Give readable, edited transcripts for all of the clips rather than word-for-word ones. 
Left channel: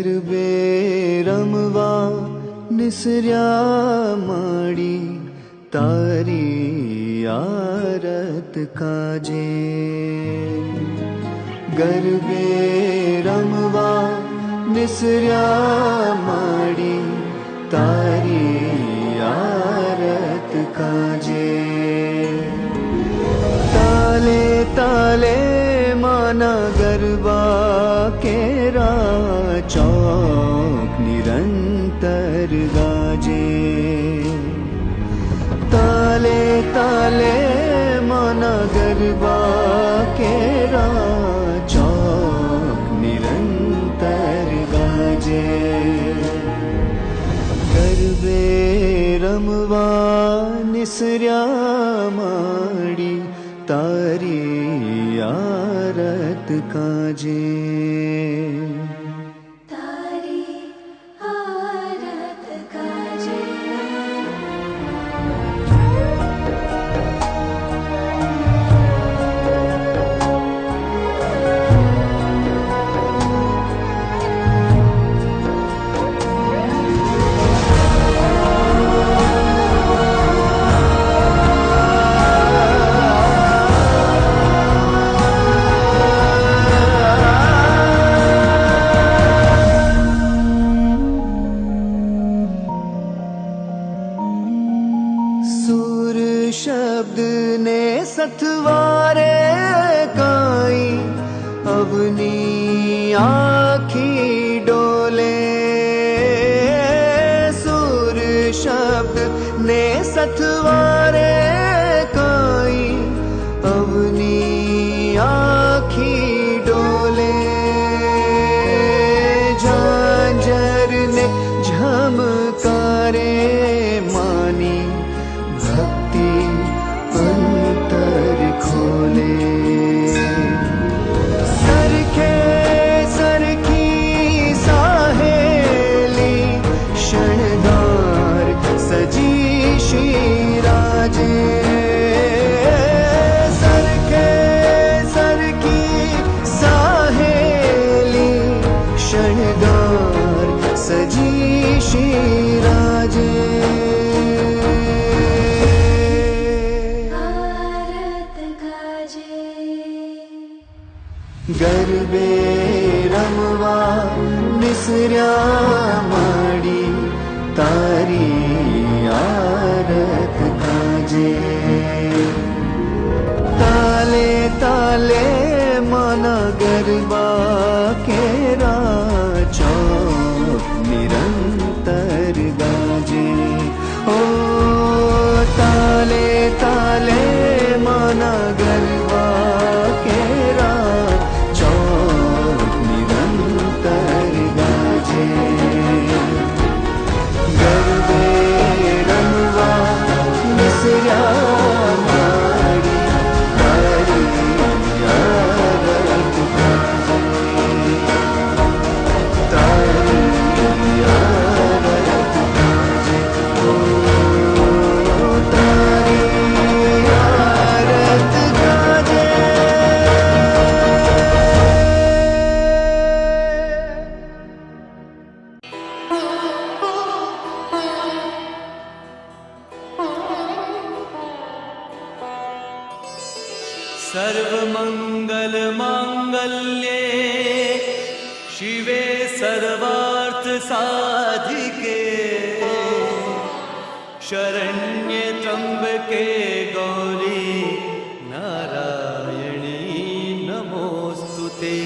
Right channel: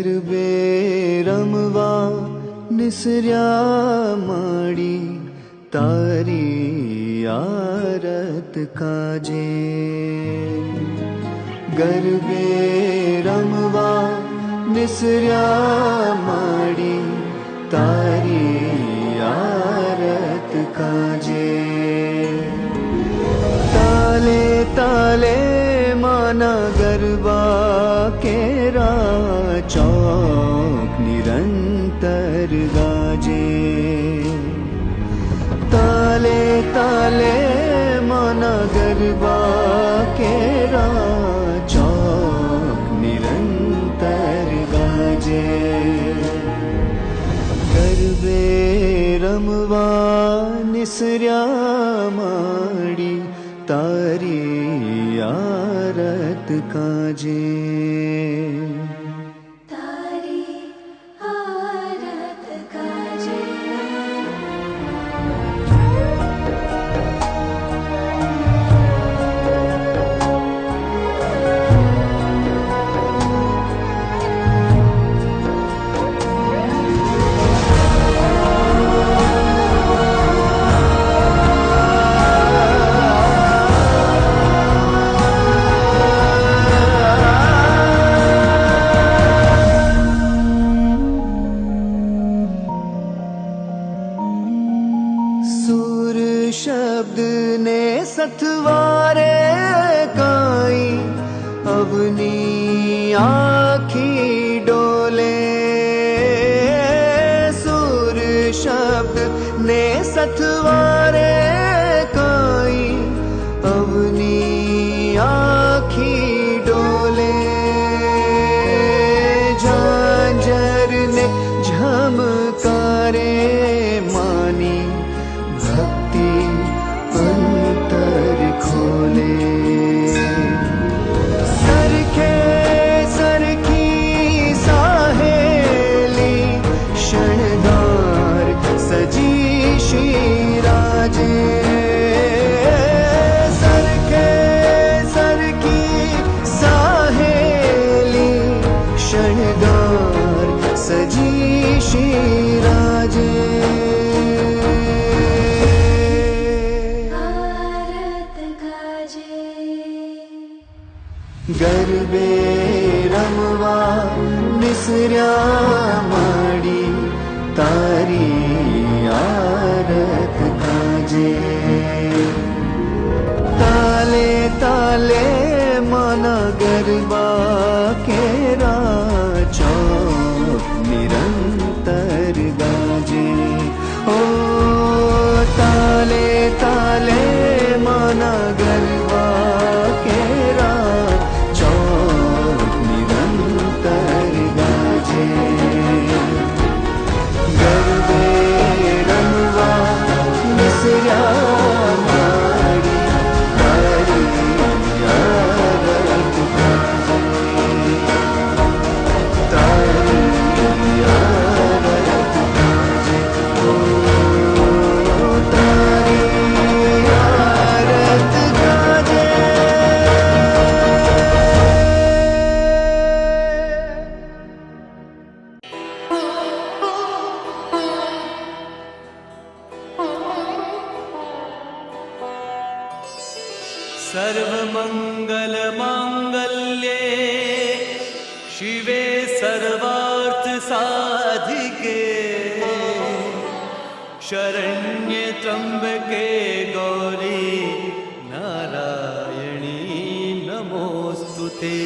गरबे रमवा निसर्या माडी तारी आरत काजे गरबे रमवा निसर्या माडी तारी आरत काजे ताले ताले माना गरबा केरा चौक निरंतर गाजे ताले ताले माना गरबा केरा चौक निरंतर गाजे गरबे रमवा निसर्या माडी तारी आरत काजे तारी आरत काजे शब्द ने सतवारे काई अवनी आखी डोले सुर शब्द ने सतवारे काई अवनी आखी डोले झांझर ने झमकारे मानी भक्ति अंतर खोले सरखे सरखी साहेली शणगार सजी श्रीराजे सरखे सरखी साहेली शणगार सजी श्रीराजे गरबे रमवा निसर्या माडी तारी आरत काजे ताले ताले माना गरबा केरा चौक निरंतर गाजे ओ ताले ताले माना गरबा केरा गरबे रमवा निसर्या माडी तारी आरत काजे तारी आरत काजे ओ तारी आरत काजे सर्वमंगल मांगल्ये शिवे सर्वार्थ साधिके शरण्ये त्र्यंबके गौरी नारायणी नमोस्तुते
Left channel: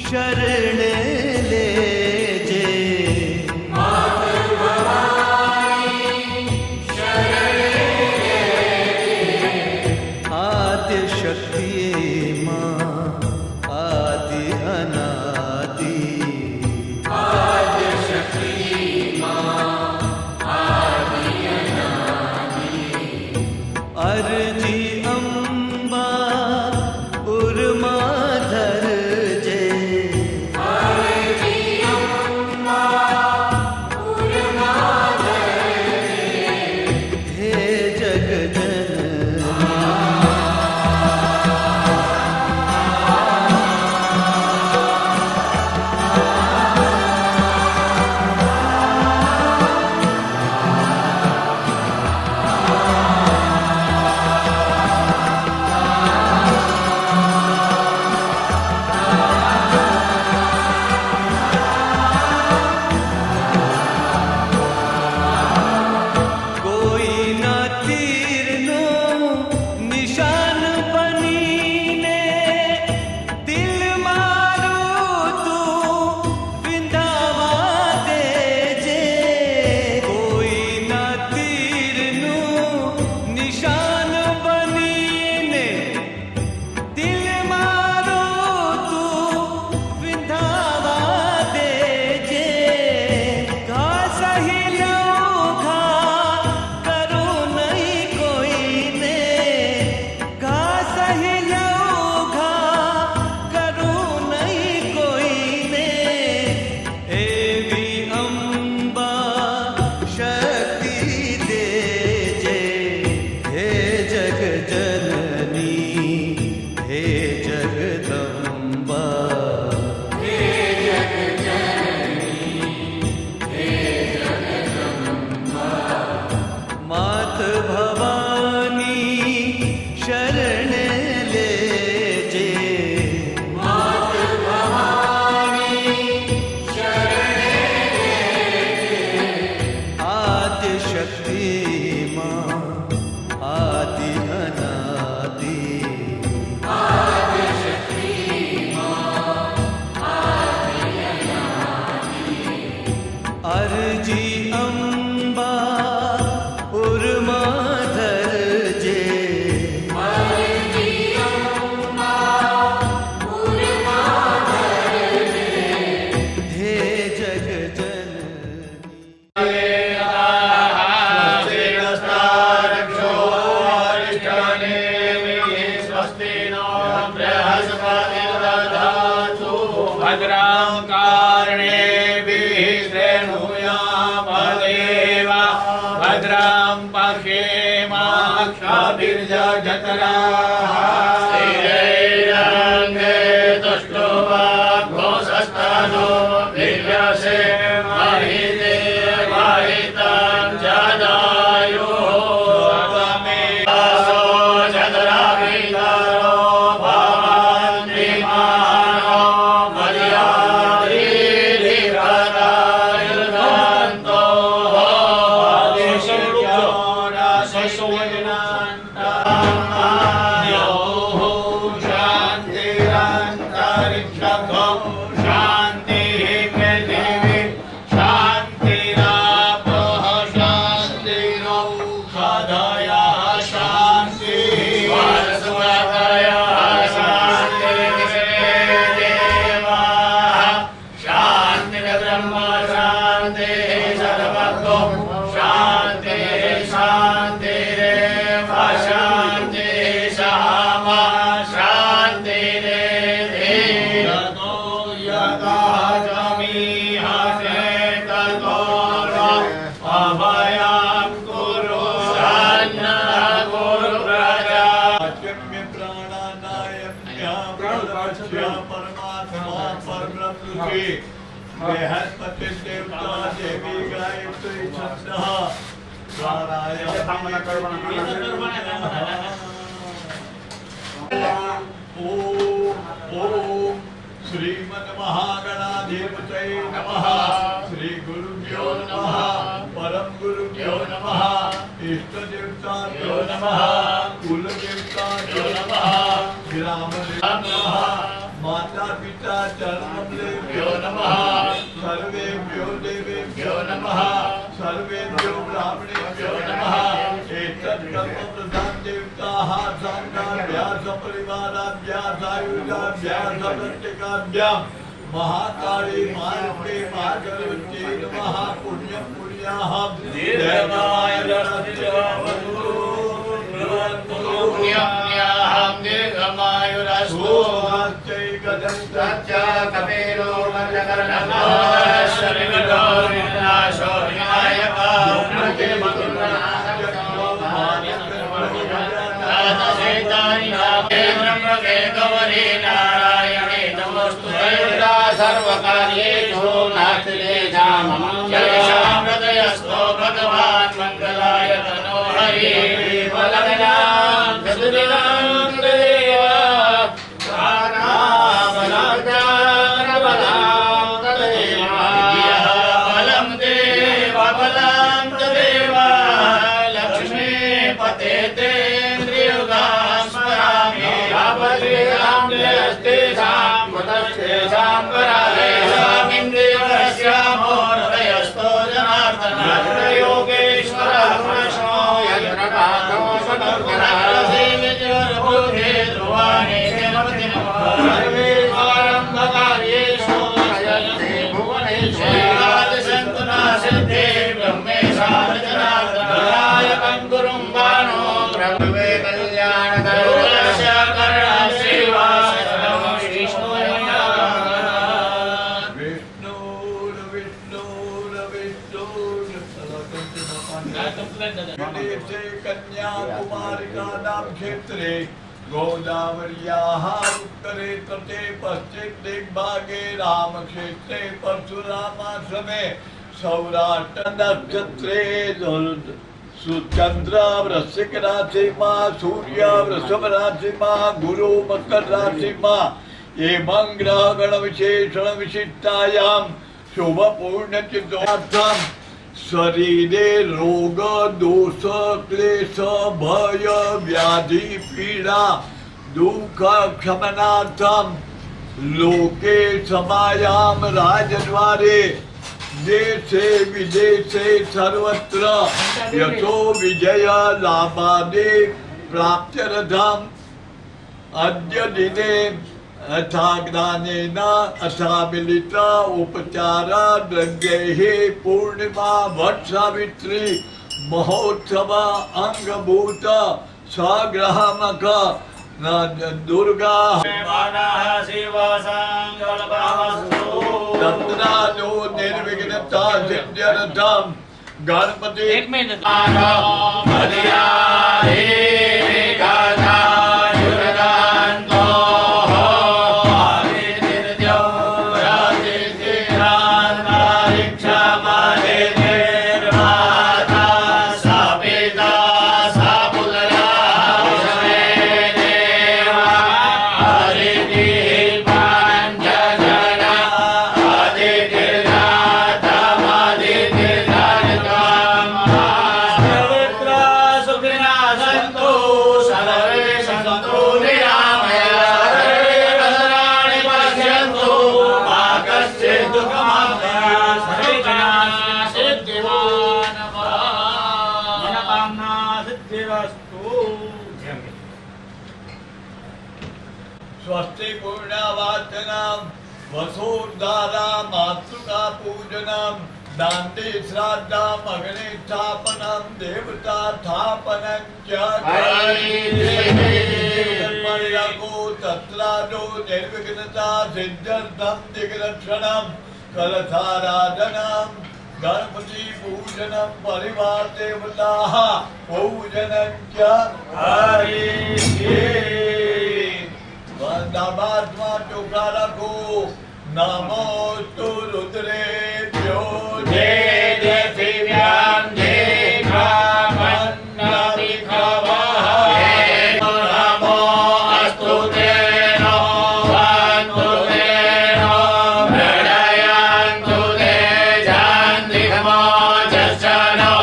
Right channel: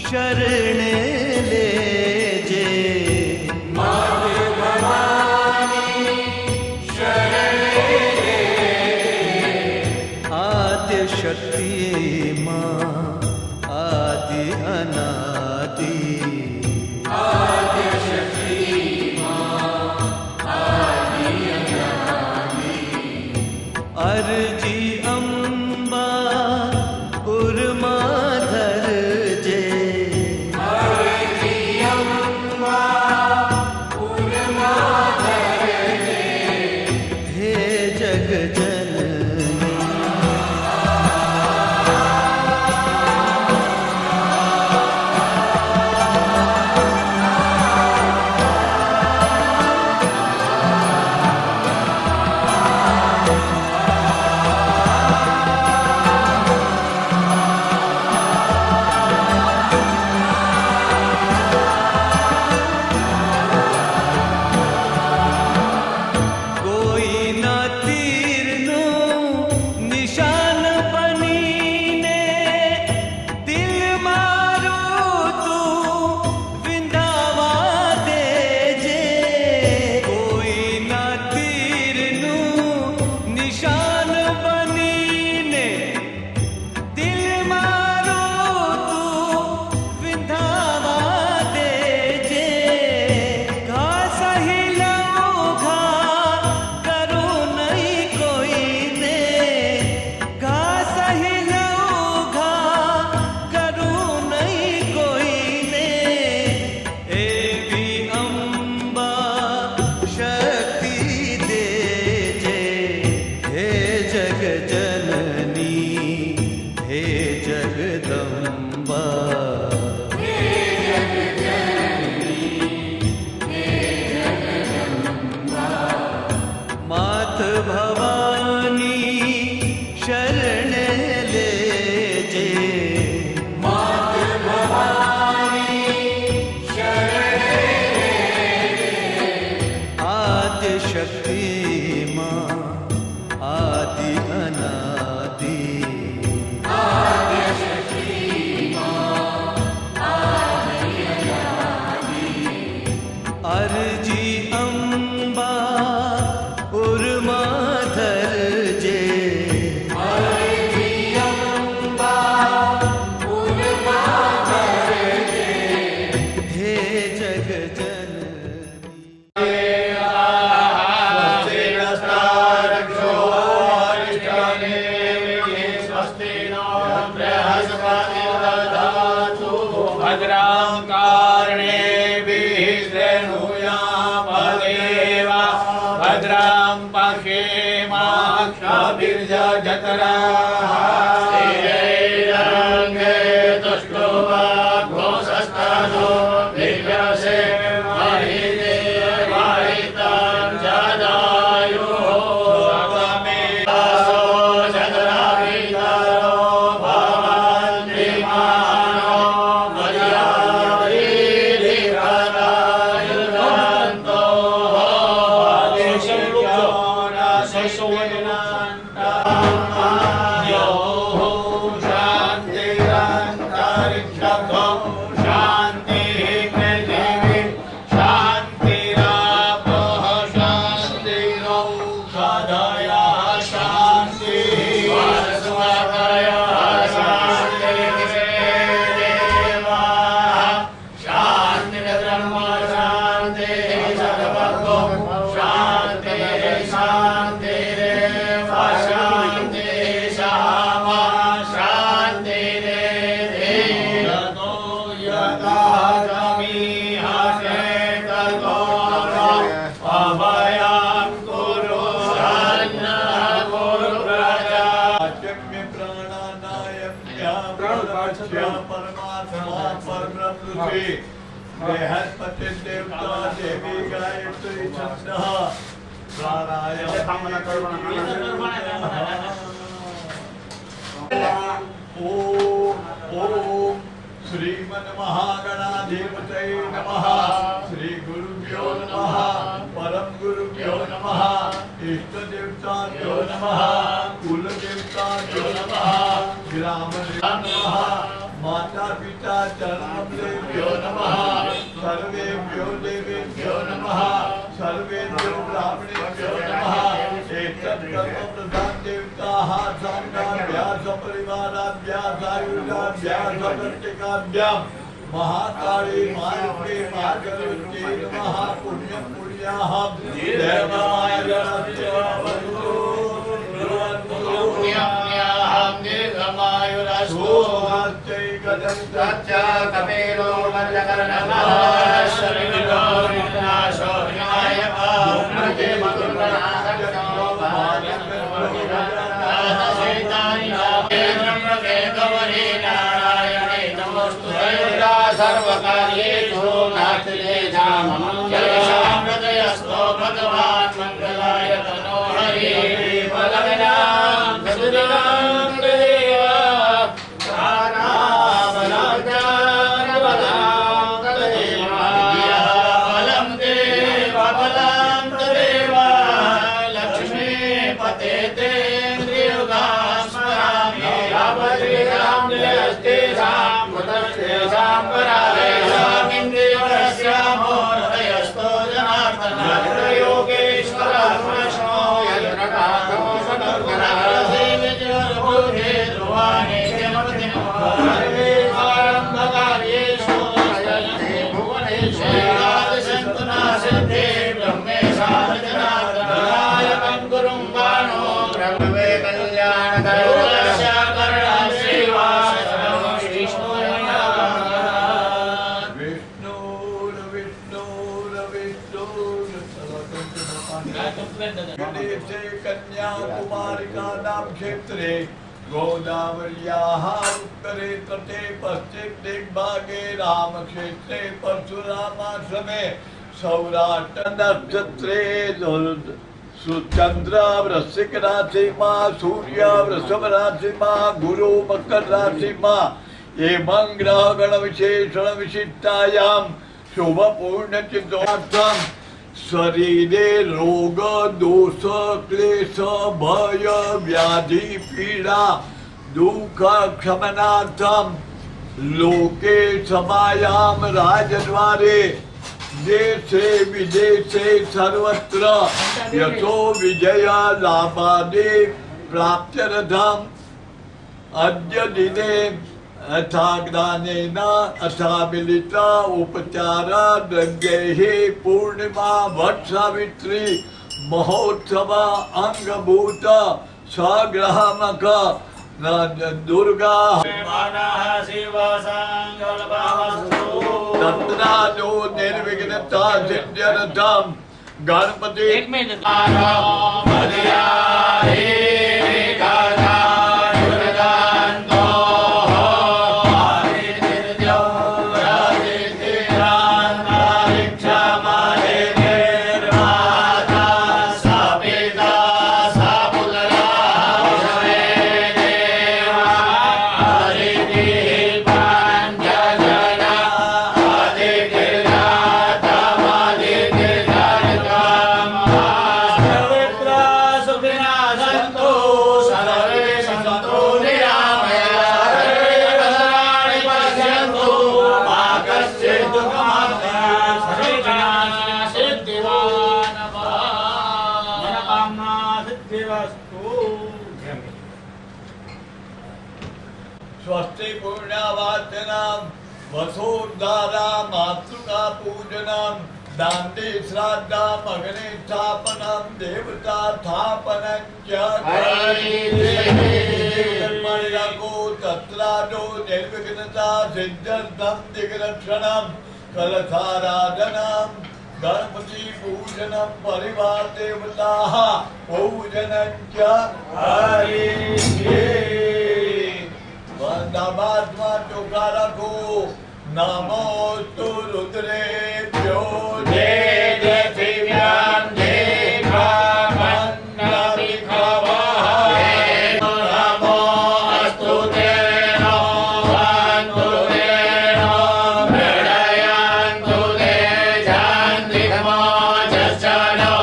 शरण लेजे। आद्य शक्ति माँ आदि अनादि। अर्जी अम्बा उर्माधर जे। हे जग जननी मात भवानी शरण लेजे। मात भवानी शरण लेजे। आद्य शक्ति माँ आदि अनादि। आद्य शक्ति माँ आदि अनादि। अर्जी अम्बा उर्माधर जे। अर्जी अम्बा उर्माधर जे। हे जग जननी। भद्रां कर्णेभिः शृणुयामदेवा। भद्रां पश्येमाक्षभिर्यजत्राः। स्थिरैरङ्गे तुष्टुवाग्घोषस्तनो वीर्यसे महिते महितं जदायुः। स्वमेवासो जदराभितरो भवन्ति मानो मर्यादिभिर्हरायुर्गन्तो। बृहस्पति देवता देवी गायत्री छंदः ओम श्रीमन महागणाधिपतये नमः। श्री गुरुभ्यो नमः। परम गुरुभ्यो नमः। इष्ट देवताभ्यो नमः। कुल देवताभ्यो नमः। ग्राम देवताभ्यो नमः। माता पिता चरणमलेभ्यो नमः सर्वेभ्यो देवेभ्यो नमः सर्वेभ्यो ब्राह्मणेभ्यो नमः एतत् कर्म प्रधान देवताः संघाभ्याः सपरिवाराभ्याः सायुधाभ्याः सदत्तिकाभ्यां महाकाली मारुते मार्गवत्यै नमः पुण्यं पुण्याः देवाय रस्यावतु पुण्याहं दीर्घमायुरस्तु कपेलो मल्लकर्णः शरीरो विनाशो सर्वकार्येषु हृदयस्थो भगवान् मंगलाय तनो हरि क्षेत्रे गोदावर्याः उत्तरे तटे पश्चिम दिग्भागे रामक्षेत्रे परशुरामाश्रमे सौराष्ट्र नक्षत्रे चंद्र वृश्चिक राशि मां सूर्य वृषभ राशि मां गुरु मकर राशि मां एवं ग्रह गण विशेषण विशिष्टायां शुभ पूर्ण चित्तार्थम शरीरे रोग दोष क्लेश भय व्याधि पीड़ा दुख क्षमनार्थम लोके समायाम राजद्वारे देशे विदेशे सर्वत्र यशो विजय लाभादि प्राप्त्यर्थम अद्य दिने अथाग्दानेन अथामिलिता उपचारा द्रव्यैः पूर्णिमा वट सावित्री महोत्सव अंगभूत सग्रहमक दुर्गा तत्रालो निर्विघ्नता सिद्ध्यर्थम गणपति स्वस्ति पूर्णावाचनम वसोद्धारा मातृका पूजनम दान्ते श्राद्धम अग्नि स्थापनम देवता स्थापनम को तत्रादो निर्विघ्नता सिद्ध्यर्थम दिग्रक्षणम कलशाराधनम गणपति पूजनम परिवार देवता पूजनम च वंदनात्मा चोखा रखो नमोस्तु रुद्रेभ्यो जय जय शिव्यां जय ब्राह्मण्यभिखवः नमो अस्तु ते भवन्तु ते मृडयन्तु ते शान्तिर्मो जश्चनो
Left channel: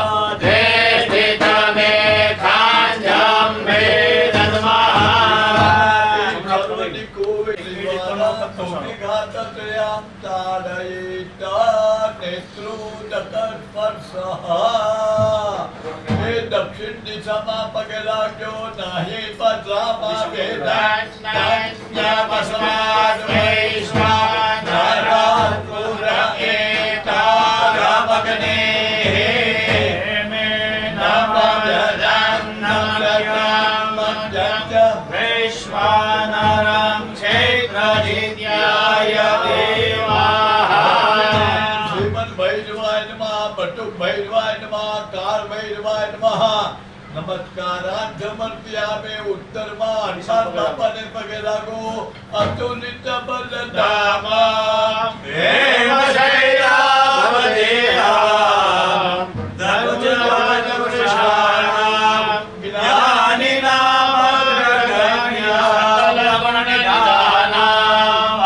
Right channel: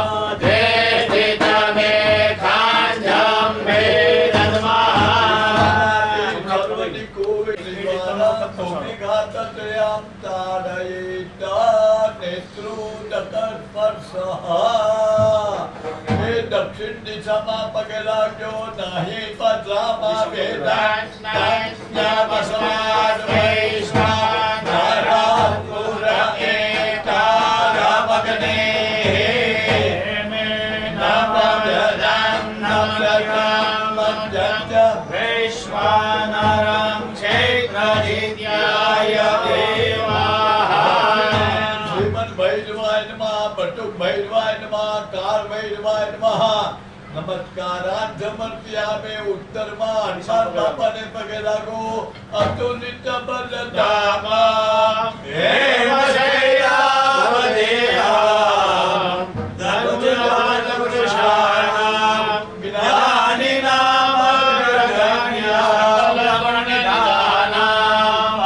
ते स्थितमे खाञ्जं मे दद्मः भूमिघातत्रयां ताडयिता नेत्रुदकस्पर्शः हे दक्षिण दिशाમાં પગે લાગ્યો નહીં પધરામાં વેદાંતસ્માદ વૈશ્વાનરાપુર એકારામગ્ને મે નમઃ વૈશ્વાનરં ક્ષેત્રજીત્યાય દેવાઃ શ્રીમદ ભૈરવાય નમઃ બટુક ભૈરવાય નમઃ કાર ભૈરવાય નમઃ નમસ્કારાર્થ સમર્પ્યામે ઉત્તરમાં હનુમાન બાપાને પગે લાગો અતુલિત બલધામા હેમશૈલાવદેહા ધનુર્ધનુષાણામ જ્ઞાનિનામ અગ્રગણ્યા લવણનિધાનામ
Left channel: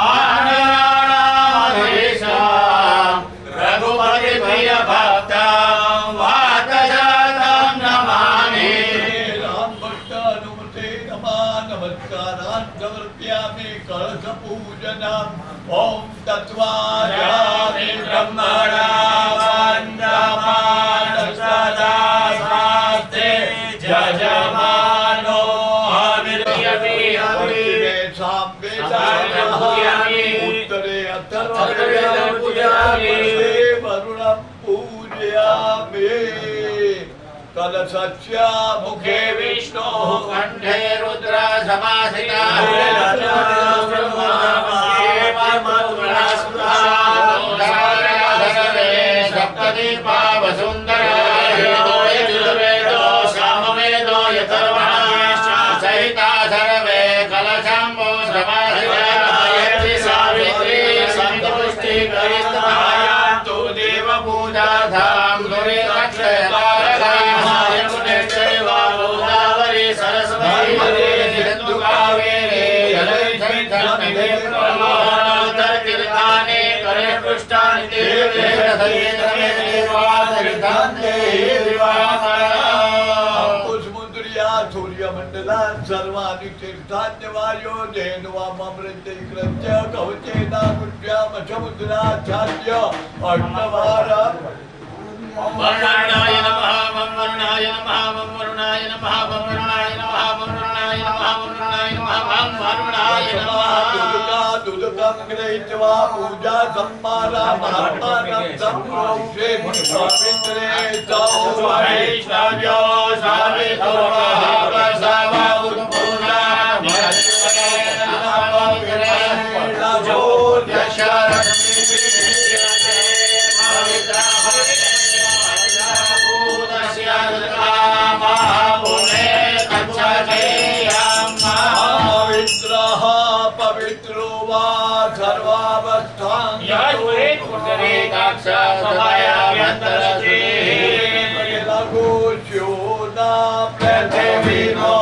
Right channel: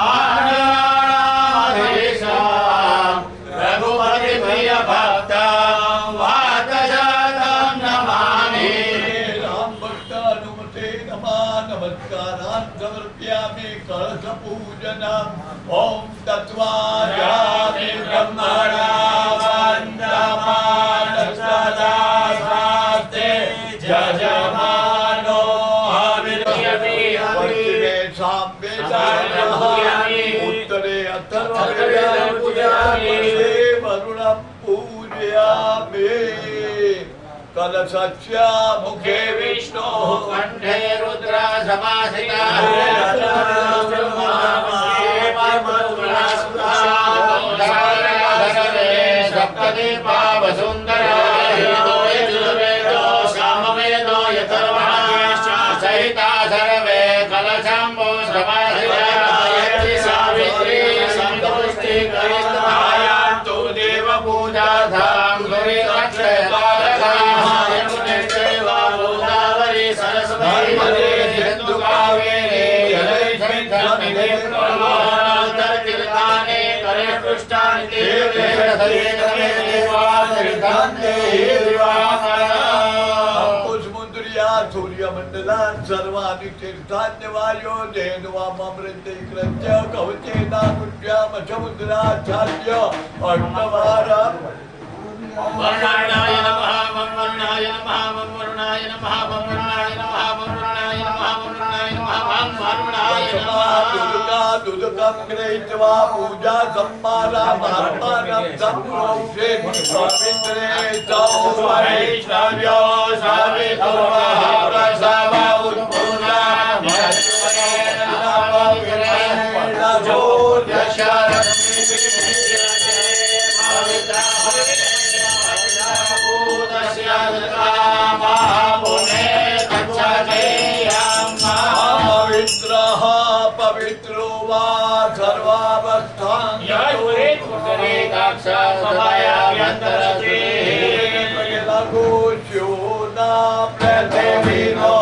આનયાણામધીશામ રઘુપતિ પ્રિય ભક્તામ વાતજાતમ નમામિ રામ ભક્ત હનુમતે નમઃ નમસ્કારાર્થ સમર્પ્યામે કળશ પૂજનમ ઓમ તત્વાયામિ બ્રહ્મણા વંદમાન સદા શાસ્ત્રે જજમાનો હવિર્યતિ પશ્ચિમે સામવેદાયઃ ઉત્તરે અથર્વવેદં પૂજયામિ વરુણં પૂજયામિ કલશસ્ય મુખે વિષ્ણુ કંઠે રુદ્ર સમાસિતા સપ્તદીપા વસુંધરા સામવેદો યથર્વણા સહિતા સર્વે કલશંભો સમાસિતા સાવિત્રી સંતુષ્ટિ કરિષ્ઠાયાન્તુ દેવ પૂજાધામ સૂર્યમંડલાન સર્વાનિ તીર્થાન્યવાયો ધેનુવામૃતે કૃત્ય કવચેના કુટ્યામ સમુદ્રાચાર્ય અષ્ટવારા વરુણાય નમઃ વરુણાય નમઃ વરુણાય નમઃ વરુણાય નમઃ વરુણાય નમઃ વરુણાય નમઃ વરુણાય નમઃ દુર્ગા દુર્ગમ ગ્રહીત્વા પૂજા સંમારા મહાત્માનં સંપ્રોક્ષે પવિત્રે સૌવૈષ્ણવ્યો સાવિતો મહાપ્રસાવા ઉત્પૂર્ણા પવિત્રો વા સર્વાવસ્થાં લઘુ શ્યોના પૃથ્વીનો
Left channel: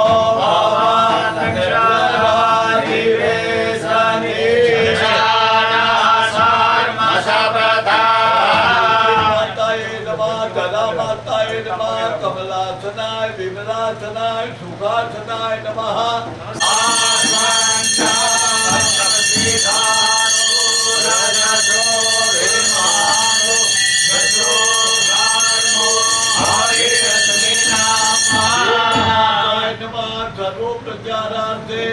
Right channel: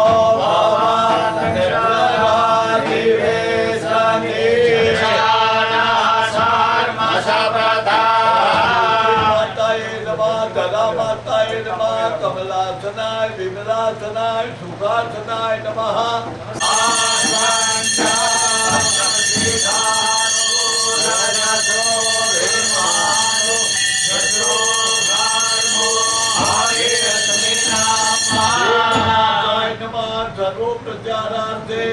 કમલાસનાય વિમલાસનાય સુખાસનાય નમઃ સર્વો પ્રચારાર્થે પ્રચારાર્થે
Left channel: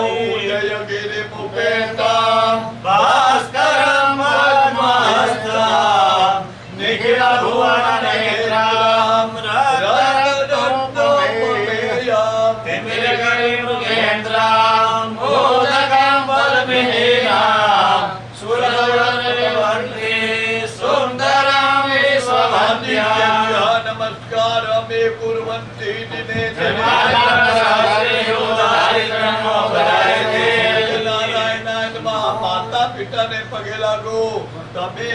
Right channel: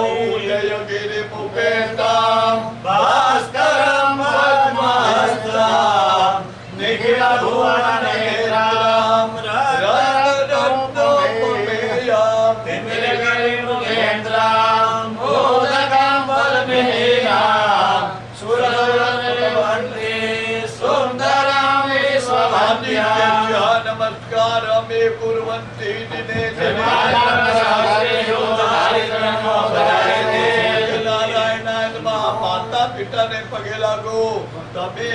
ઉદયગિરી મુપેતા ભાસ્કરમ પદ્મહસ્તા નિખિલ ભુવન નેત્રામ રત્નોપમેયમ તિમિરગિરી મુખેન્દ્રામ મોદકમ બલભેયામ સુરવરવંતી સુંદરમ વિશ્વવંદ્યામ નમસ્કાર મે કુર્વંતિ દિને માતા પિતાને પગે લાગો તમે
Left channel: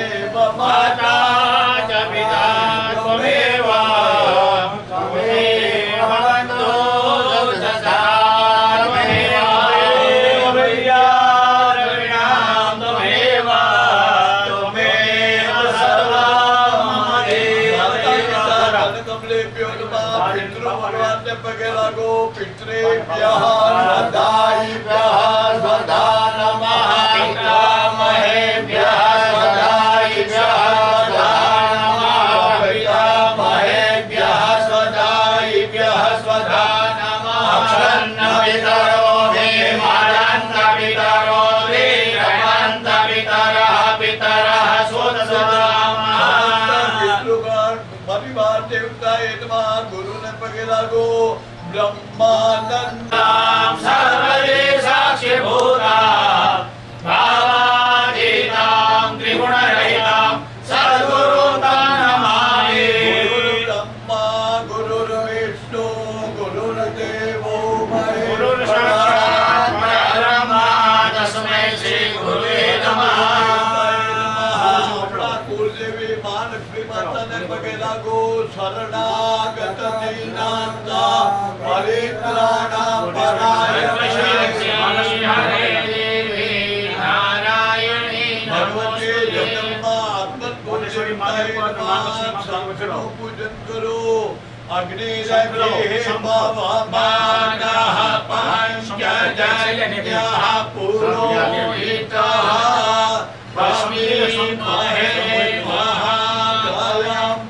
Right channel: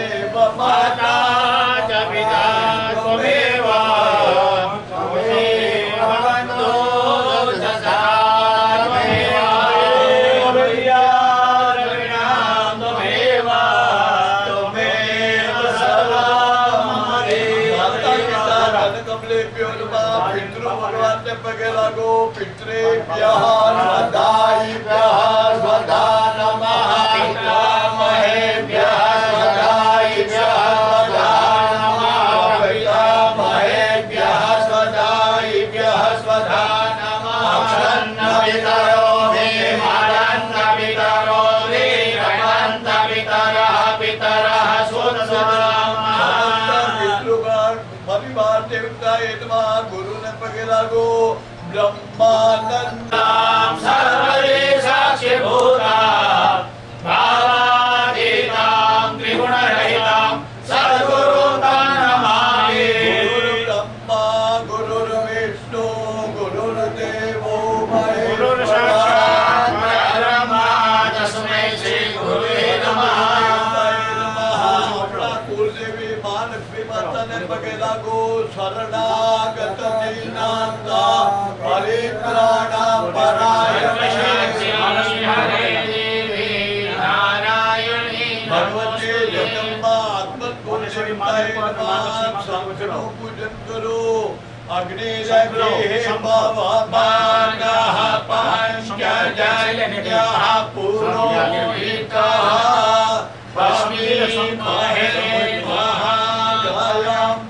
માતા ચ પિતા ત્વમેવ पितृभ्यो नमः पितृभगवान् पगे लागो पितृभ्यः स्वधायिभ्यः स्वधा नमः पितामहेभ्यः स्वधायिभ्यः स्वधा नमः पितामहेभ्यः स्वधायिभ्यः स्वधा नमः अक्षन्नवितरो भीमानन्दवितरो वीरमन्दवितरः पितरः परिवार देवता गुरु ने पगे लागो ब्रह्मानंदम सर्वदे साक्षीभूता भावातीतां त्रिगुणरहितां सद्गुरुं नमामि गुरुर्ब्रह्मा गुरुर्विष्णु गुरुर्देवो महेश्वरः ब्रह्मा तस्मै श्री गुरुवे नमः कुलदेवी महालक्ष्मी माता ने पगे लागो शरणागत दीनांता परित्राणा परायण हरे देवी नारायणी भगवती जगदम्बा आत्मपूजनताय नमः संकटो पूजन करो अग्नि लगे भवमानः पंचजन्यः पुरोहितः भस्मीमहे महाकायम्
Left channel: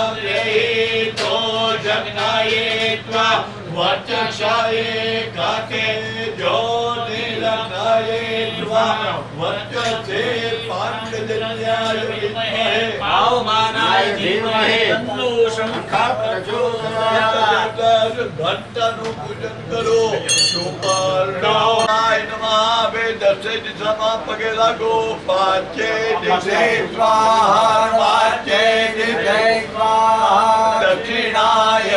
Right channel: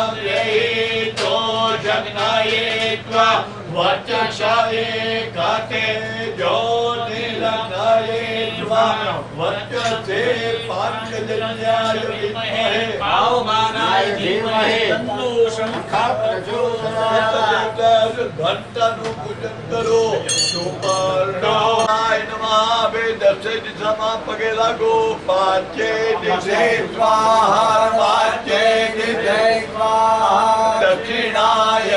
उपयामयेतो जग्नयेत्वा वचक्षये काते ज्योतिर्लग्नयेत्वा वचसे पाञ्चजन्याय विद्महे पावमानाय धीमहि तन्नो शङ्खः प्रचोदयात् घंटानु पूजन करो सुपर्णाय नमः वेदसे दिशा पगे लागो पांचे दिशे स्वाहा पांचे दिशे स्वाहा दक्षिणाय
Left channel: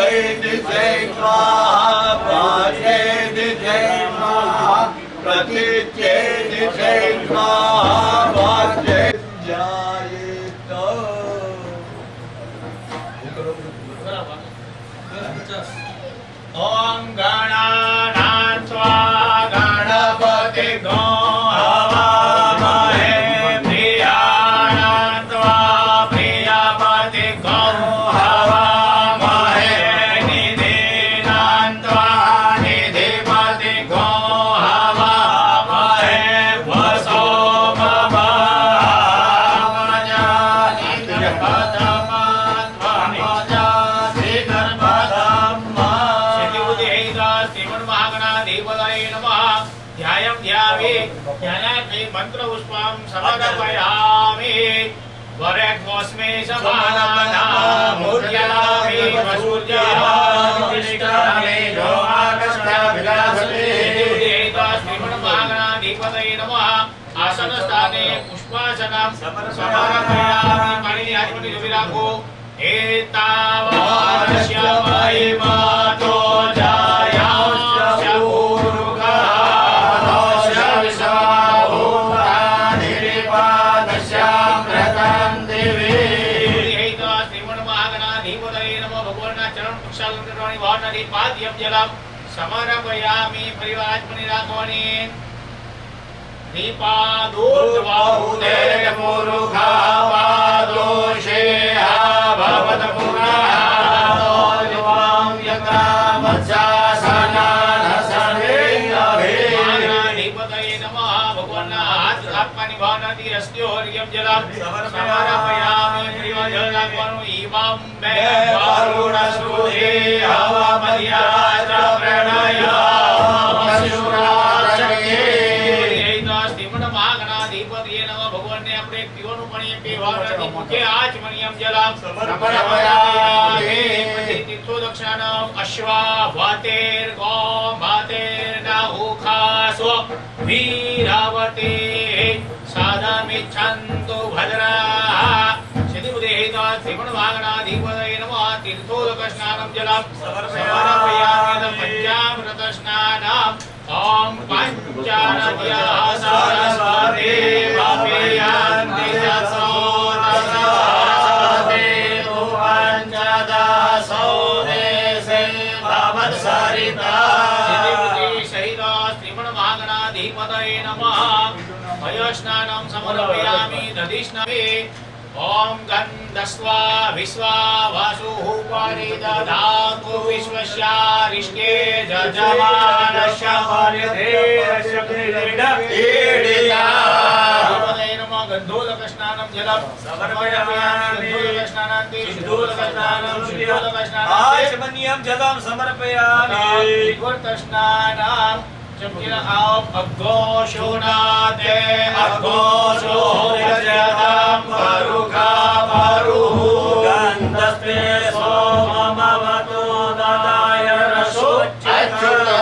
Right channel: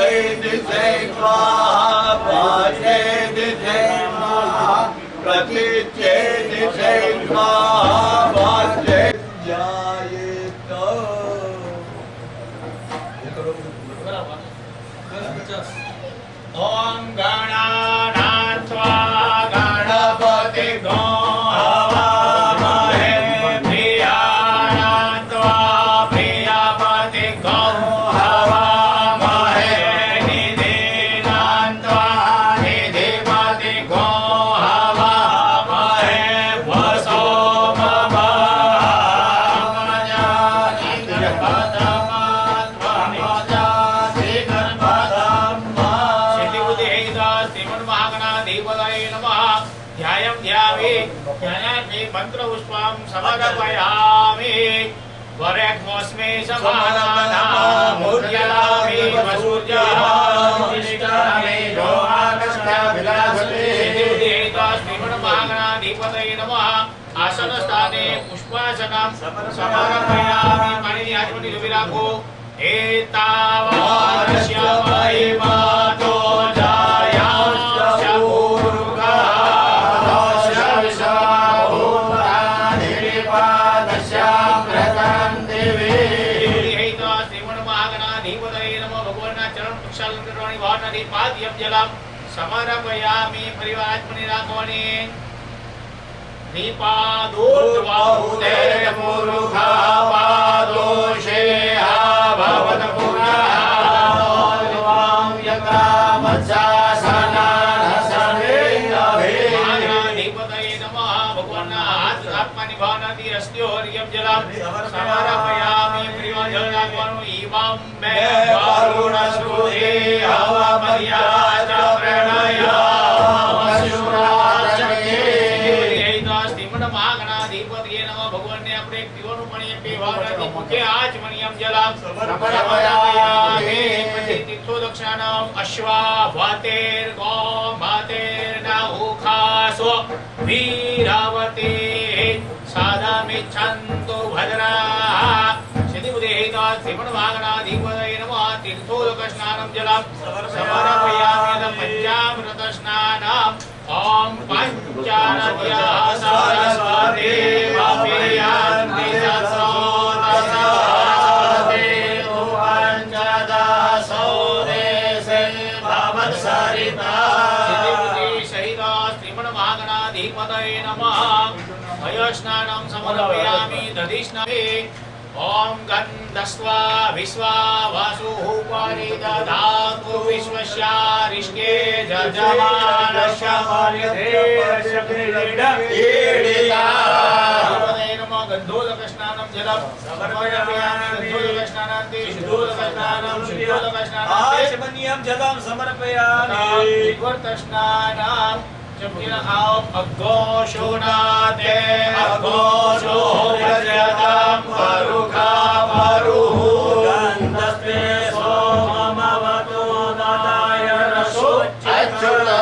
दिशे स्वाहा पांचे दिशे स्वाहा प्रतीचे दिशे स्वाहा पांचे जायेत ओम गणानात्वा गणपतिगो हवामहे प्रियाणात्वा प्रियपतिगो हवामहे निधिनात्वा निधिपतिगो हवामहे वसो मंत्र पुष्पं समर्पयामि वरेण्योऽस्मि समानानाम् उद्यामि वसूर्यामि जोमाकस्याभिलाषते श्रीमन्महागणाधिपतये नमः आसनस्थाने पुष्पासनं समर्पयामि मणियाजमनिविराको एतावाश्यमयि मातो जायास्य पूर्वः समर्पयामि परिवारात्मनि राघवने दीपादोर्ध्वभूते मुरुखा पादोषे भवत पुनः यथा मत्स्यासनान् सर्वे अधिपतये नमः भगवान् आत्मनि भावनाति रस्त्योर्यं जलं समर्पयामि परिवारात्मनो इमं मे वरुणसुते हवमर्याद प्रणया मशुराचये महागणाधिपतये नमः भगवान् ने अपने पीवनु मणि पे भावनाति मुखे आचमनियं जलं समर्पयामि तीर्थो दक्षिणानाम् अश्वा भातेर गौ भातेर नाहुखासो वीरावते साधमिच्छन्तु भद्राः सिद्धिबुद्धेहिता श्रीमन्महागणाधिपतये नमः तीर्थोदकस्नानं जलं समर्पयामि पञ्चामृतस्नानम् ॐ पञ्चानद्याः सरस्वती वापीयान्ति सरस्वती पञ्चदशो देशे भवत्सरिता सिद्धिबुद्धिसहिता श्रीमन्महागणाधिपतये नमः वयोस्नानं समर्पयामि दधिस्नाने ओम गन्धस्वा विश्वा वासुः पारि दधातु विश्वस्यारिष्टे जजमानस्य मर्यते ईडिता नमो गन्धोदकस्नानं जलं समर्पयामि गन्धोदकस्नानान्ते शुद्धोदकस्नानं शुद्धोदकस्नानान्ते आचमनीयं जलं समर्पयामि विवर्तस्नानं जपिन आप अघोषोनाते अघोषो यजतं परुखा परुः गन्धस्ते सोममवतो ददाय रसोच्चता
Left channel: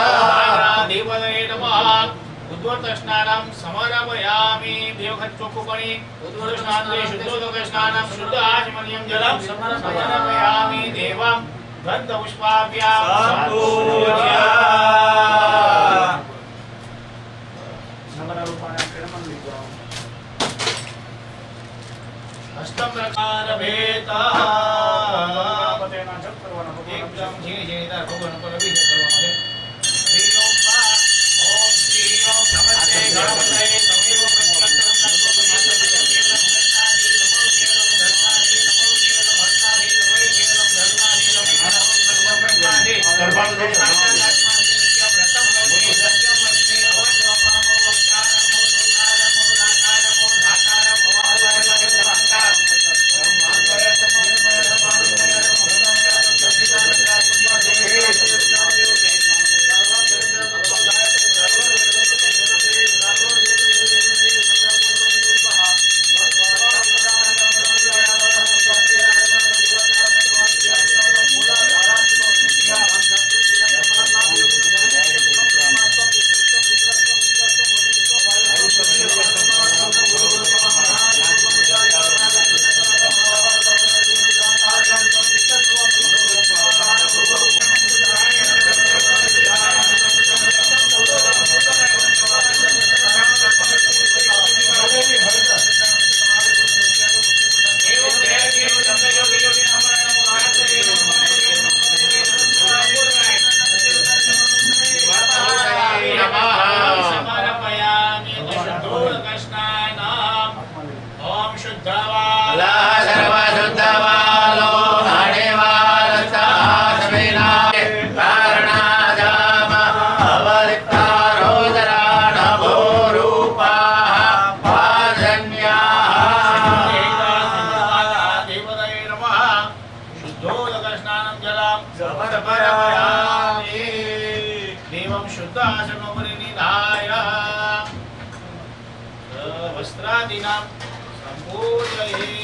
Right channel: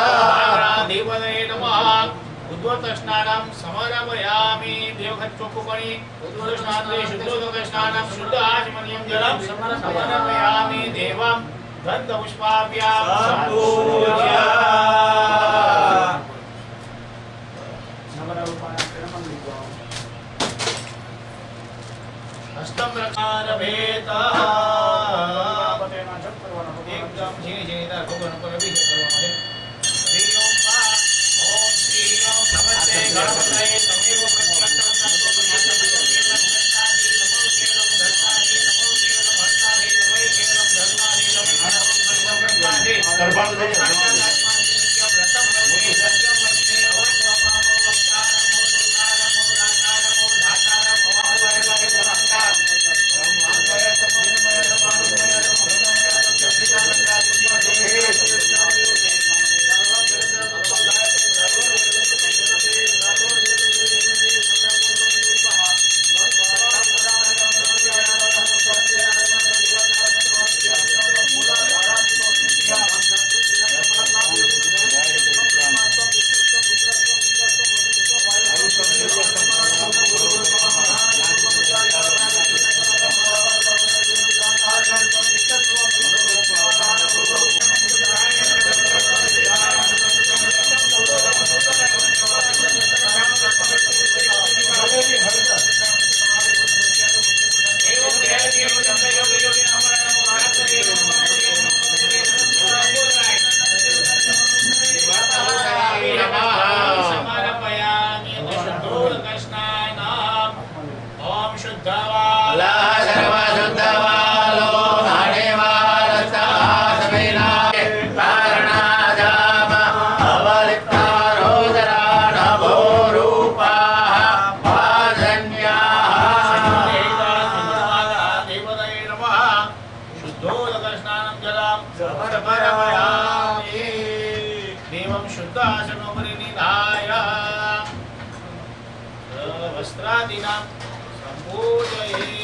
देवदे नमः उद्वर्तस्नानं समर्पयामि देवघट चोखुपणि उद्वर्तस्नाने शुद्धोदकस्नानं शुद्ध आचमनीयं जलं समर्पयामि देवं गन्धपुष्पाभ्यां सम्पूज्य अष्टम रकारभेतः एकदम झीणे झीणे इधर भगवान को अभिषेक करवाना है। श्री ओम ओम श्री ओम नमस्ते गणपतये तमेव प्रत्यक्षं तत्त्वज्ञातं केवलं दत्तादि नमो केवलं दत्तादि नमो केवलं हस्तादि नमो केवलं धर्मादि नमो सर्वं ब्रह्मादि सर्वं ब्रह्मादि व्रतं वन्दे सत्यं वन्दे अवश्वमामो वक्तारमो सुतारमो दातारमो धातारमो वस्त्रादिनां सम्पूजयेत्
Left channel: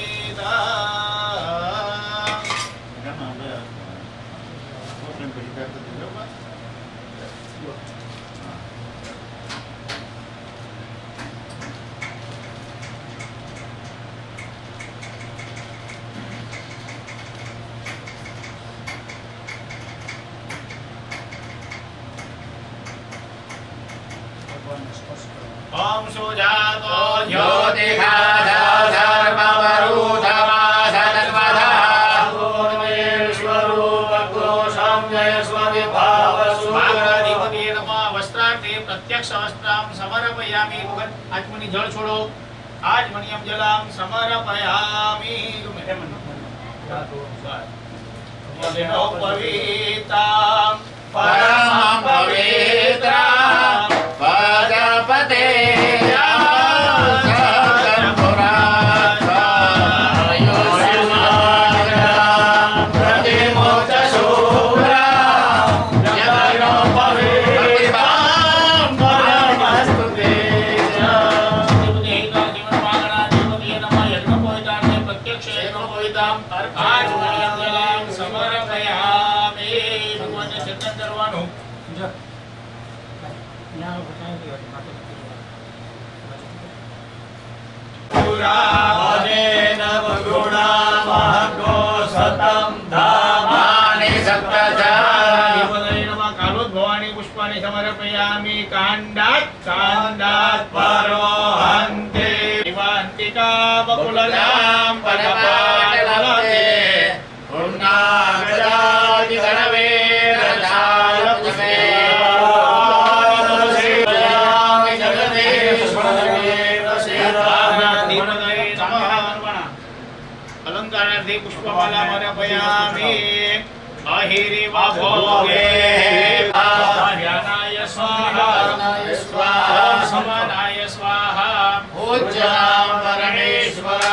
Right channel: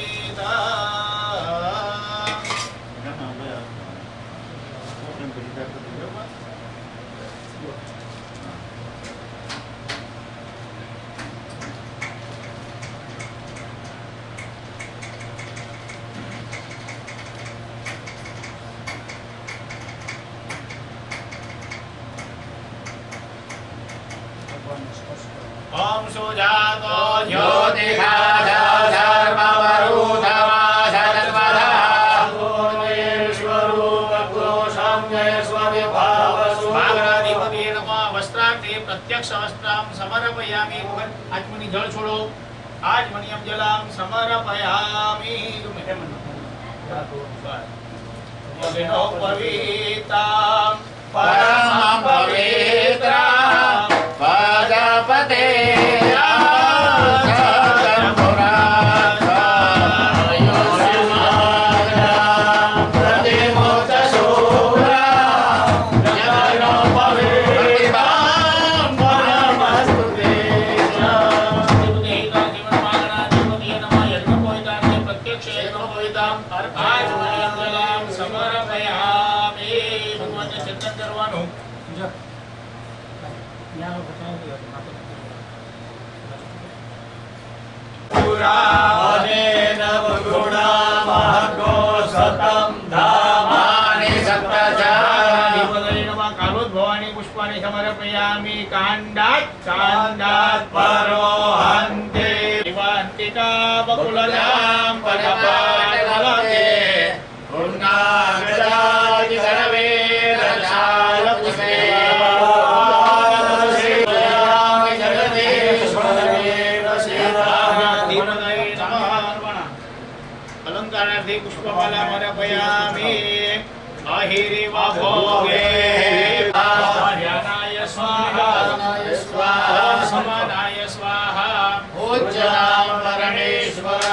ओम सुजातो ज्योतिषाजा सर्ववरुधमा सदर्वधा पूर्णेश्वरूपकोशं जय स्वविभावसु भागराधिपति नमः वस्त्रार्थे प्रत्यक्ष वस्त्रां समर्पयामि आत्मनि जल छोड़ो आचमनीयं जलं समर्पयामि पवित्रं परमं पवित्रं पदपते समर्पयामि कांडात् कांडात् परोहन्ते दिवान्तिका बकुलजां पदपाटलते पूर्णागजादि सर्वे रसालपुष्पे जगदे स्वदेव सेवादिवदे समर्पण समर्पयामि अहिरिव भोगे ध्यानाय स्वाहा ओम समनाय स्वाहा पूज्याम परमेश्वर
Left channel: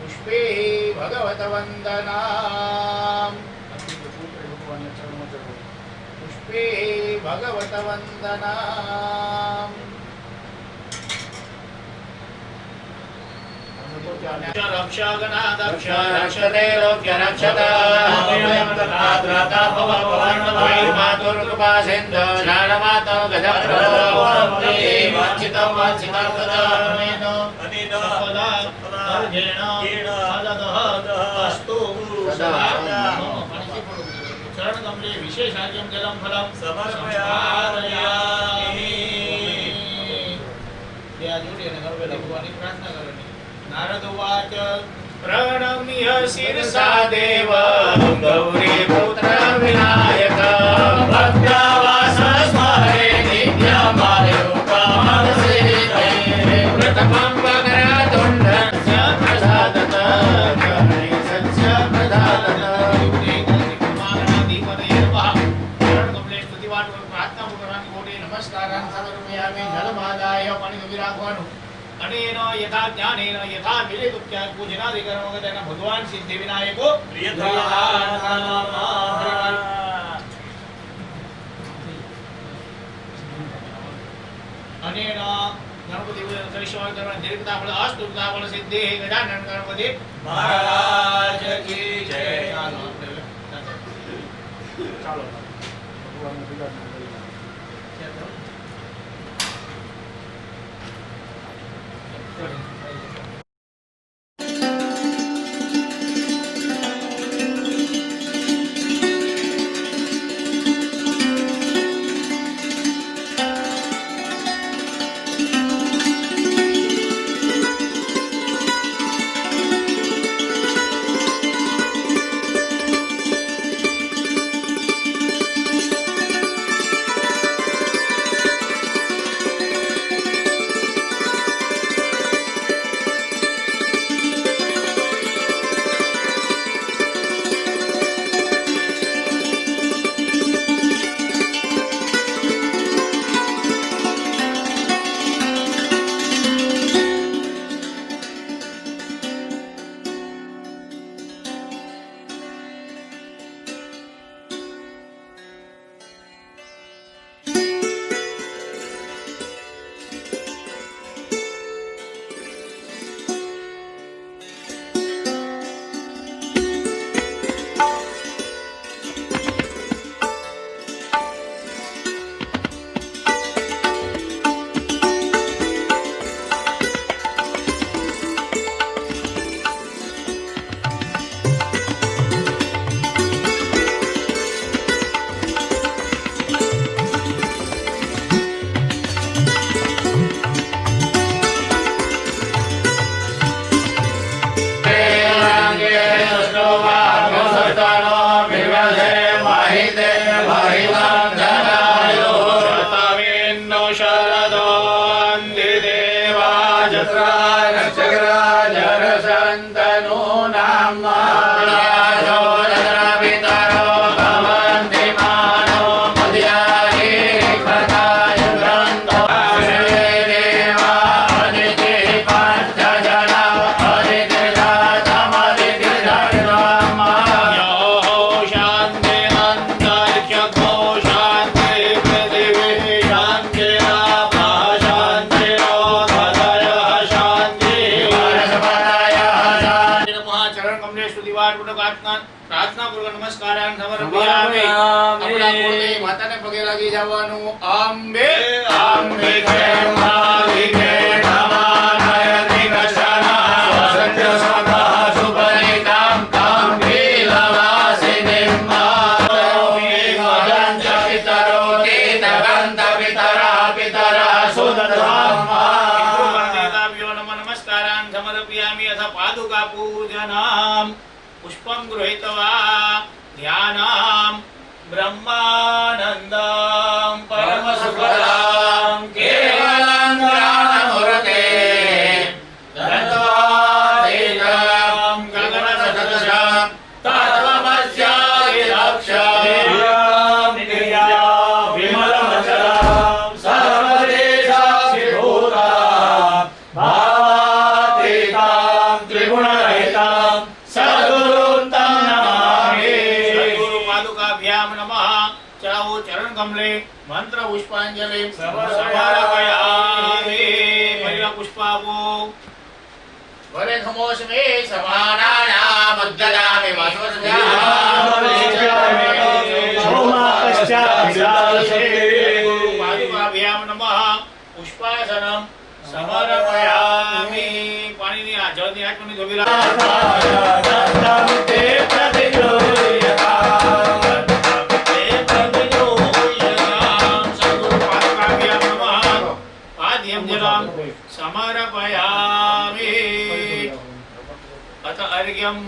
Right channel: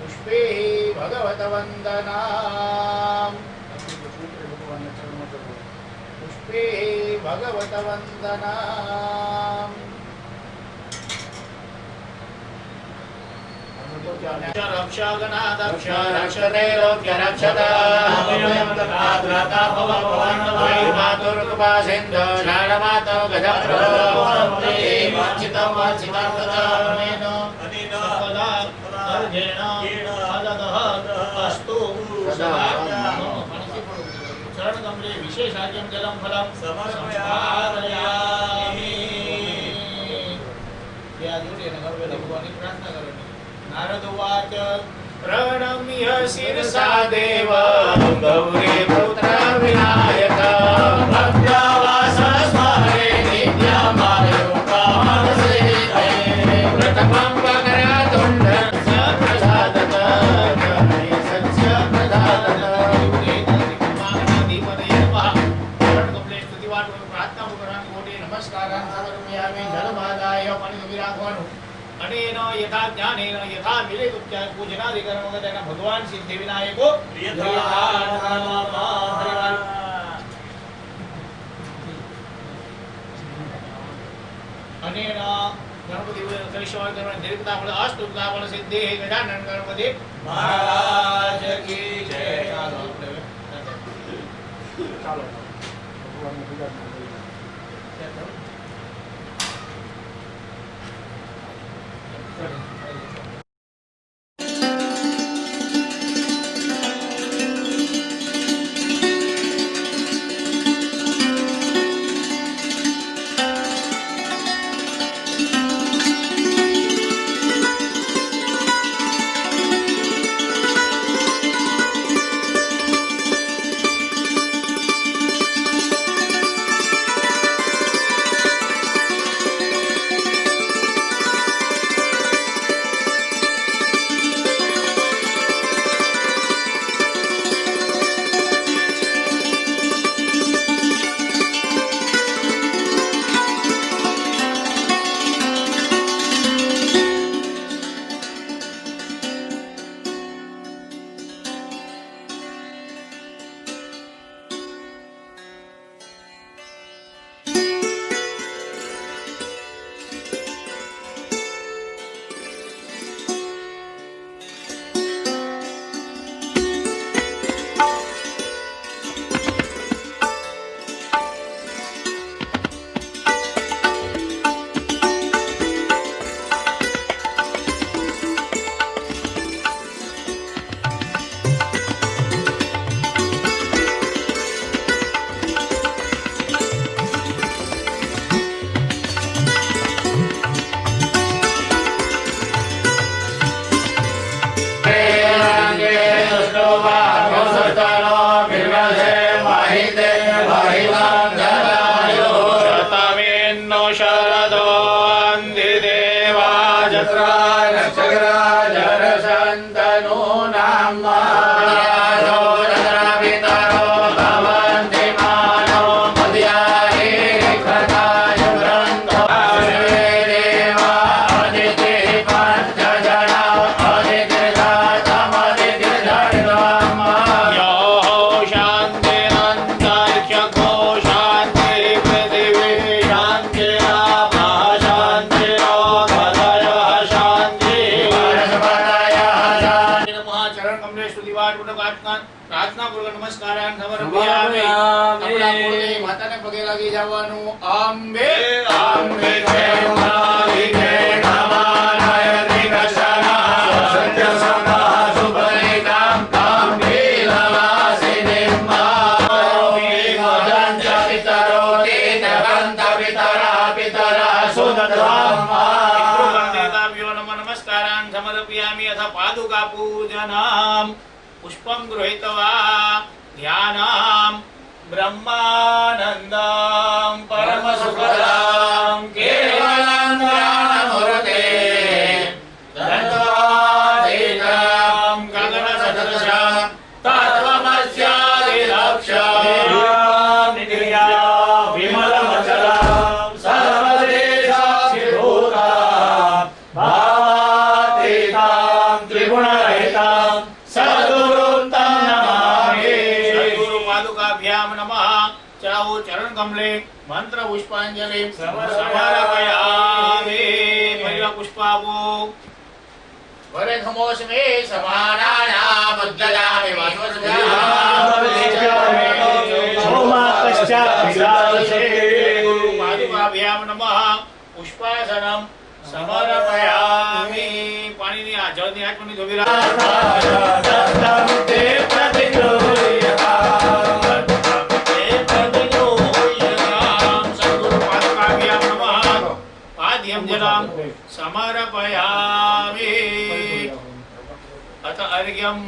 पुष्पे भगवत वंदना पुष्पे भगवत वंदना रक्षगणादक्ष रक्षते लोक्य रक्षता त्राता भव भवन्नवै मातुर्कृपासिन्धो शाणमातो गजप्रभो वाञ्छितं वाञ्छितार्थदानेन सदा अर्घेण फलदः अस्तु सदा शरणकमले विशेषार्घ्यं जलं फलं समर्पयामि या जोड़ी ने घर पे भगवान की प्रार्थना करनी नारद उवाच प्रणम्य शिरसा देव गौरी पुत्र विनायक भक्त्यावास स्मरे नित्यमायुकामनसे प्रथमं वक्रतुण्ड प्रसादत गणे सत्य प्रसादत मागणाधिपतये नमः शरणकमले स्तुतिवाद प्रार्थना पुराण कोटि नमस्कारान् समर्पयामि जलमादाय पणिविराघवनु अनेन यथा ज्ञानेन यथा विवेकोपचार पूजनादिकर्मगतेन भगवान सिद्धि विनायको अनेन गणपति करिष्मा कर्म दीर्घता फल अष्टुता फल सिद्धि गजानन गणपति महाराज की जय। चलो भगवान ने पूजा માતાને પગે લાગી જવાનું. અંબે અંબે જય અંબાલિકે નમાનય દિગશના સત્ય સદા સુપરિતામ તામ લીલવાસિનીમ માતરોમિ વદંત પિતરો તીતવંત પિતરા પિતરા સુદધામ્મા નમસ્કારાન સમર્પયામિ અથ પાદુકા પૂજનામ પુષ્પમ ગૃહીત્વા ध्यानाम ब्रह्मानंदम परम सुखदाम केवलं ज्ञानमूर्ते तत्त्वातीतं गगनसदृशं तत्त्वमस्यादिलक्ष्यं नित्यां विमलमचलं सर्वदेशाभिभूतं भावातीतं त्रिगुणरहितं सद्गुरुं तं नमामि. पादुकाभ्याम नमः. चढ़ाओ चरण कमले मंत्र पुष्पांजलि समर्पयामि. पहला पुष्पावो वरे खमोस्मे समानानाम उद्ददामि पादुकाभ्याम नमः. पुष्पासनम समर्पयामि. पानी ની આ જળ ની આત્મની ધોબીરા समर्पयामि. अथ अर्घ्यं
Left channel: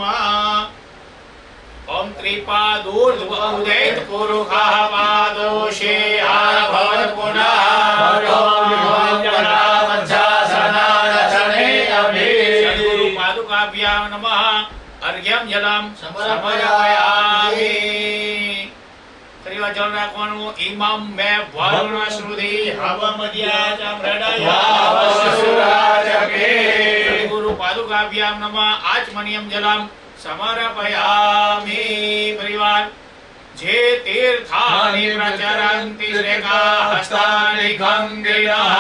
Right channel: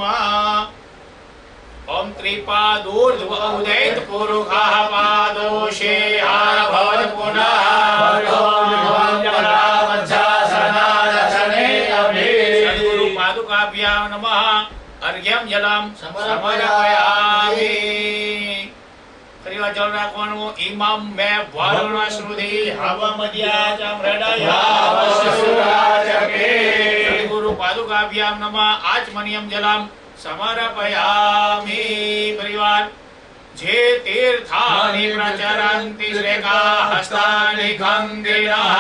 ओम त्रिपादोर्ध्वोदैत पुरुषः पादोषे आभवत् पुनः सद्गुरु पादुकाभ्यां नमः. अर्घ्यं जलं समर्पयामि. जल राखवानुं. इमं मे वरुण श्रुति हवमद्या च मृडया वसुराजके. गुरु पादुकाभ्यां नमः. आचमनीयं जलं समर्पयामि. परिवार जे तीर्थानि प्रचरन्ति श्रेका हस्तानि गङ्गिनः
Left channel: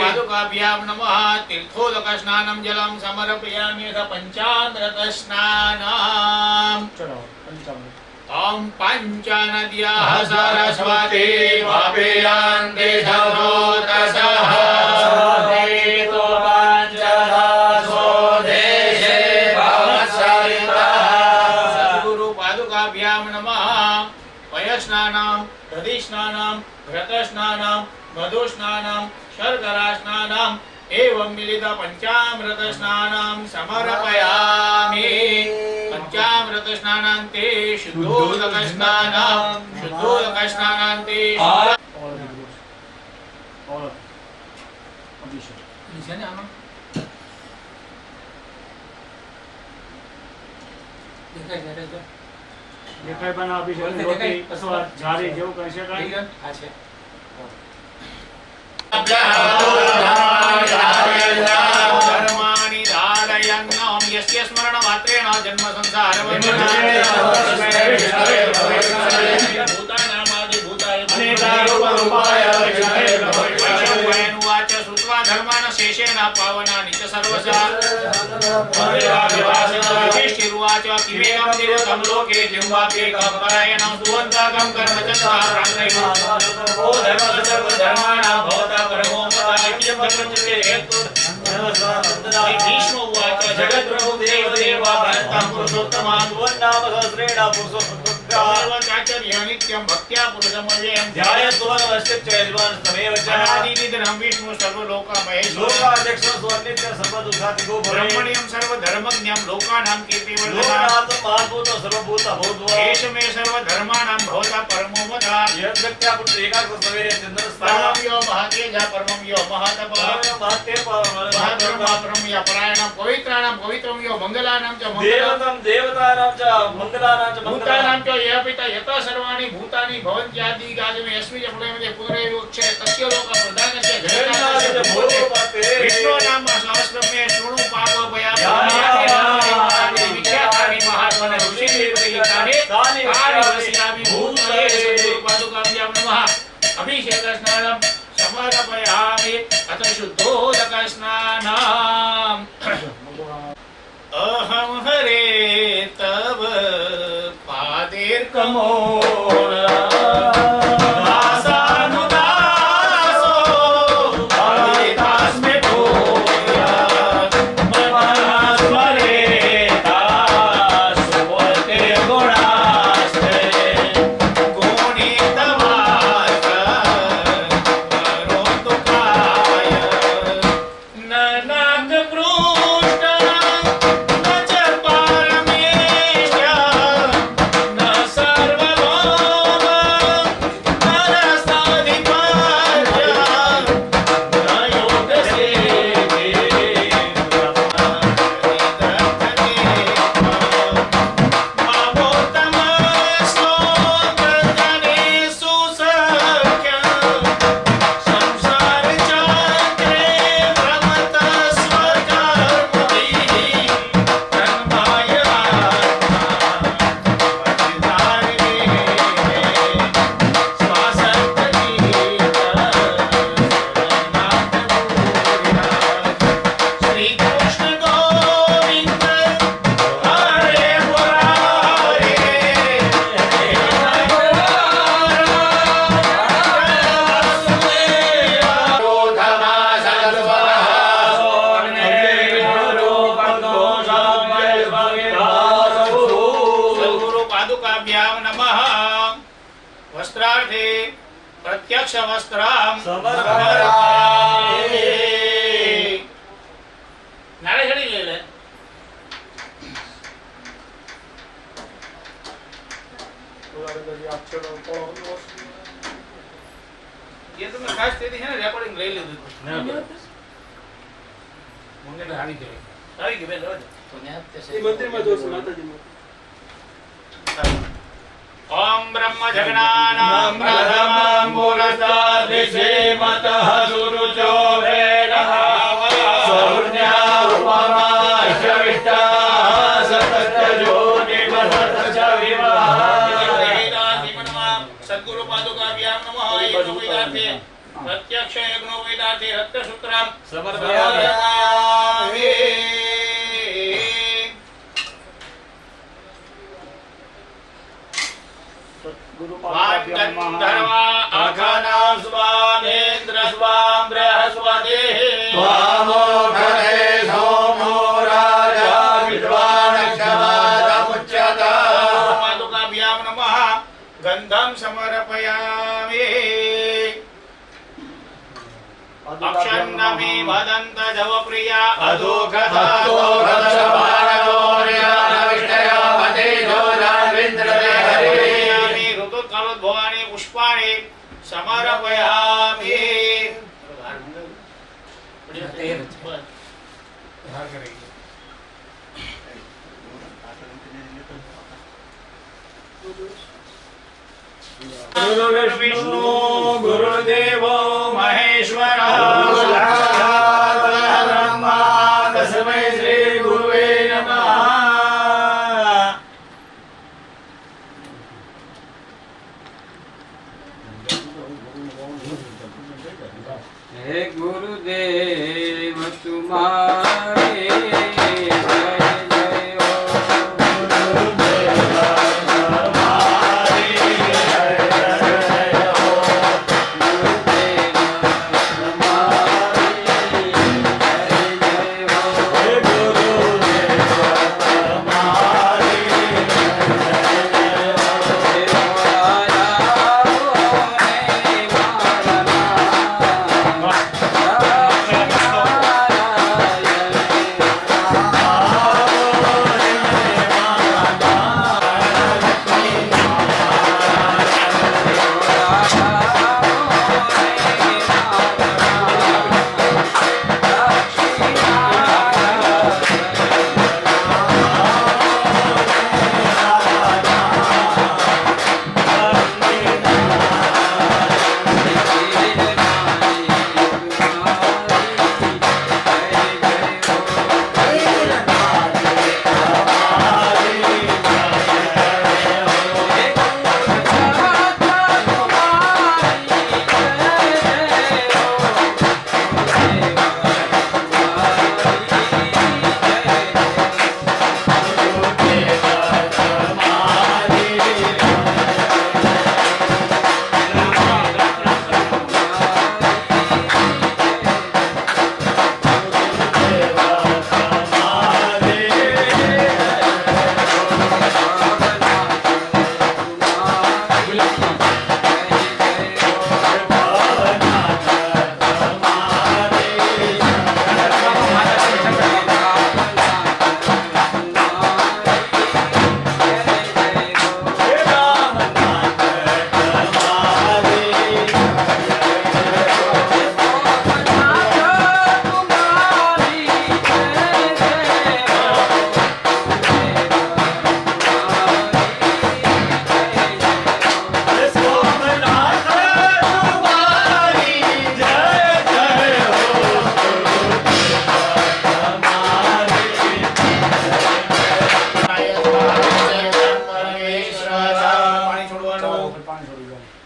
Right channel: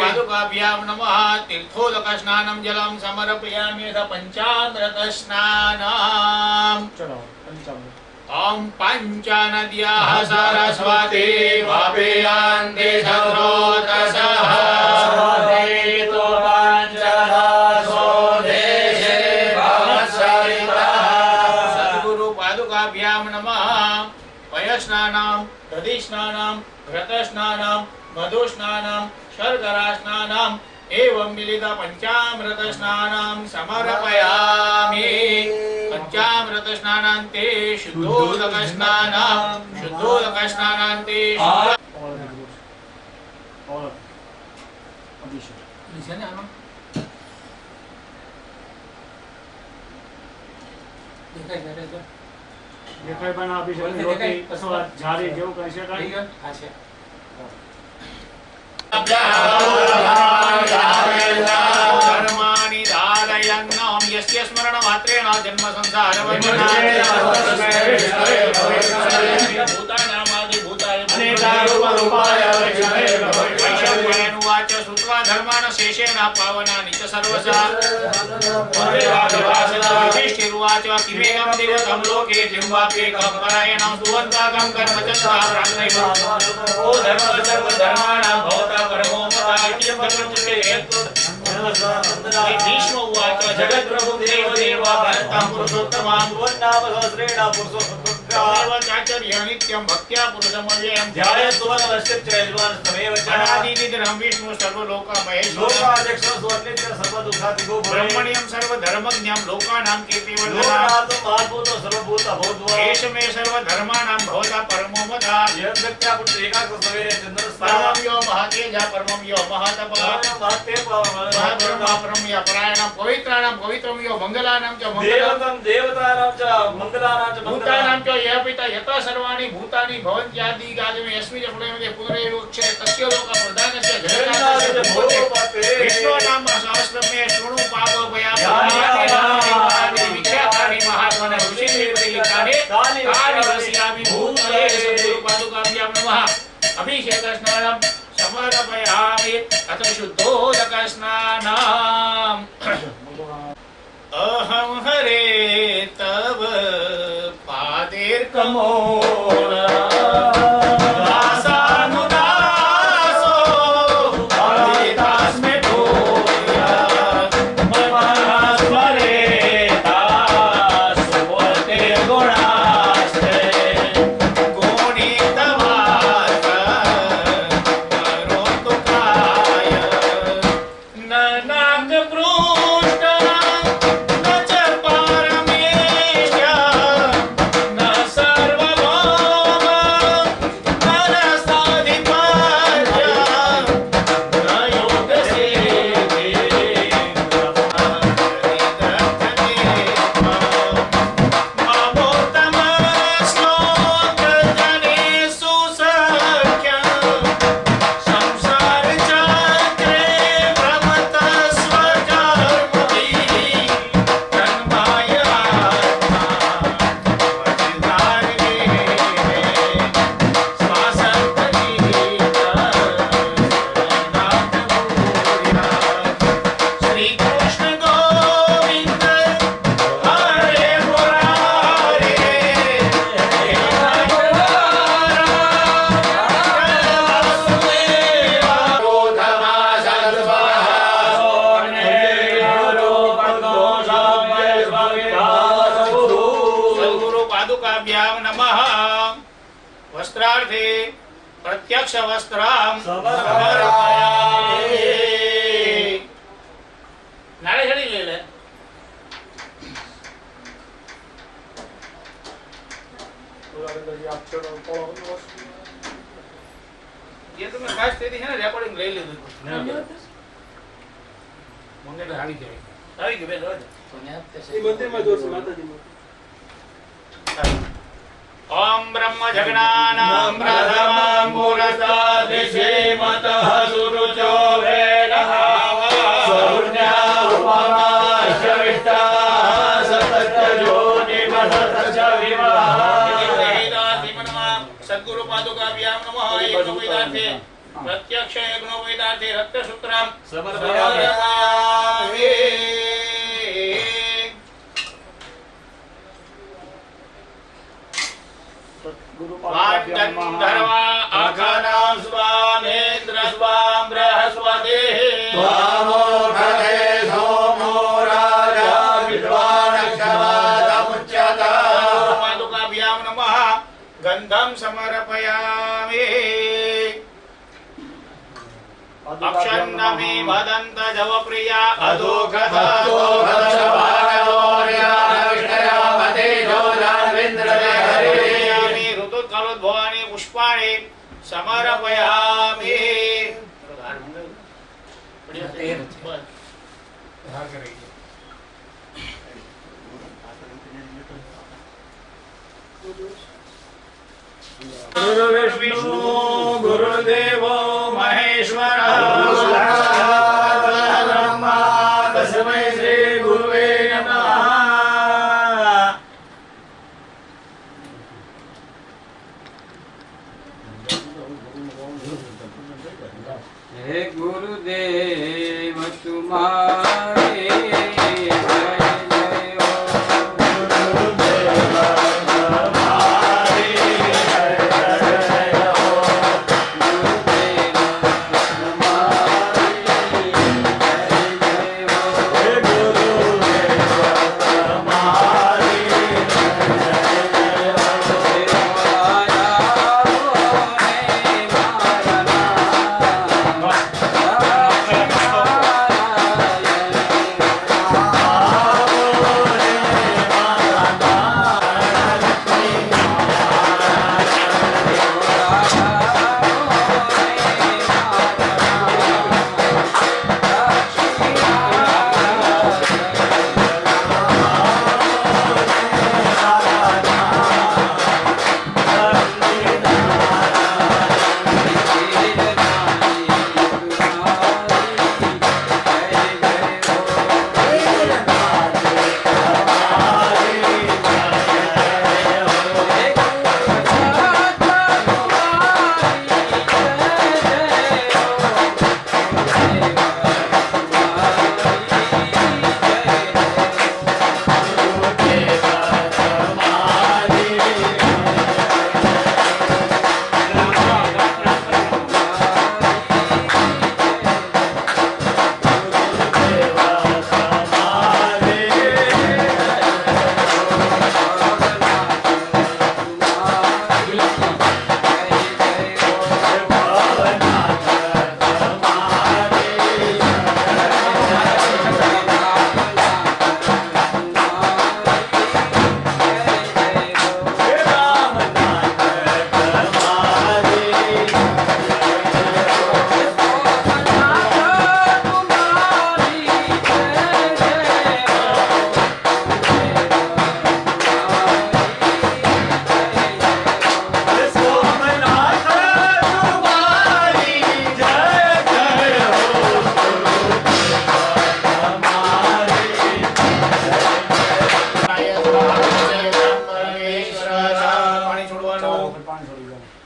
पादुकाभ्यां नमः. तीर्थोदक स्नानं जलं समर्पयामि. पंचामृत स्नानम्. ओम पंचनद्याः सरस्वती वापीयान्ति सरोतसः देतो पञ्चदासो देशे भवत्सरितः. सद्गुरु पादुकाभ्यां नमः. पयस्नानं दधिस्नानं घृतस्नानं मधुस्नानं शर्करा स्नानं एवं मिलित पंचामृत स्नानं समर्पयामि. पंचामृत स्नानान्ते शुद्धोदक स्नानं शुद्धोदक स्नानान्ते દેખાય પણ આપી શકે રોટી અથવા જારી જેવું કહી શકાય. આ છે धर्माणि धारयन् ओम यस्य स्मरण मात्रेण जन्म संसार भूतानामादि भूताय अनेकारूपाय वैष्णवानुवाच श्रुत्वा धर्मान् शेषेण पावनानि च सर्वशः युधिष्ठिरुवाच किमेकं देवतं लोके जिह्वाप्येकं परायणं सुवन्ताकं कर्मचन्द्रः प्राणैव ओ धर्मधर्माणां भवता परमो मता इत्यं धर्मचर्ये हेतु भीष्म उवाच जगद्प्रभु देवदेवा भरतं पुरुषोत्तमान् सुवन्नाम सहस्रेण पुरुषोत्तमः नित्यं भक्त्या पुरुषमव्ययं ध्यायत्वनश्चित्तयजमानस्तमेव च अनादिनिधनं विष्णु सर्वलोकमहेश्वर लोकाध्यक्षं सुवन्नित्यं सर्वदुःखादिको ब्रह्मण्यं सर्वधर्मज्ञं लोकानां कीर्तिवर्धनं महाभूतो सर्वभूतभूत्वा एष मे सर्वधर्माणां भवता परमो मता यद्भक्त्या पुरुष एकाग्रसवेरे चन्द्रस्तारं यो महातेजः परमं यो महातपः महत्ते परमं परायणं पवित्राणां पवित्रं यो मंगलानां च देवतं देवतानां च मंगलानां च भूतानां च यः पिता यतः सर्वाणि भूतानि भवन्त्यादि गाजमे अस्मि च प्रलयमध्ये पुनरेवोक्षे तस्य लोक प्रधानस्य जगन्नाथस्य भूते विष्णु नाम सहस्रं मे शृणु पापभयानि विख्यातानि महात्मन ऋषिर्लिखितानि तानि वक्ष्यामि भूतये सद्गुरु पादुकाभ्यां नमः. अभिषेक स्नानं समर्पयामि. अथ शुद्धोदक स्नानम्. अहं हरे एक मोरा दासानुदासो हरिदास में भूया मनस्वरे दास बोलते गुणास्ते गुणितवास करो तो काय न नाग पृष्ठ न च पारमेश न सर्वभौम न रसाधिपत्य न योगसेवे मामोत्तमश्लोकजनेषु सख्यम् संसार चक्रे भ्रमतस्व कर्मभिः तन्मायात्मा वज्रधारिणे श्री कृष्ण गोविंद हरे मुरारे सद्गुरु पादुकाभ्यां नमः वस्त्रार्थे प्रत्यक्ष वस्त्रां समर्पयामि नारे छड़ी ले ले ये तो मैं खास तेरी है ना रिकॉर्डिंग ले ली मंगे तो हावी के बेन रोज ओम ब्रह्म जगनानां प्रथमं पुरस्तादिशे मतः सुरुचो वेदः सौर्या उपमाश्यविष्टा सतस्य ज्योतिमसतस्य विवाह सद्गुरु पादुकाभ्यां नमः यज्ञोपवीतार्थे प्रत्यक्ष यज्ञोपवीतार्थे रक्तसूत्रं समर्पयामि वाग्गन्धर्वा अघनां स्वामेन्द्र स्वां बृहस्पतिः त्वामोघरे सोमो राजा विद्वानक्षमादमुच्यते पादुकाभ्यां नमः गन्धं समर्पयामि अक्षन्नमे वदन्त जवप्रिया ऋतुकालोद्भवानि पुष्पाणि समर्पयामि गुरुविष्णु गुरुदेवो महेश्वरः ब्रह्मा तस्मै श्री गुरुवे नमः हे गुरुदेव तुम्हारे जय जय हो गुरुदेव तुम्हारी जय जय हो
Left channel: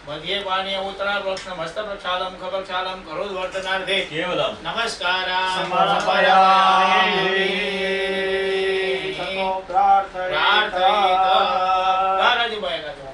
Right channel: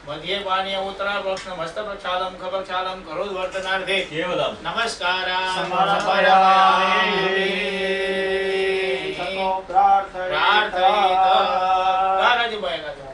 मध्ये पाणीय उत्तरा प्रोक्षण मस्त प्रक्षालम खप्रक्षालम करोद्वर्तनार्थे केवलम नमस्कारान् समर्पयामि। समर्पयामि। प्रार्थयेत। दादाजी बोलेगा तो।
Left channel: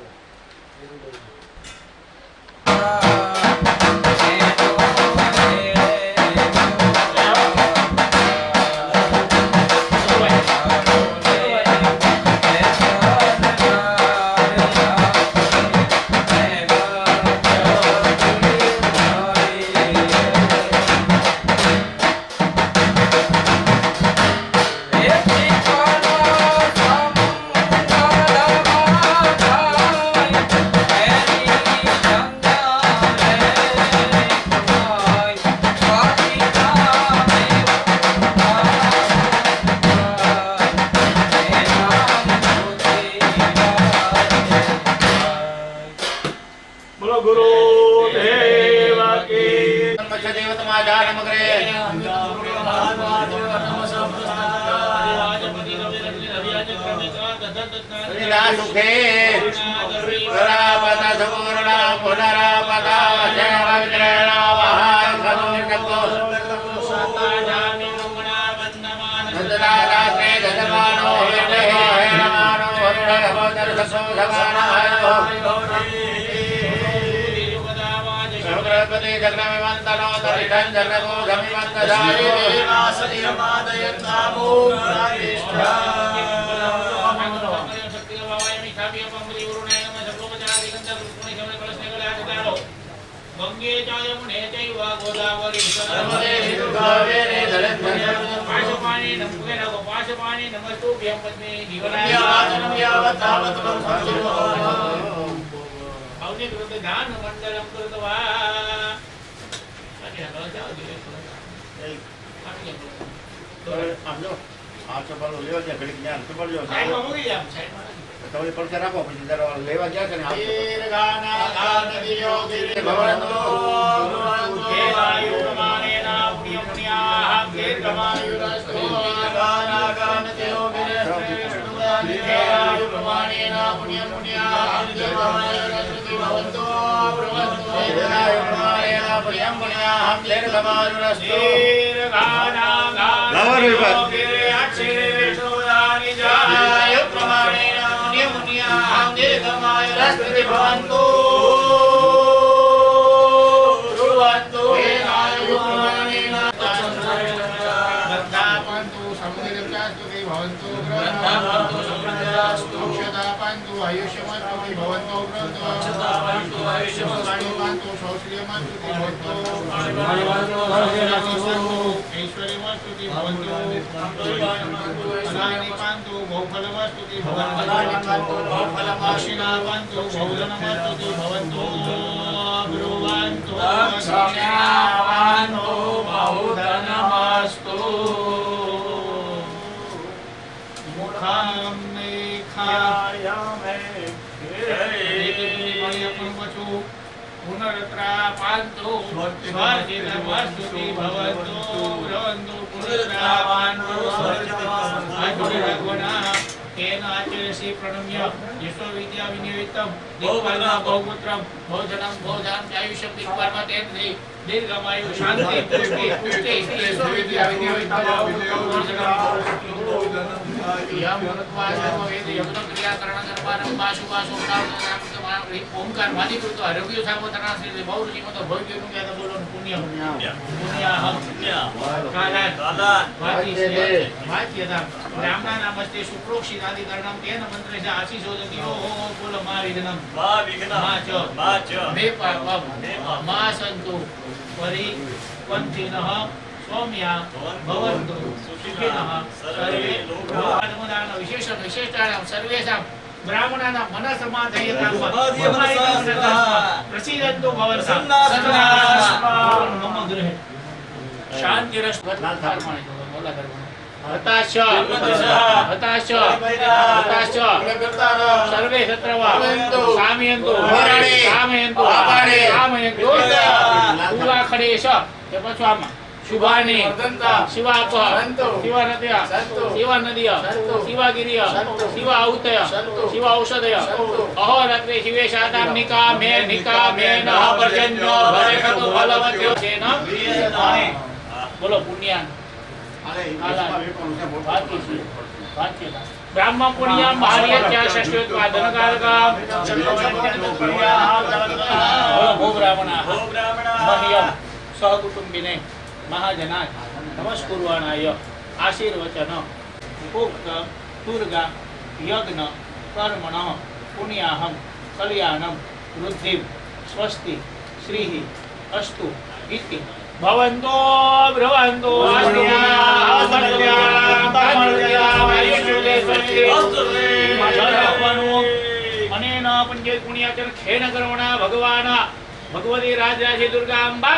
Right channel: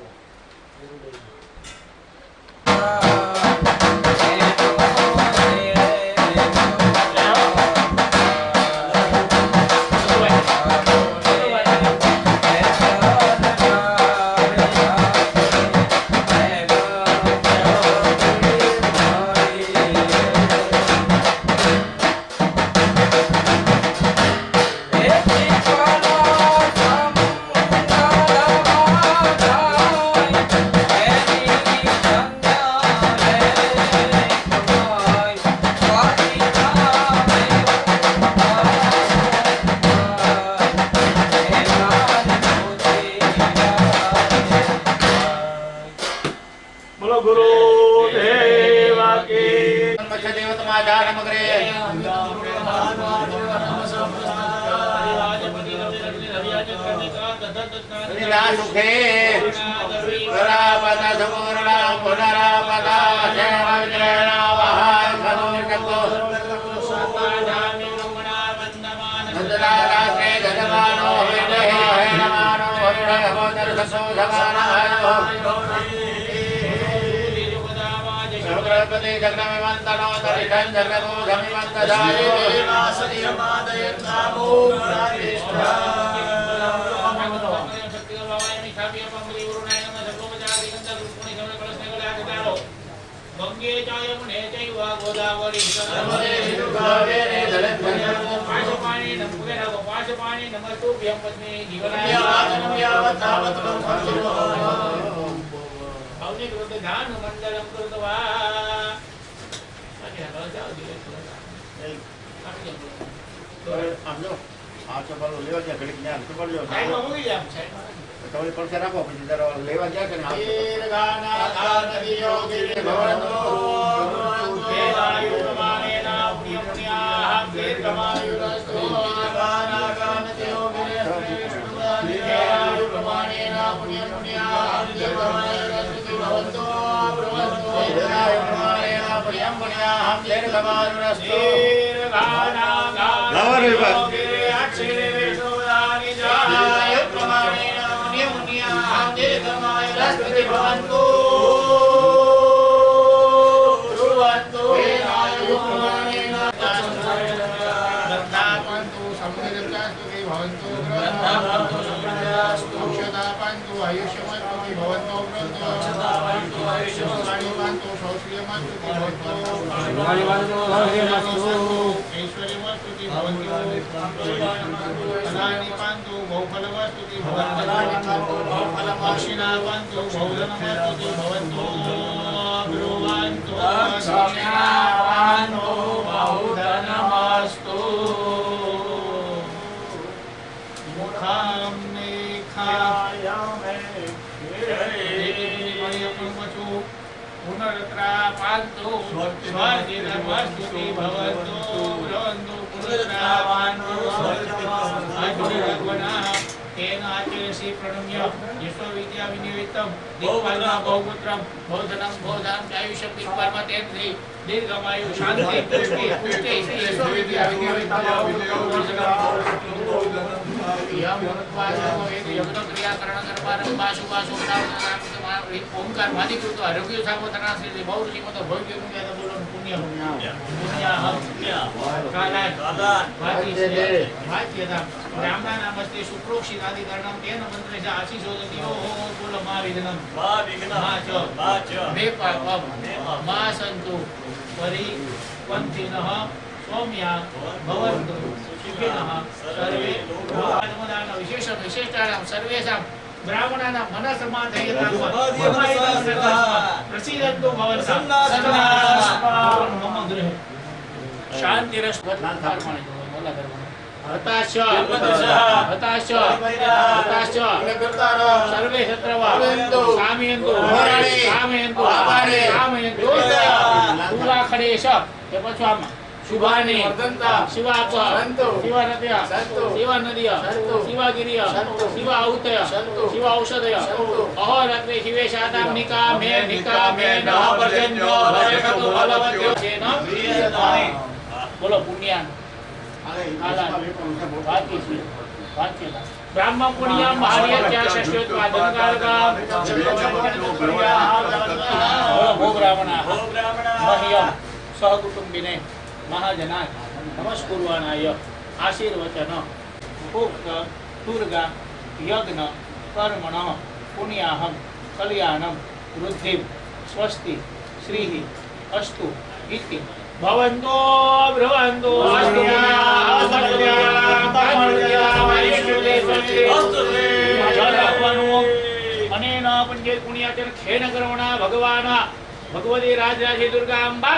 बोलो गुरुदेव की। देवतमाचारमग्रे सुखे पुनरापता सुपूर्णा पुनरापता रात्रे गजमानो हेणमानो शुक्रपति जगनमिमन्तनो तरिषं जगनभूषमिमन्तधायो गंगे च यमुने चैव गोदावरी पाशपाणि नमस्ते पाशपाणि नमस्तुभ्यं पद्मे जीवनाय भवने कृते ध्यान मंडलम कृत्वा आगे हलो जाओ धीरे સમજો આ ચપલ લેવા ગયા ઘડીક જ્ઞાન ચપલ જો साइड में होगी आप साइड में તો એ પડશે રાખો પછી જરા લેવા ગયા કે ને गाना गान दियो गिरे ભગવાનનો केवायु प्रमाणेन पुण्यपुण्याः दीर्घमायुरस्तु गाना गान दियो गिरे केवायु प्रमाणेन पुण्यपुण्याः दीर्घमायुरस्तु भवन्तु भवन्तु પ્રમાણેન પ્રિયમ પુણ્યાહમ દીર્ઘમાયુરસ્તુ गाना गान दियो गिरे अक्षरे विष्णुदानि जाय प्रमाणेन पुण्यपुण्याः दीर्घमायुरस्तु भवन्तु भवन्तु केवायु प्रमाणेन पंतु समुद्रचास्तु भवन्तु ग्रन्थापन्तु समृद्धास्तु क्षतापन्तु आयुष्यमन्तु भवन्तु क्षतापन्तु आयुष्यमस्तु पंतु शौश्रियमन्तु भवन्तु ऐश्वर्यमस्तु भवन्तु फलानिपन्तु बहुफलमस्तु भवन्तु दक्षिणापन्तु बहुधनमस्तु भवन्तु ब्रुवन्तु दक्षिणापन्तु बहुधनमस्तु मुखं पुनरत्रापान्तु स्वार्जितमस्तुति भवन्तु ब्रवन्तु पुनरत्रापान्तु स्वार्जितमस्तुति तेन आचरसि प्रणम्य विश्वविद्या विनियोजितं दिक्पालनं बहुपुत्रं बहुधनं बहुधाम आयुष्यं दिक्पालम तेन दीर्घमायु शान्ति पुष्टि पुष्टि विश्वविद्या विनियोजितं यम वाचो वेद यज्ञ क्रिया करण दरबारं पाशु पाशु ओंकार मादिकृत आरोग्य सामोतना श्री बहुऋषि मत भोग्य पुण्य बोलो पुण्य पुण्य हम काला वाची से वाच्यता ब्राह्मण नमस्ते शुक्रोक्षि आदि कर्णम तेन मंत्र से आशीषो दियो बोलो मा विघ्नम मा च मे पापम मा सन्तु परि पंथिनः सौम्या भवन्तु सुखिनः सर्वे लोकानुदान विशेष विशेषाणां सर्वेषां ब्राह्मणानां मनसमाधयतां प्रसीदन्तु भवन्तः मम गृहे शान्तिरस्तु हताश हताश हताश सर्वे शत्रवा कामयन्तु कामयन्तु कामयन्तु उल्लाखडेश તે પછી આમાં शुभानि वर्धन्ता शिवाप सन्तु शिवानद्य सन्तु शिवानद्य सन्तु शिवागिरिय सन्तु शिवा औतय सन्तु शिवा औषधय सन्तु अहोरात्रे शिवेशानां निकामे नः पर्जन्यो भवेतु फलवत्यो तेन बोलो पुण्यान ब्राह्मण पुण्य महार्यत्या षष्ठ्योत्पादन कारका भो ब्राह्मणाः मह्यं सहकुटुम्बिने महाजनाय नमस्कुर्वाणाय आशीर्वचन उक्त दुर्गा यज्ञ कर्मणः पुण्याहं कल्याणं वृद्धिं स्वस्ति श्रीः अस्तु इति भवन्तो ब्रुवन्तो अनेन पुण्य पुण्याचन खेन कर्मणा भगवान भगवती राजराजे दुर्गाम्बा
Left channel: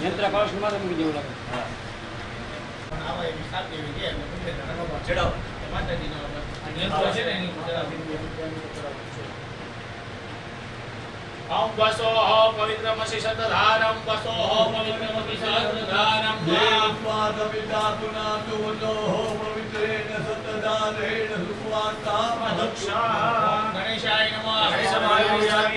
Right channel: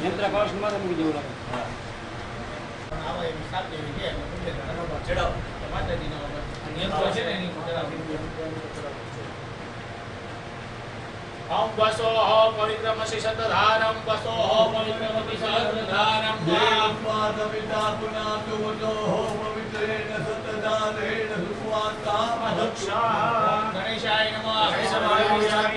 यंत्र ओम वसोह पवित्रमसि शतधारं वसोह पवित्रमपि सहस्रधारं माधविता पुनातु वसोः पवित्रेण शतधारेण सुवान्तामधक्षा गणेशाय नमः गणेशाय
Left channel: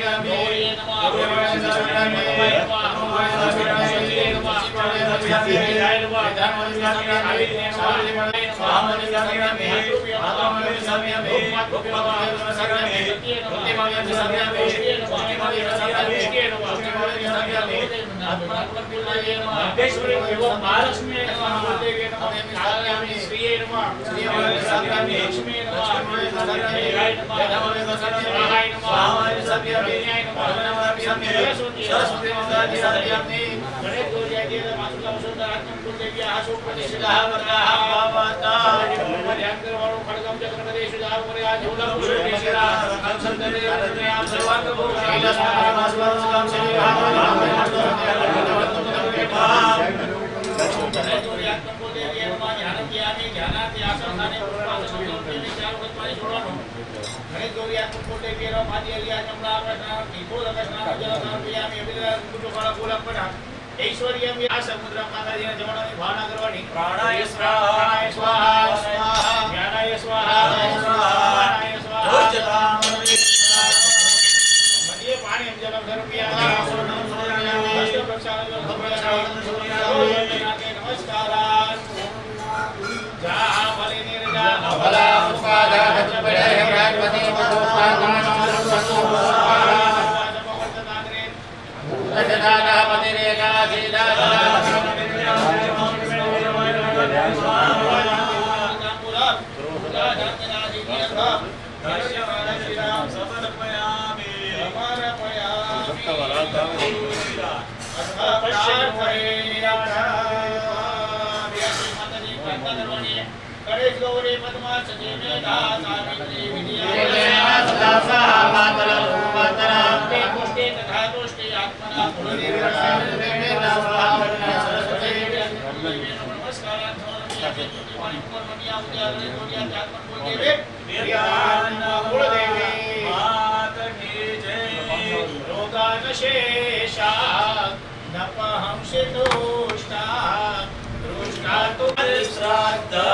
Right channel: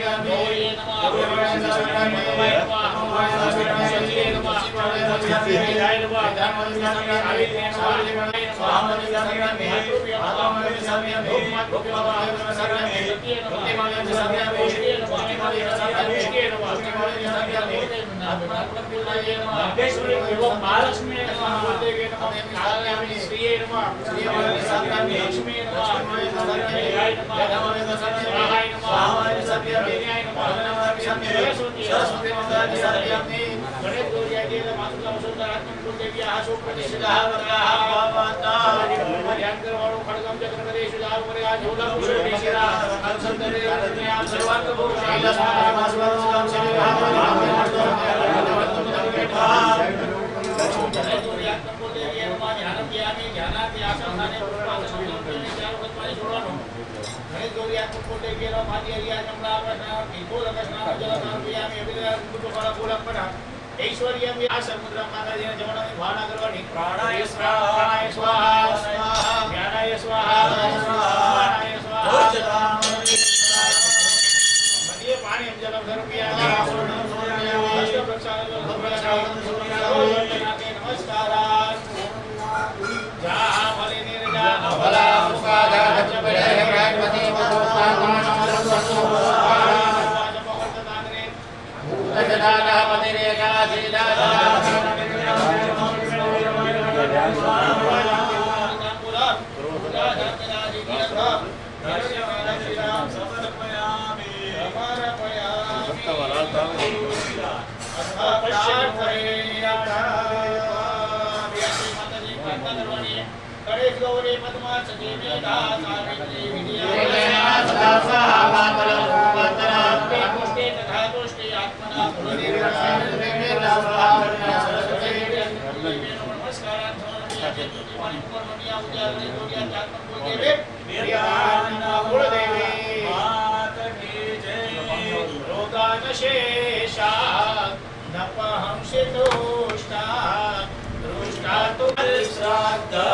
ऐश्वर्यं या समुद्र माताजीने जमणाने भावना करवानी प्राणाय स्वाहा प्राणाय स्वाहा ज्ञानाय स्वाहा स्वाहाय स्वाहा मध्य पाणी जलम धर्मिया नमस्कार जहाँ भले निर्जा भला उपादा चपड़े भगवती गौरी पद्मा सजीवे सावित्री विद्या पुष्टे तथा तुष्टे आत्मना शेषा नपहंसितोष्टा दृष्टा तु श्राद्धा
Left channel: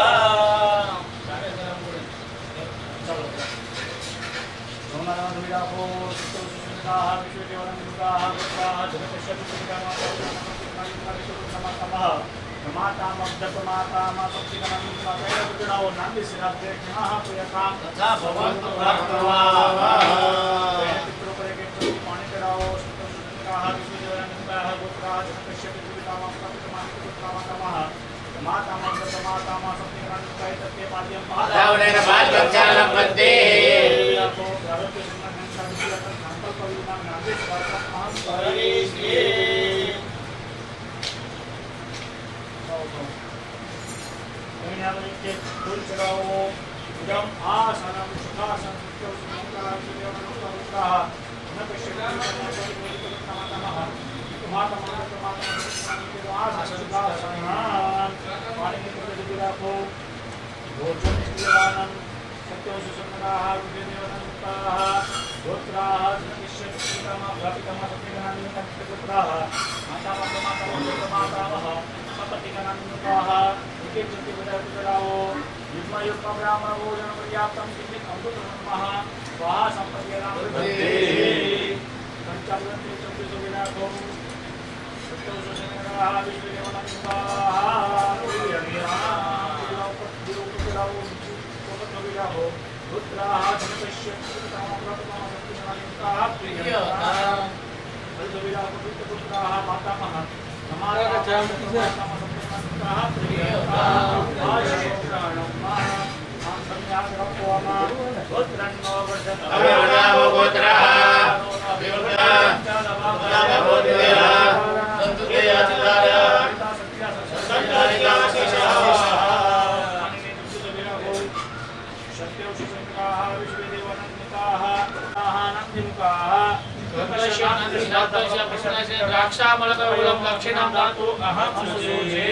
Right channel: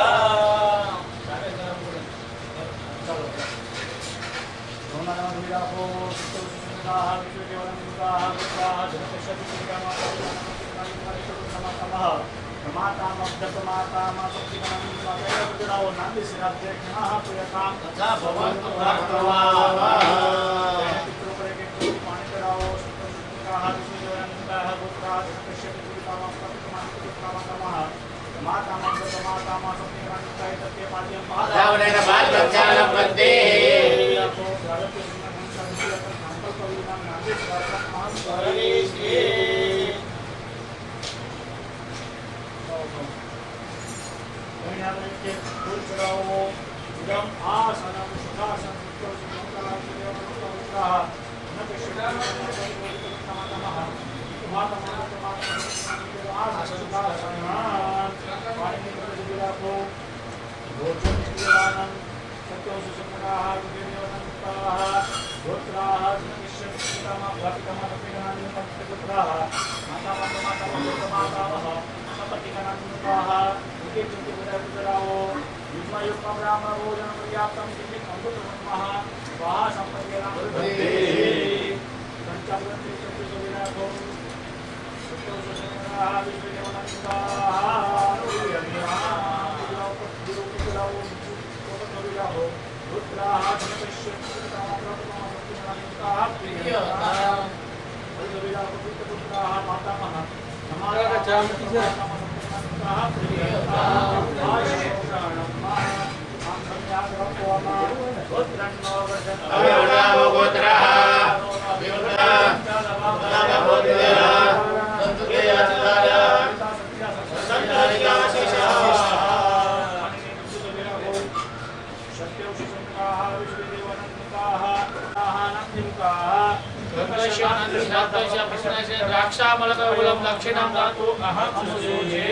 द्राक्षामलकवलं दक्षिणां दातु अहं सुजे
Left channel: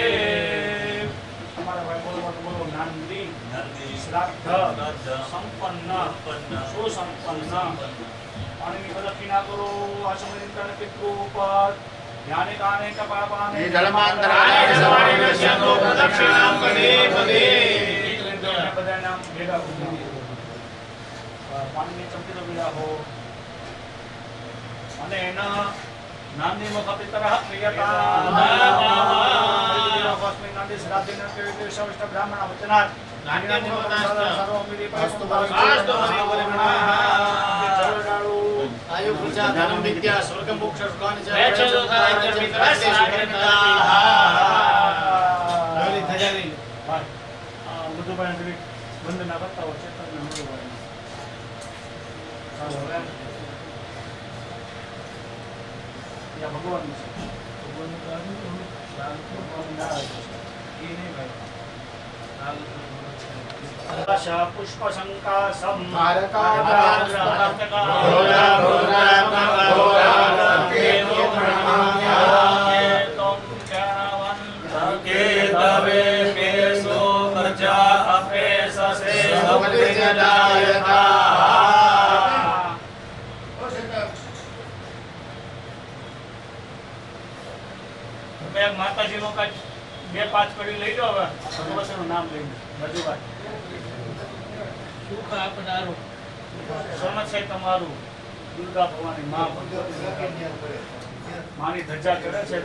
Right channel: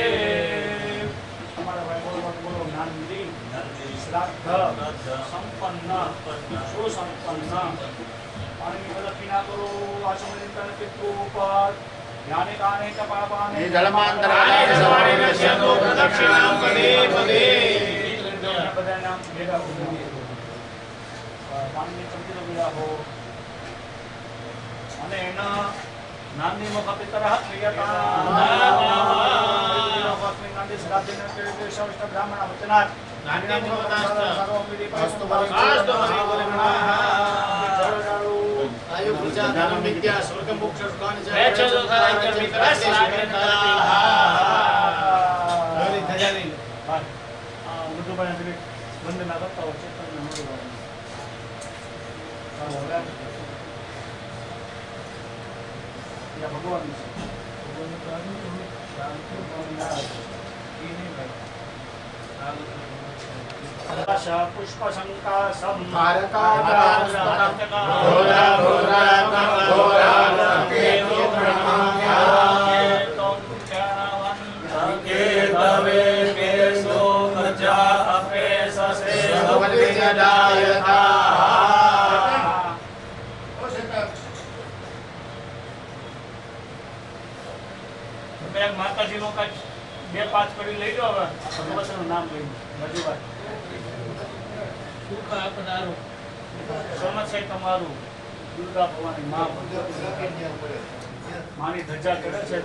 हमारा भाई बोलो नंदी श्राद्ध संपन्न सुसंपन्न पानी की प्रदक्षिणा करो आचमन पितृ ऊपर ध्याने दाने च पापाने जलमांतराय सवाणे नश्यतो प्रदक्षिणां पदे पदे बदानां भेगा हो पानी में चमकीला भेगा हो અને એના નામની મુખપિતરઃ પ્રિયતા નામની શ્રાદ્ધેન કેવે સવિષ્ટ બ્રાહ્મણ વચનાત નામની મુખપિતરઃ સર્વમિતિ પાસ્તુ પાસ્તુ આયુ પૂજા ધનમ વિદ્યા સ્વર્ગ મોક્ષ સુખાન જય ચતુર્થાય મિત્રસ્ય શુભેતા ગરી ધજારી મધુબાઈ વંદના કરતા હો ચેતન મધુબાઈ या भगवान आशा पुष्प शंका सम माताजी नो का 2-5 कड़ी लई लो હવે ભગવાનનું નામ લઈ મધુબાઈ સુખ આપનારો સોમત છે તમારું દુર્ગા ભવાની માં માની ધજા ચડે છે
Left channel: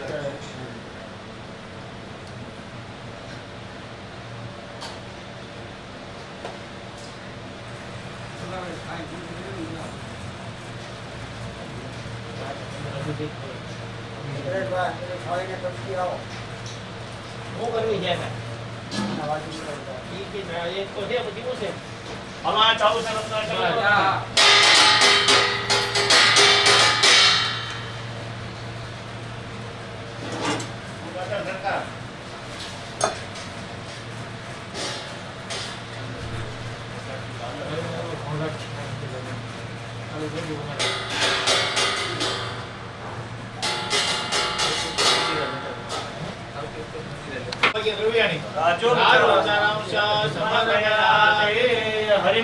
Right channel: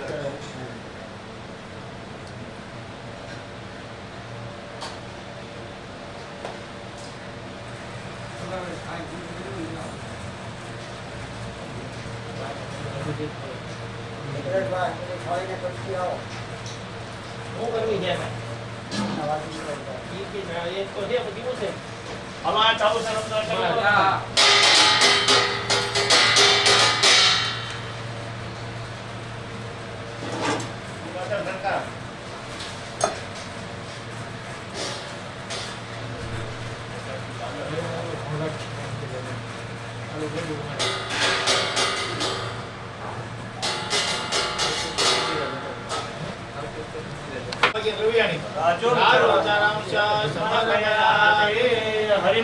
हमारा चालू से रमजान चलेगा हरि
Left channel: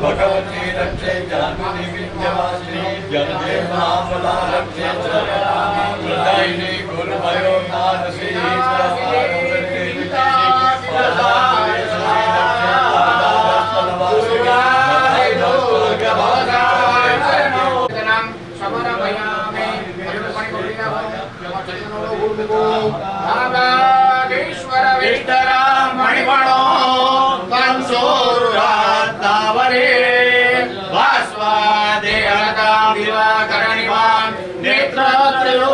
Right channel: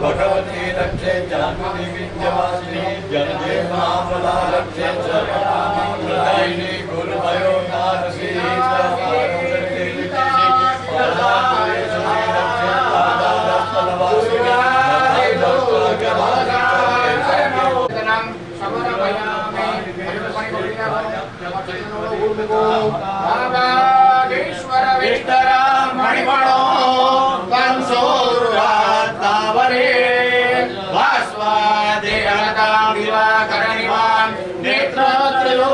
भगवती रक्षे जानुनी विद्यवासिनी जन्मे महाफला रक्षे प्रदायिनी गुरुभयो नारसी मणिमणो कंसोरुरात्तावरे वास्वादेहता दिवाकरणिवान् नेत्रत्रयोजभासिता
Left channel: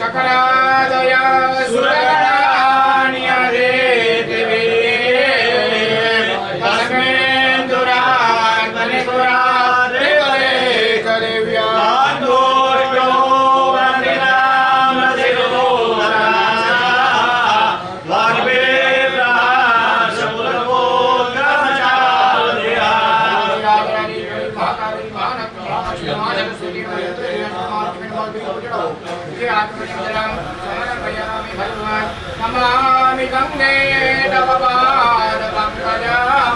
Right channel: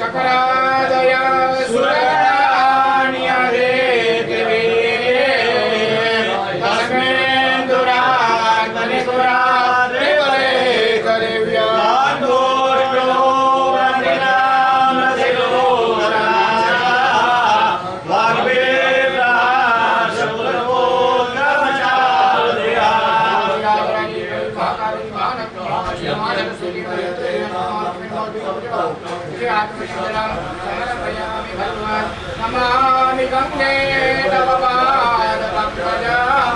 सकलादया सुरगणान्यदे वन्दे तव पादपङ्कजम्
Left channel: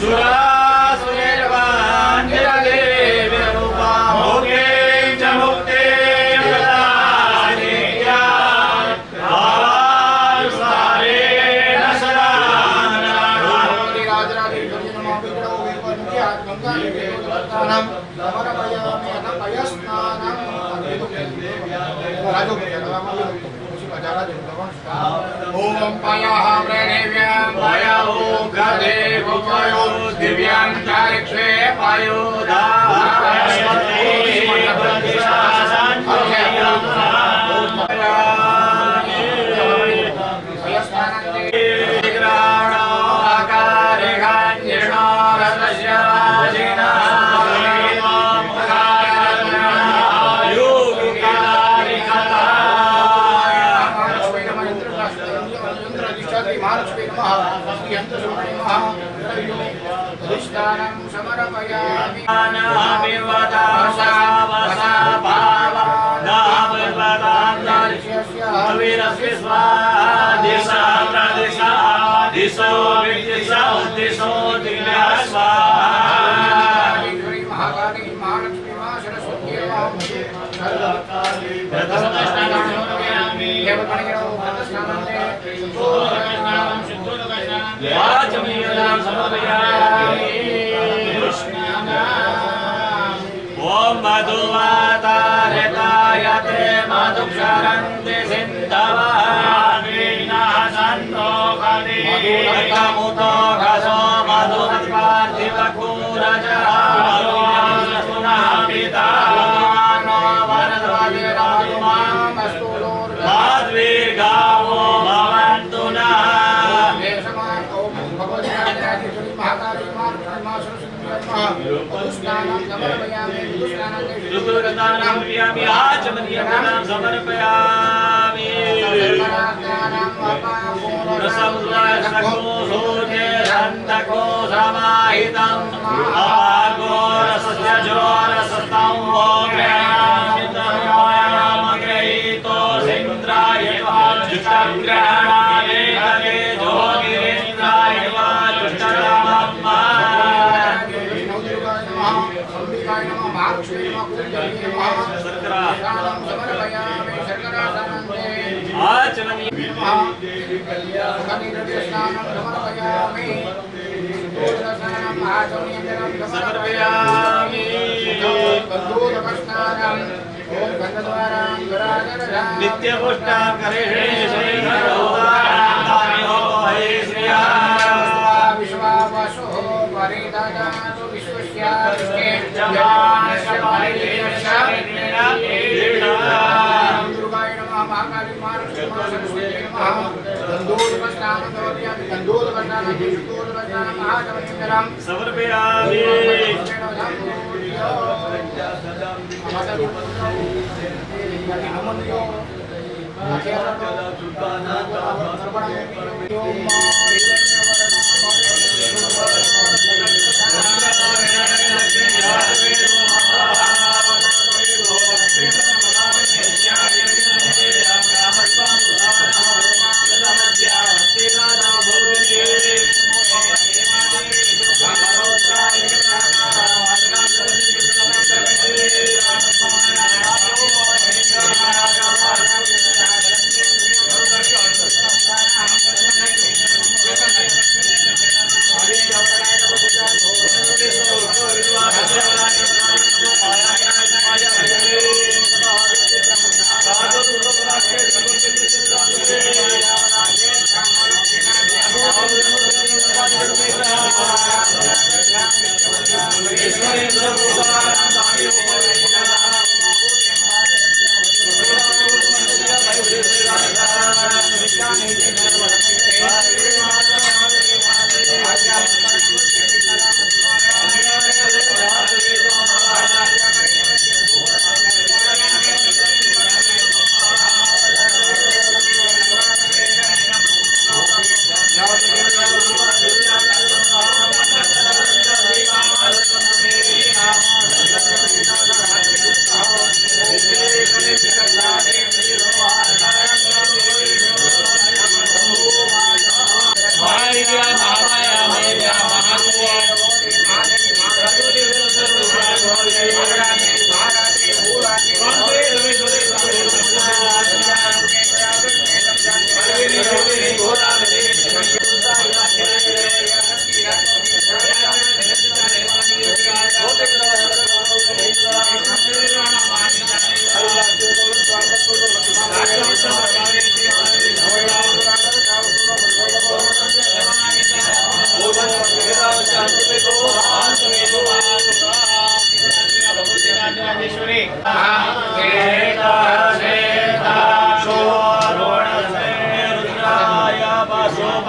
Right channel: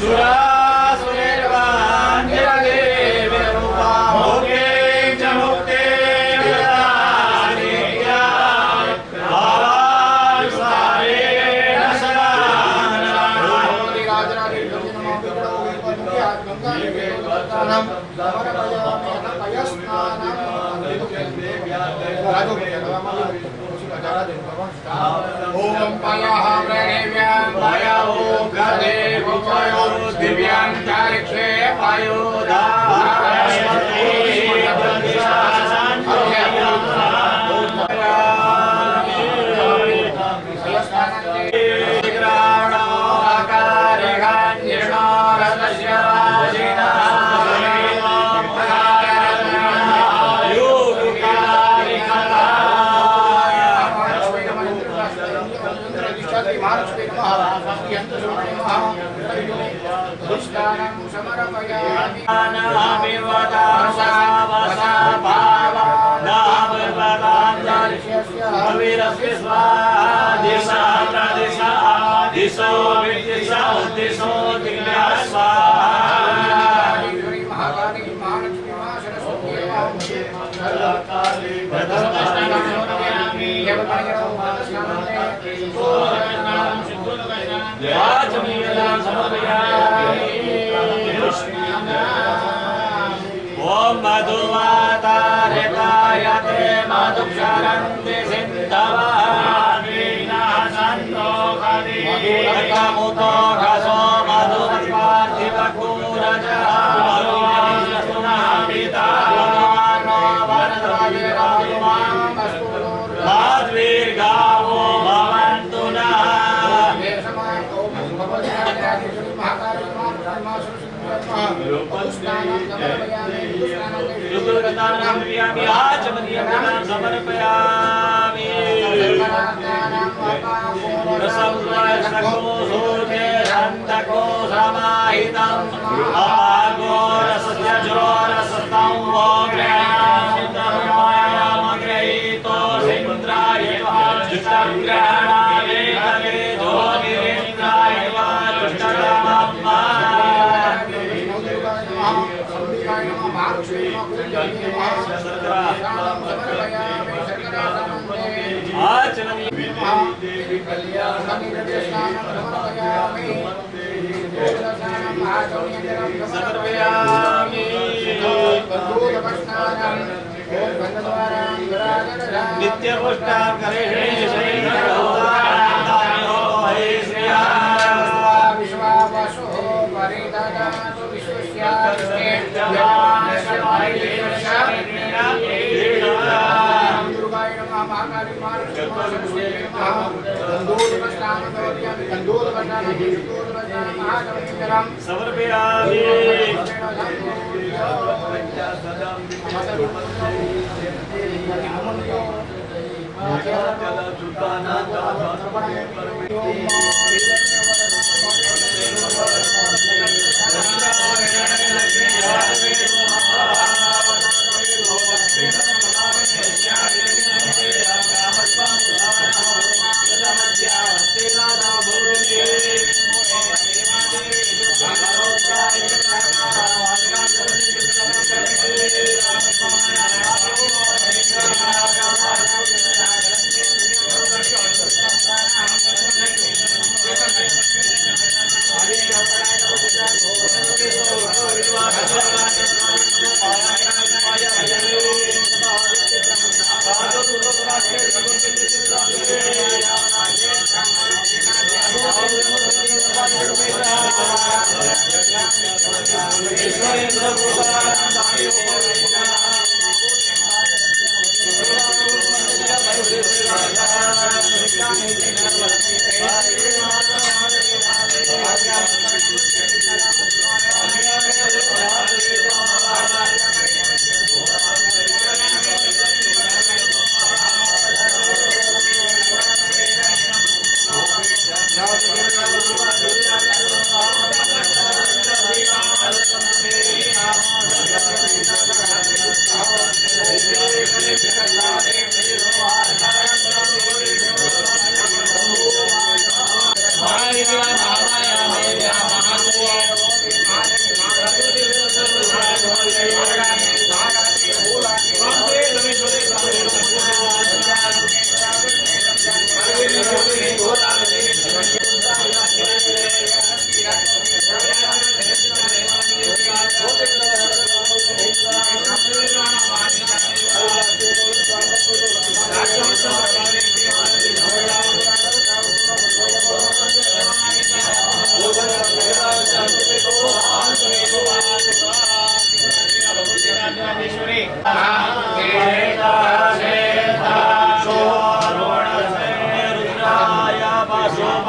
सुरासुरैर्वाञ्छितदेवरूपां भोगे च मुक्ते च दानेया भावानुसारेण सदा ओम पयः प्रणेव्यं पयो गदेव पयो दिव्यां चारिक्षे पयो ओम मधुमातारताय ते मधुक्षरन्ति सिन्धवान्विनाशन्तो खदि मधुरकमुतो घसो मधुमत्पार्थिवकूरजः मधुमानस्तुनापिता नो वरदवादिराजुमामस्तु माध्वीर्गावो भवन्तु नः समर्पयामि रसको समाहितम् अपागो रसस्य जोरसतं वो ग्रहीतो सिन्द्राय जुष्टग्रहणाय हरे ज्योतिरिन्द्राय नित्यपुष्टां करेणे विश्वावसो परिददातु विश्वस्यास्ते दुर्गाय नमः महाकाली सरस्वती नमः समर्पयामि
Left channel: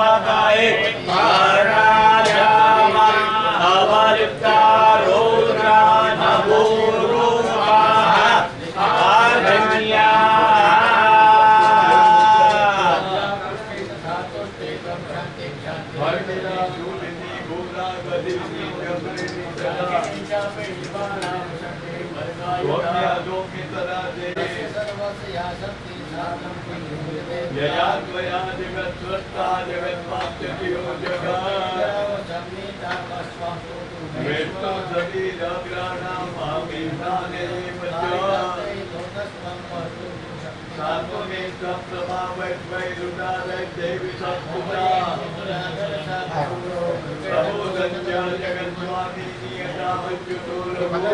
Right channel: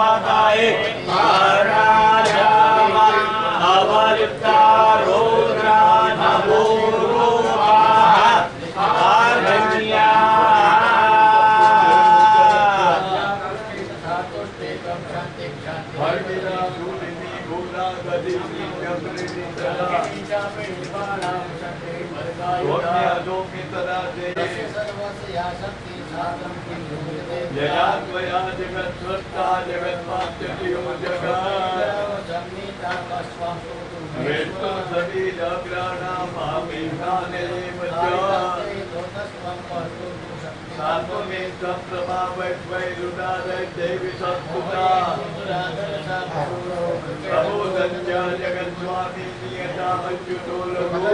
महाकाय महाराजाम अवलिप्ता रुद्रा नमो रूपाः आर्धन्या जयात्मया जगत्स्वस्ता जगन्मात्यतियो जगत् शरीराग्राणां भावेशाने सात्वमे सप्रमा वैरुणादय देवी सत्पुता प्रभो संज्ञा जगन्स्वामी नियता अच्युतो लघुरो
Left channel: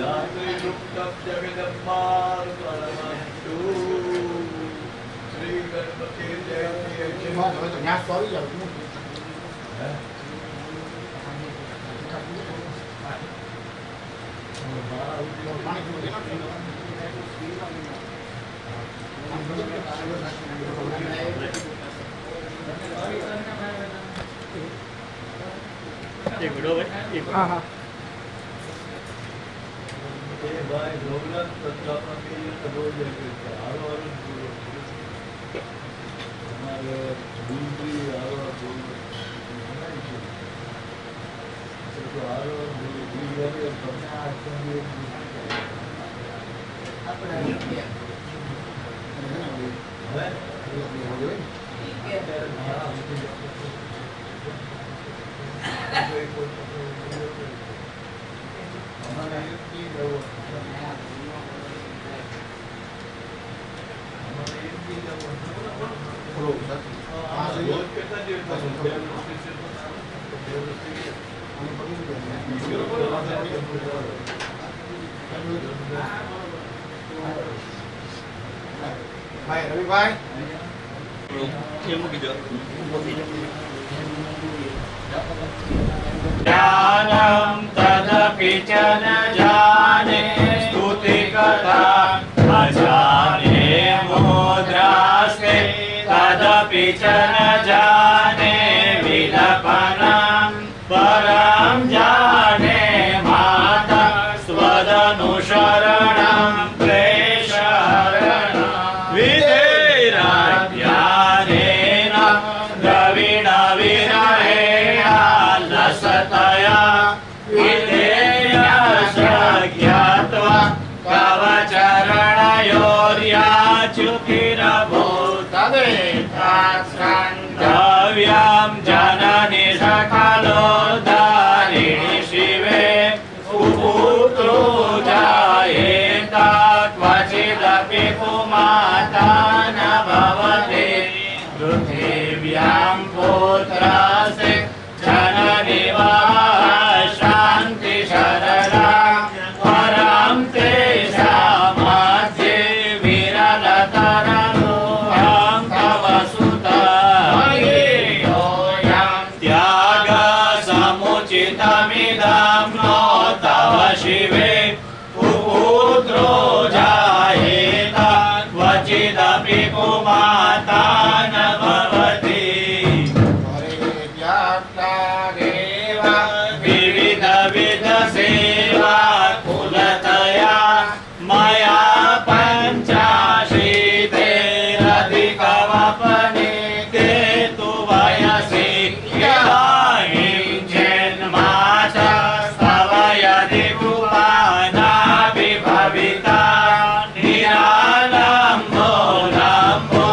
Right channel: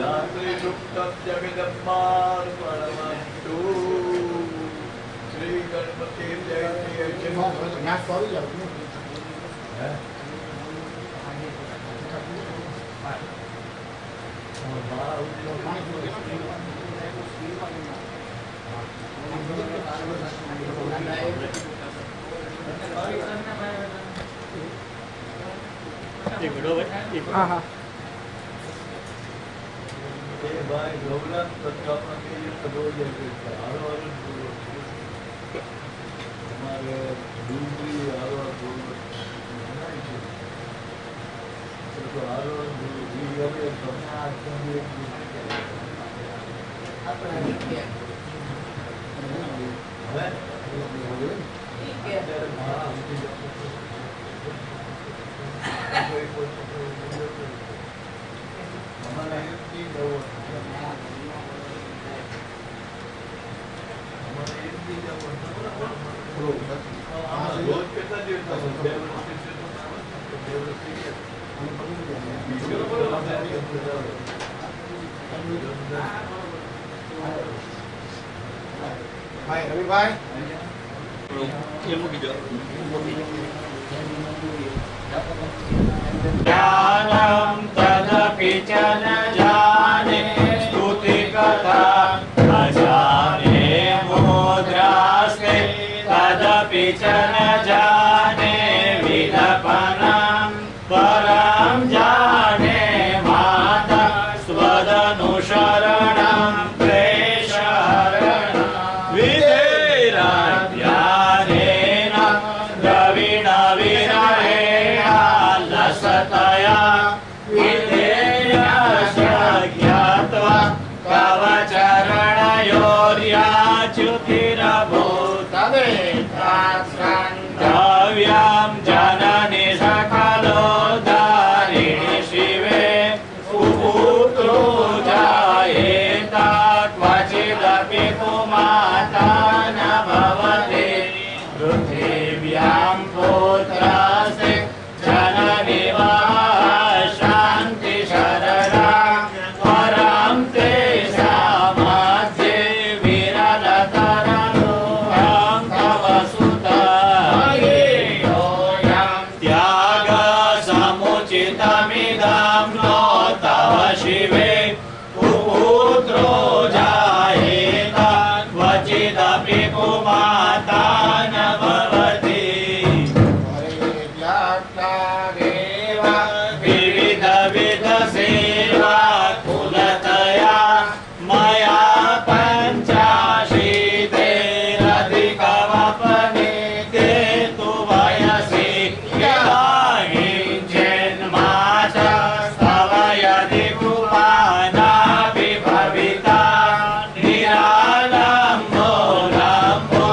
जात्रिरुक्तं जगदम्बार परमस्तु श्री गणपति जय एक वीडियो भाई हाँ हाँ भाई गौरव प्रजापति कदो जगह आरो हमारे दूसरी आरो तो आरो दूसरी भाई रवि भाई ज्ञानं तदपि च न जाने स्तुति कथा अजाने मुद्रास्ते तदपि च न जाने विलपनं परं जाने माता स्वदनुशरणं प्रेषहरणं विधेराज्ञानेन द्रविणविरहेण लसतया विधेयशज्ञात्वा कवचरणयोर्याच्युतिरभूतवेदास्कन्धव्यां जननि सकलोद्धारिणि शिवे सुपुत्रो जायेत क्वचिदपि कुमाता न भवति पृथिव्यां पुत्रस्य जननि वा शान्तिशरणा परं तेषामध्ये विरलतरनुहं तव सुतयोऽयं त्यागसमुचितमिदं नो तव शिवे पुत्रो जायेत क्वचिदपि कुमाता न भवति विविधविधसेवा कुलतया मया पञ्चाशीतेरधिकवपनीते तु वयसि इदानीं जन्मास्तव यदि कृपानापि भविता निरालम्बो लम्बो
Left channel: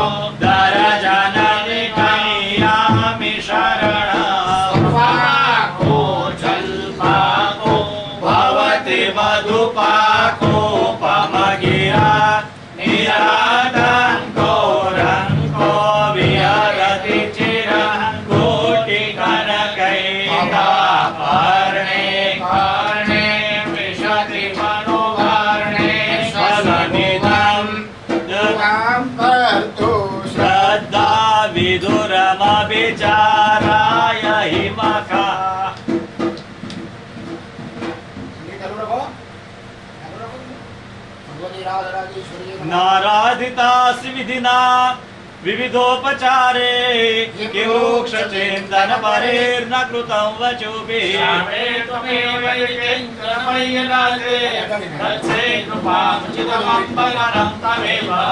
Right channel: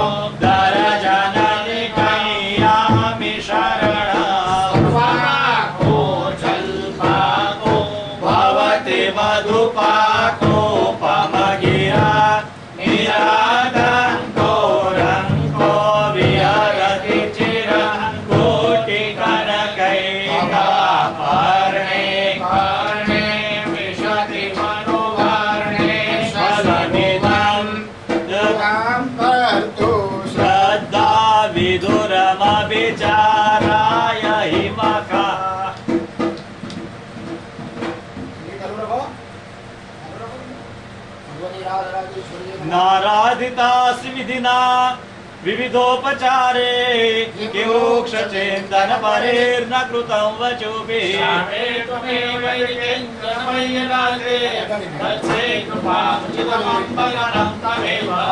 नाराधितास विधिना विविधोपचारे किमुक्ष चिंतन परेर्न कृतं वचोभिः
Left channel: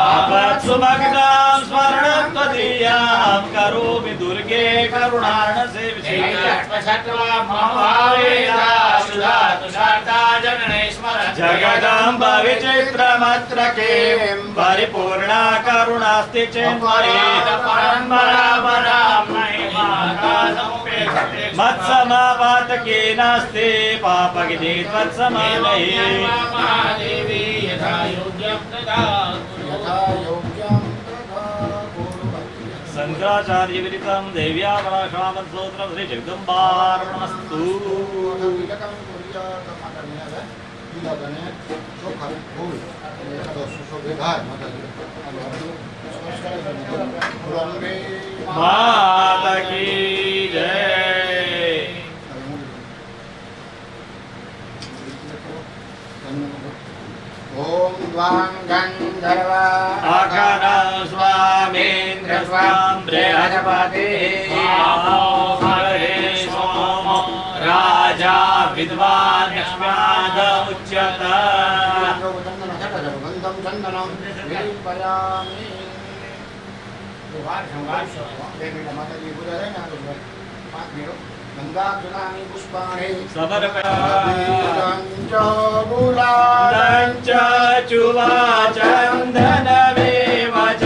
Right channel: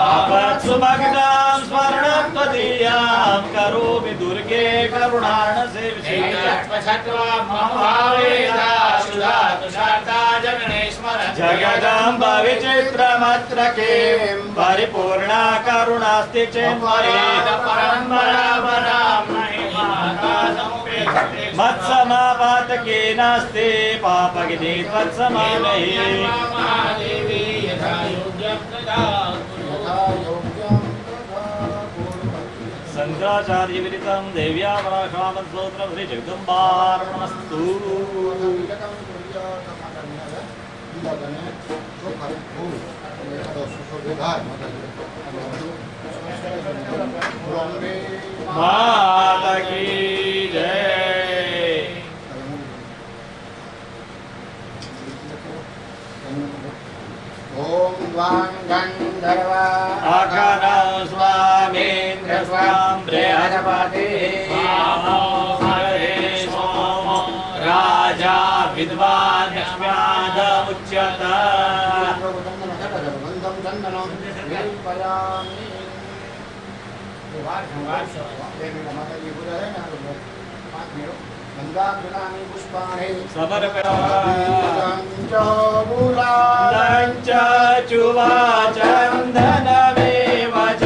आपत्सुभक्तां स्मरणं त्वदीयां करोमि दुर्गे करुणार्ण सेविते जगदम्ब विचित्रमत्र किं परिपूर्णा करुणास्ति चिन्मयि मत्समापातके नास्ति पापगिनि त्वत्समानहि शंकराचार्य विदितं देव्या पराश्रामं स्तोत्रं श्री जगदम्बार्पणमस्तु। माता की जय। ओम द्वां गंधर्वा आकारा स्वामेन्द्र स्वाम बृहस्पति राजा विद्वान लक्ष्म्याद उच्यत गंधम चंदनम विपयामि। देवी माता की पूजा है ना, तो 5 मिनट गंगाजलानि पुष्पाणि समर्पयामि चुवा चन्दनमेव च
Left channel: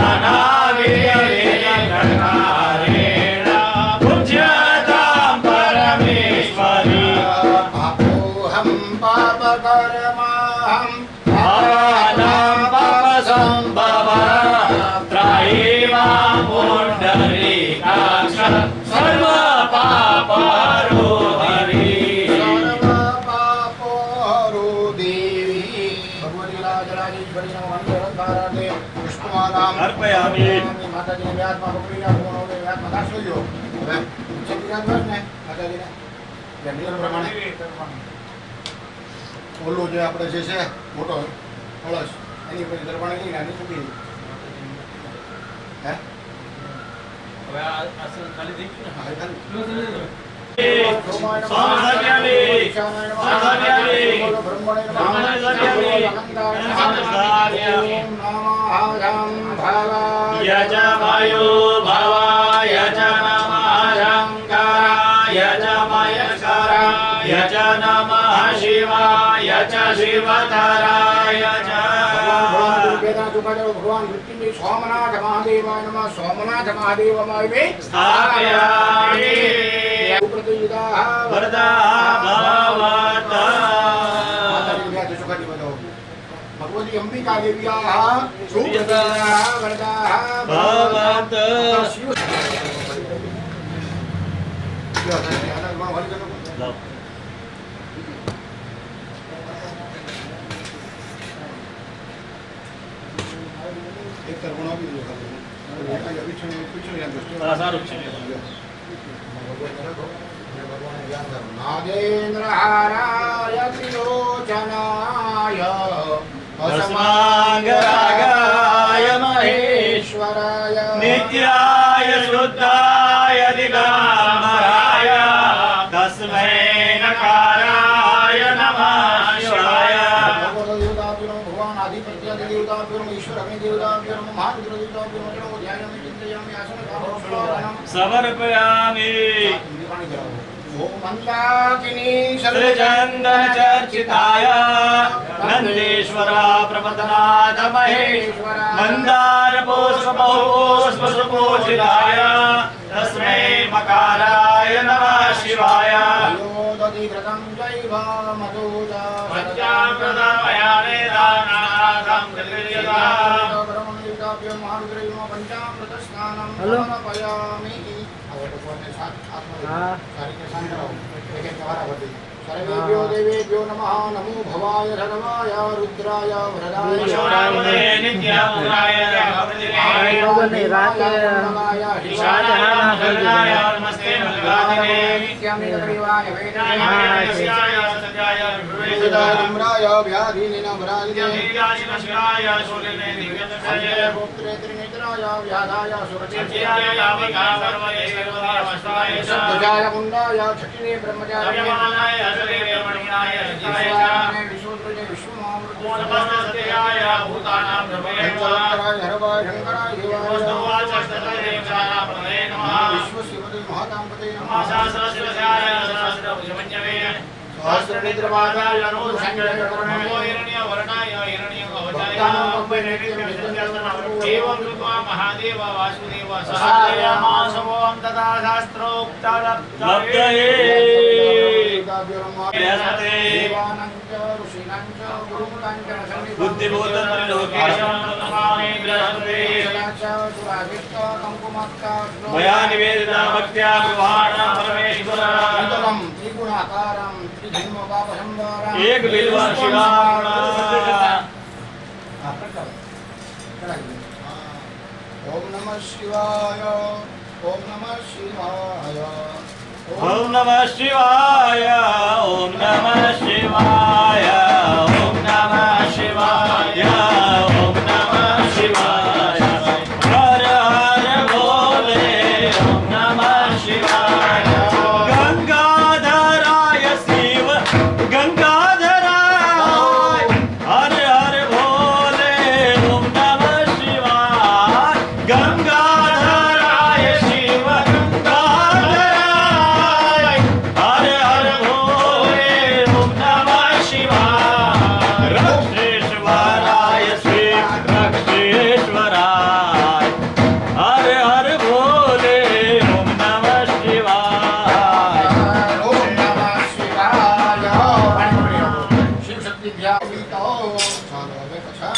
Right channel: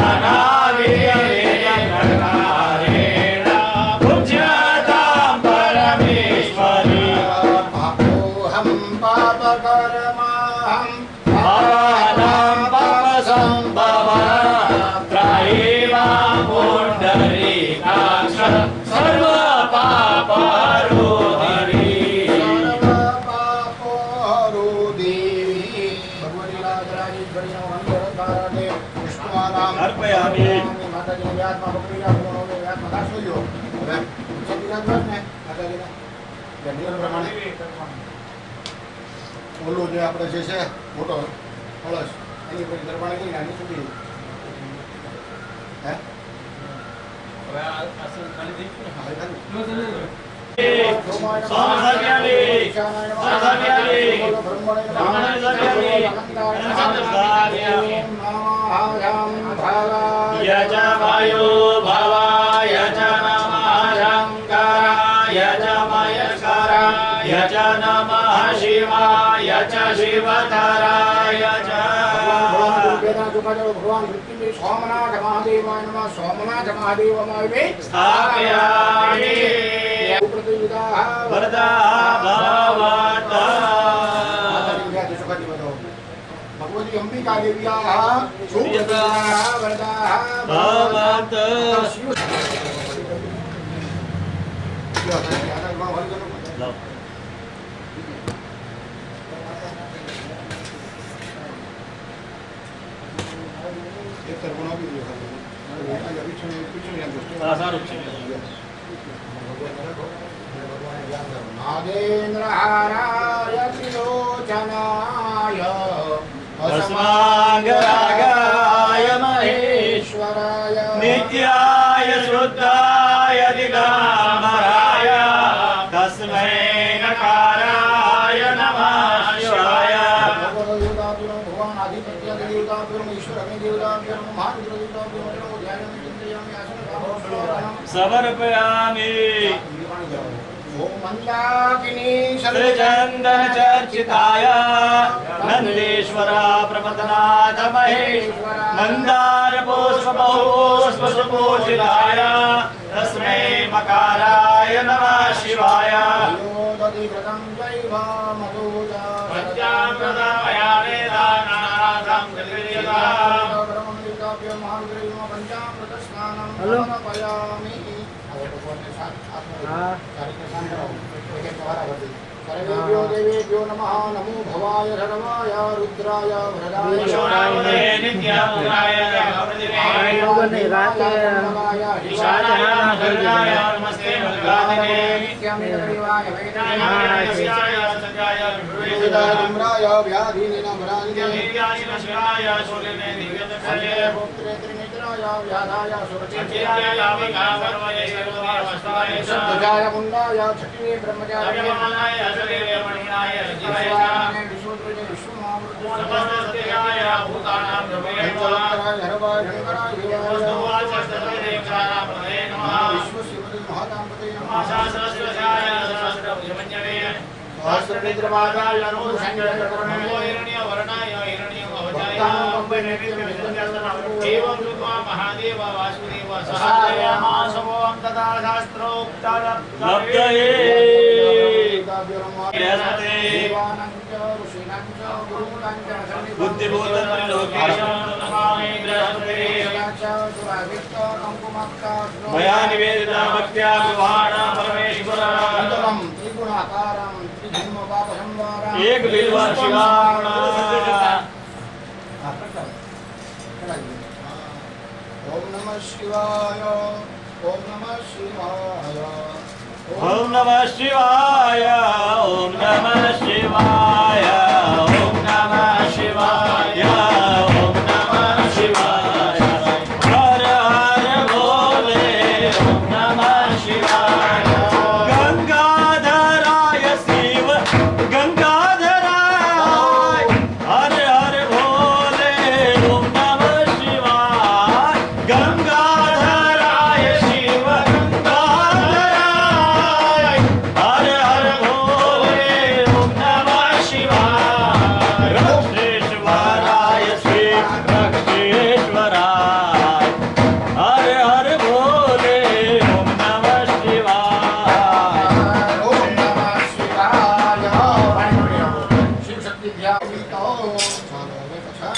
नानाविधेन पूज्यतां परमेश्वरी। पापोऽहं पापकर्माहं पापानां पापसम्भवः त्रायेमा पुण्डरीकाक्ष सर्वपापहरो हरि। सर्वपापोहरो देवी भगवती राजराजेश्वरी नमः पुष्पमालाम् अर्पयामि। माताजीने व्यात्मा भगवती व्यात्मा दासोयो હવે સતીરાજ ને માતાજીને જંગલ પ્રમાણે ઓલો જે આપણે જે છે મોટો કળશ એની પર દરબાણે લઈને આની મૂકી હે હવે આ આસન ખાલી થઈ ગયું ને હા ખાલી यजमायो भवाय च नमः शङ्कराय च महेश्वराय च नमः शिवाय च शिवतराय च। भगवान मृत्युंजय सोमनाथ महादेवाय नमः। सोमनाथ महादेवमाय स्थापयामि वरदाः भवतु। भगवती अंबिका देव्याः सुप्रदाः वरदाः भवतु। एक तरफों भी नागेन्द्रहाराय त्रिलोचनाय अस्मांगरागाय महेश्वराय नित्याय शुद्धाय दिगंबराय तस्मै नकाराय नमः शिवाय। भगवान आदित्य देवता ईश्वर हमें देवता महारुद्र देवता ध्यान में चिंतयामि आसन समर्पयामि। सृजन्दन चर्चिताय नंदेश्वर प्रपदनाथ महेश्वर मंदार पुष्प सुपूजिताय तस्मै मकाराय नमः शिवाय। सर्वेभ्यो देवेभ्यो नमः। नमो भवाय सर्वाय रुद्राय वरदाय नित्याय ईशानाय नमस्ते मल्लिकार्जुने नित्यमितदेवाय वेदाय सत्याय विभुराय व्याधिनिनमराजिने शिवाय शूलिने दिव्यदर्शने पुत्रे त्रिनेत्राय व्याधाय सत्याय यावकावर्मये सर्वदेवस्ताय सुजाय मुण्डाय छटिने ब्रह्मचार्य सर्वमनाय शरीरे मणिनाय जीवाय विश्वोत्तरे विश्वमामृत समस्त सत्याय भूतानां प्रभवे नमः हरवाय शंकराय देवाय वस्तुवाच सत्तदेवतानां प्रभवे नमः विश्वशिवते महाकांपते नमः सहस्रशिवसाय सहस्रभुजमन्यवे सहस्रनेत्रवादाय नमो नमो हिरण्यवर्णाय हिरण्यवचाय एवं कृत्वा महादेव वासुदेव सहस्रयामासवों तथा शास्त्रोक्तलब्धये मया निवेदिता भक्त्या विवाहाणां परमेश्वरम् एक बिल्व शिवाण ओम नमः शिवाय ओम नमः शिवाय ओम नमः शिवाय ओम नमः शिवाय ओम नमः शिवाय ओम नमः शिवाय हर हर भोले ओम नमः शिवाय गंगाधराय शिव गंगाधराय हर हर भोले ओम नमः शिवाय गंगाधराय शिव गंगाधराय हर हर भोले ओम नमः शिवाय रक्षेश्वराय शिव रक्षेश्वराय हर हर भोले ओम नमः शिवाय ओम नमः शिवाय शिव शक्ति ध्यावितो ચાલો હવે પાછા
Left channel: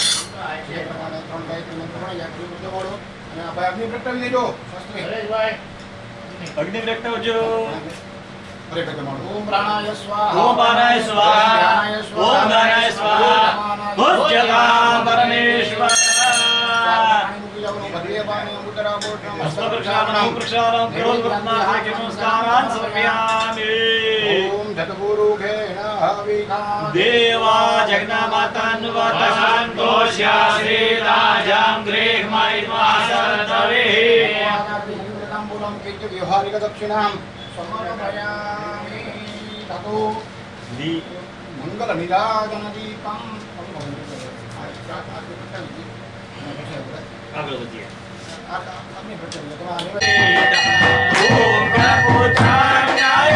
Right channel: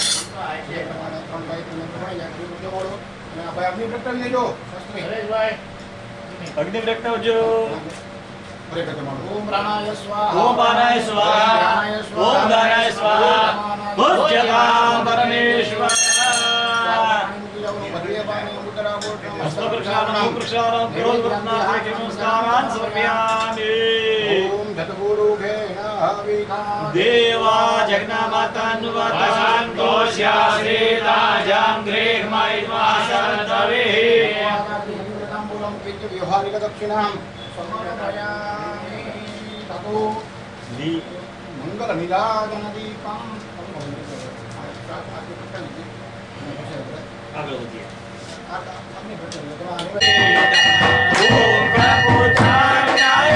જે પ્રમાણે ત્રણ બાય ત્રણ પ્રમાણે યાત્રી બધો બોલો અને આ ભાઈ અગ્નિ પ્રગટાવી દેજો શાસ્ત્રી હરેશભાઈ अग्नि प्रगटवजो હરે ભગવાન ઓમ પ્રાણાય સ્વાહા ओम पानाय स्वाहा ओम दानाय स्वाहा भुज्यतां परमेश्वर हस्त प्रक्षालनं प्रक्षालनं करोति नमस्कारान् समर्पयामि ओम धतगुरुघेन हविखा देवा जगन्नाथान्वतसन्तोष्यासीदाजां गृह्मैर्मासर्तवे व्यवहारिक दक्षिणां समर्पयामि ततो मंगल निराजन दीपं ओम प्रभुचार्याय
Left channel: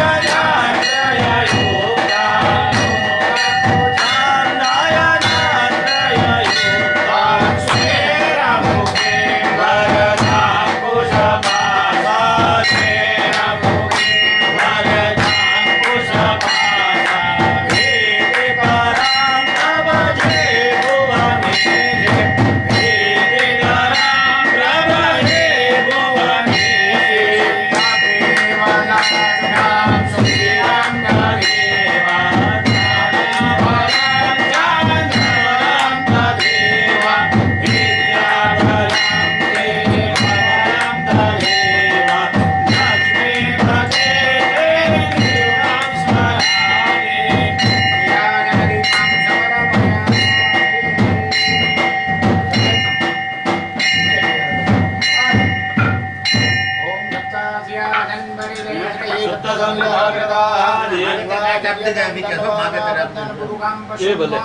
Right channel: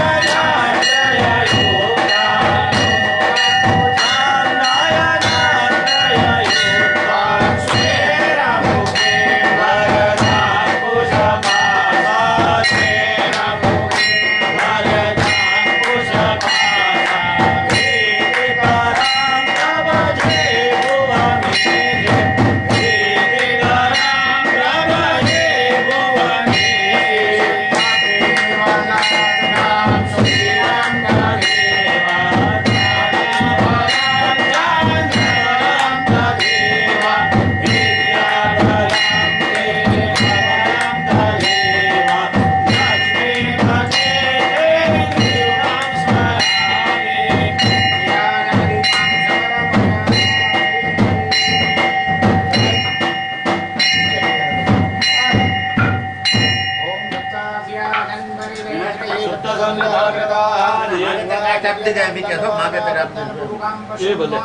ये बोले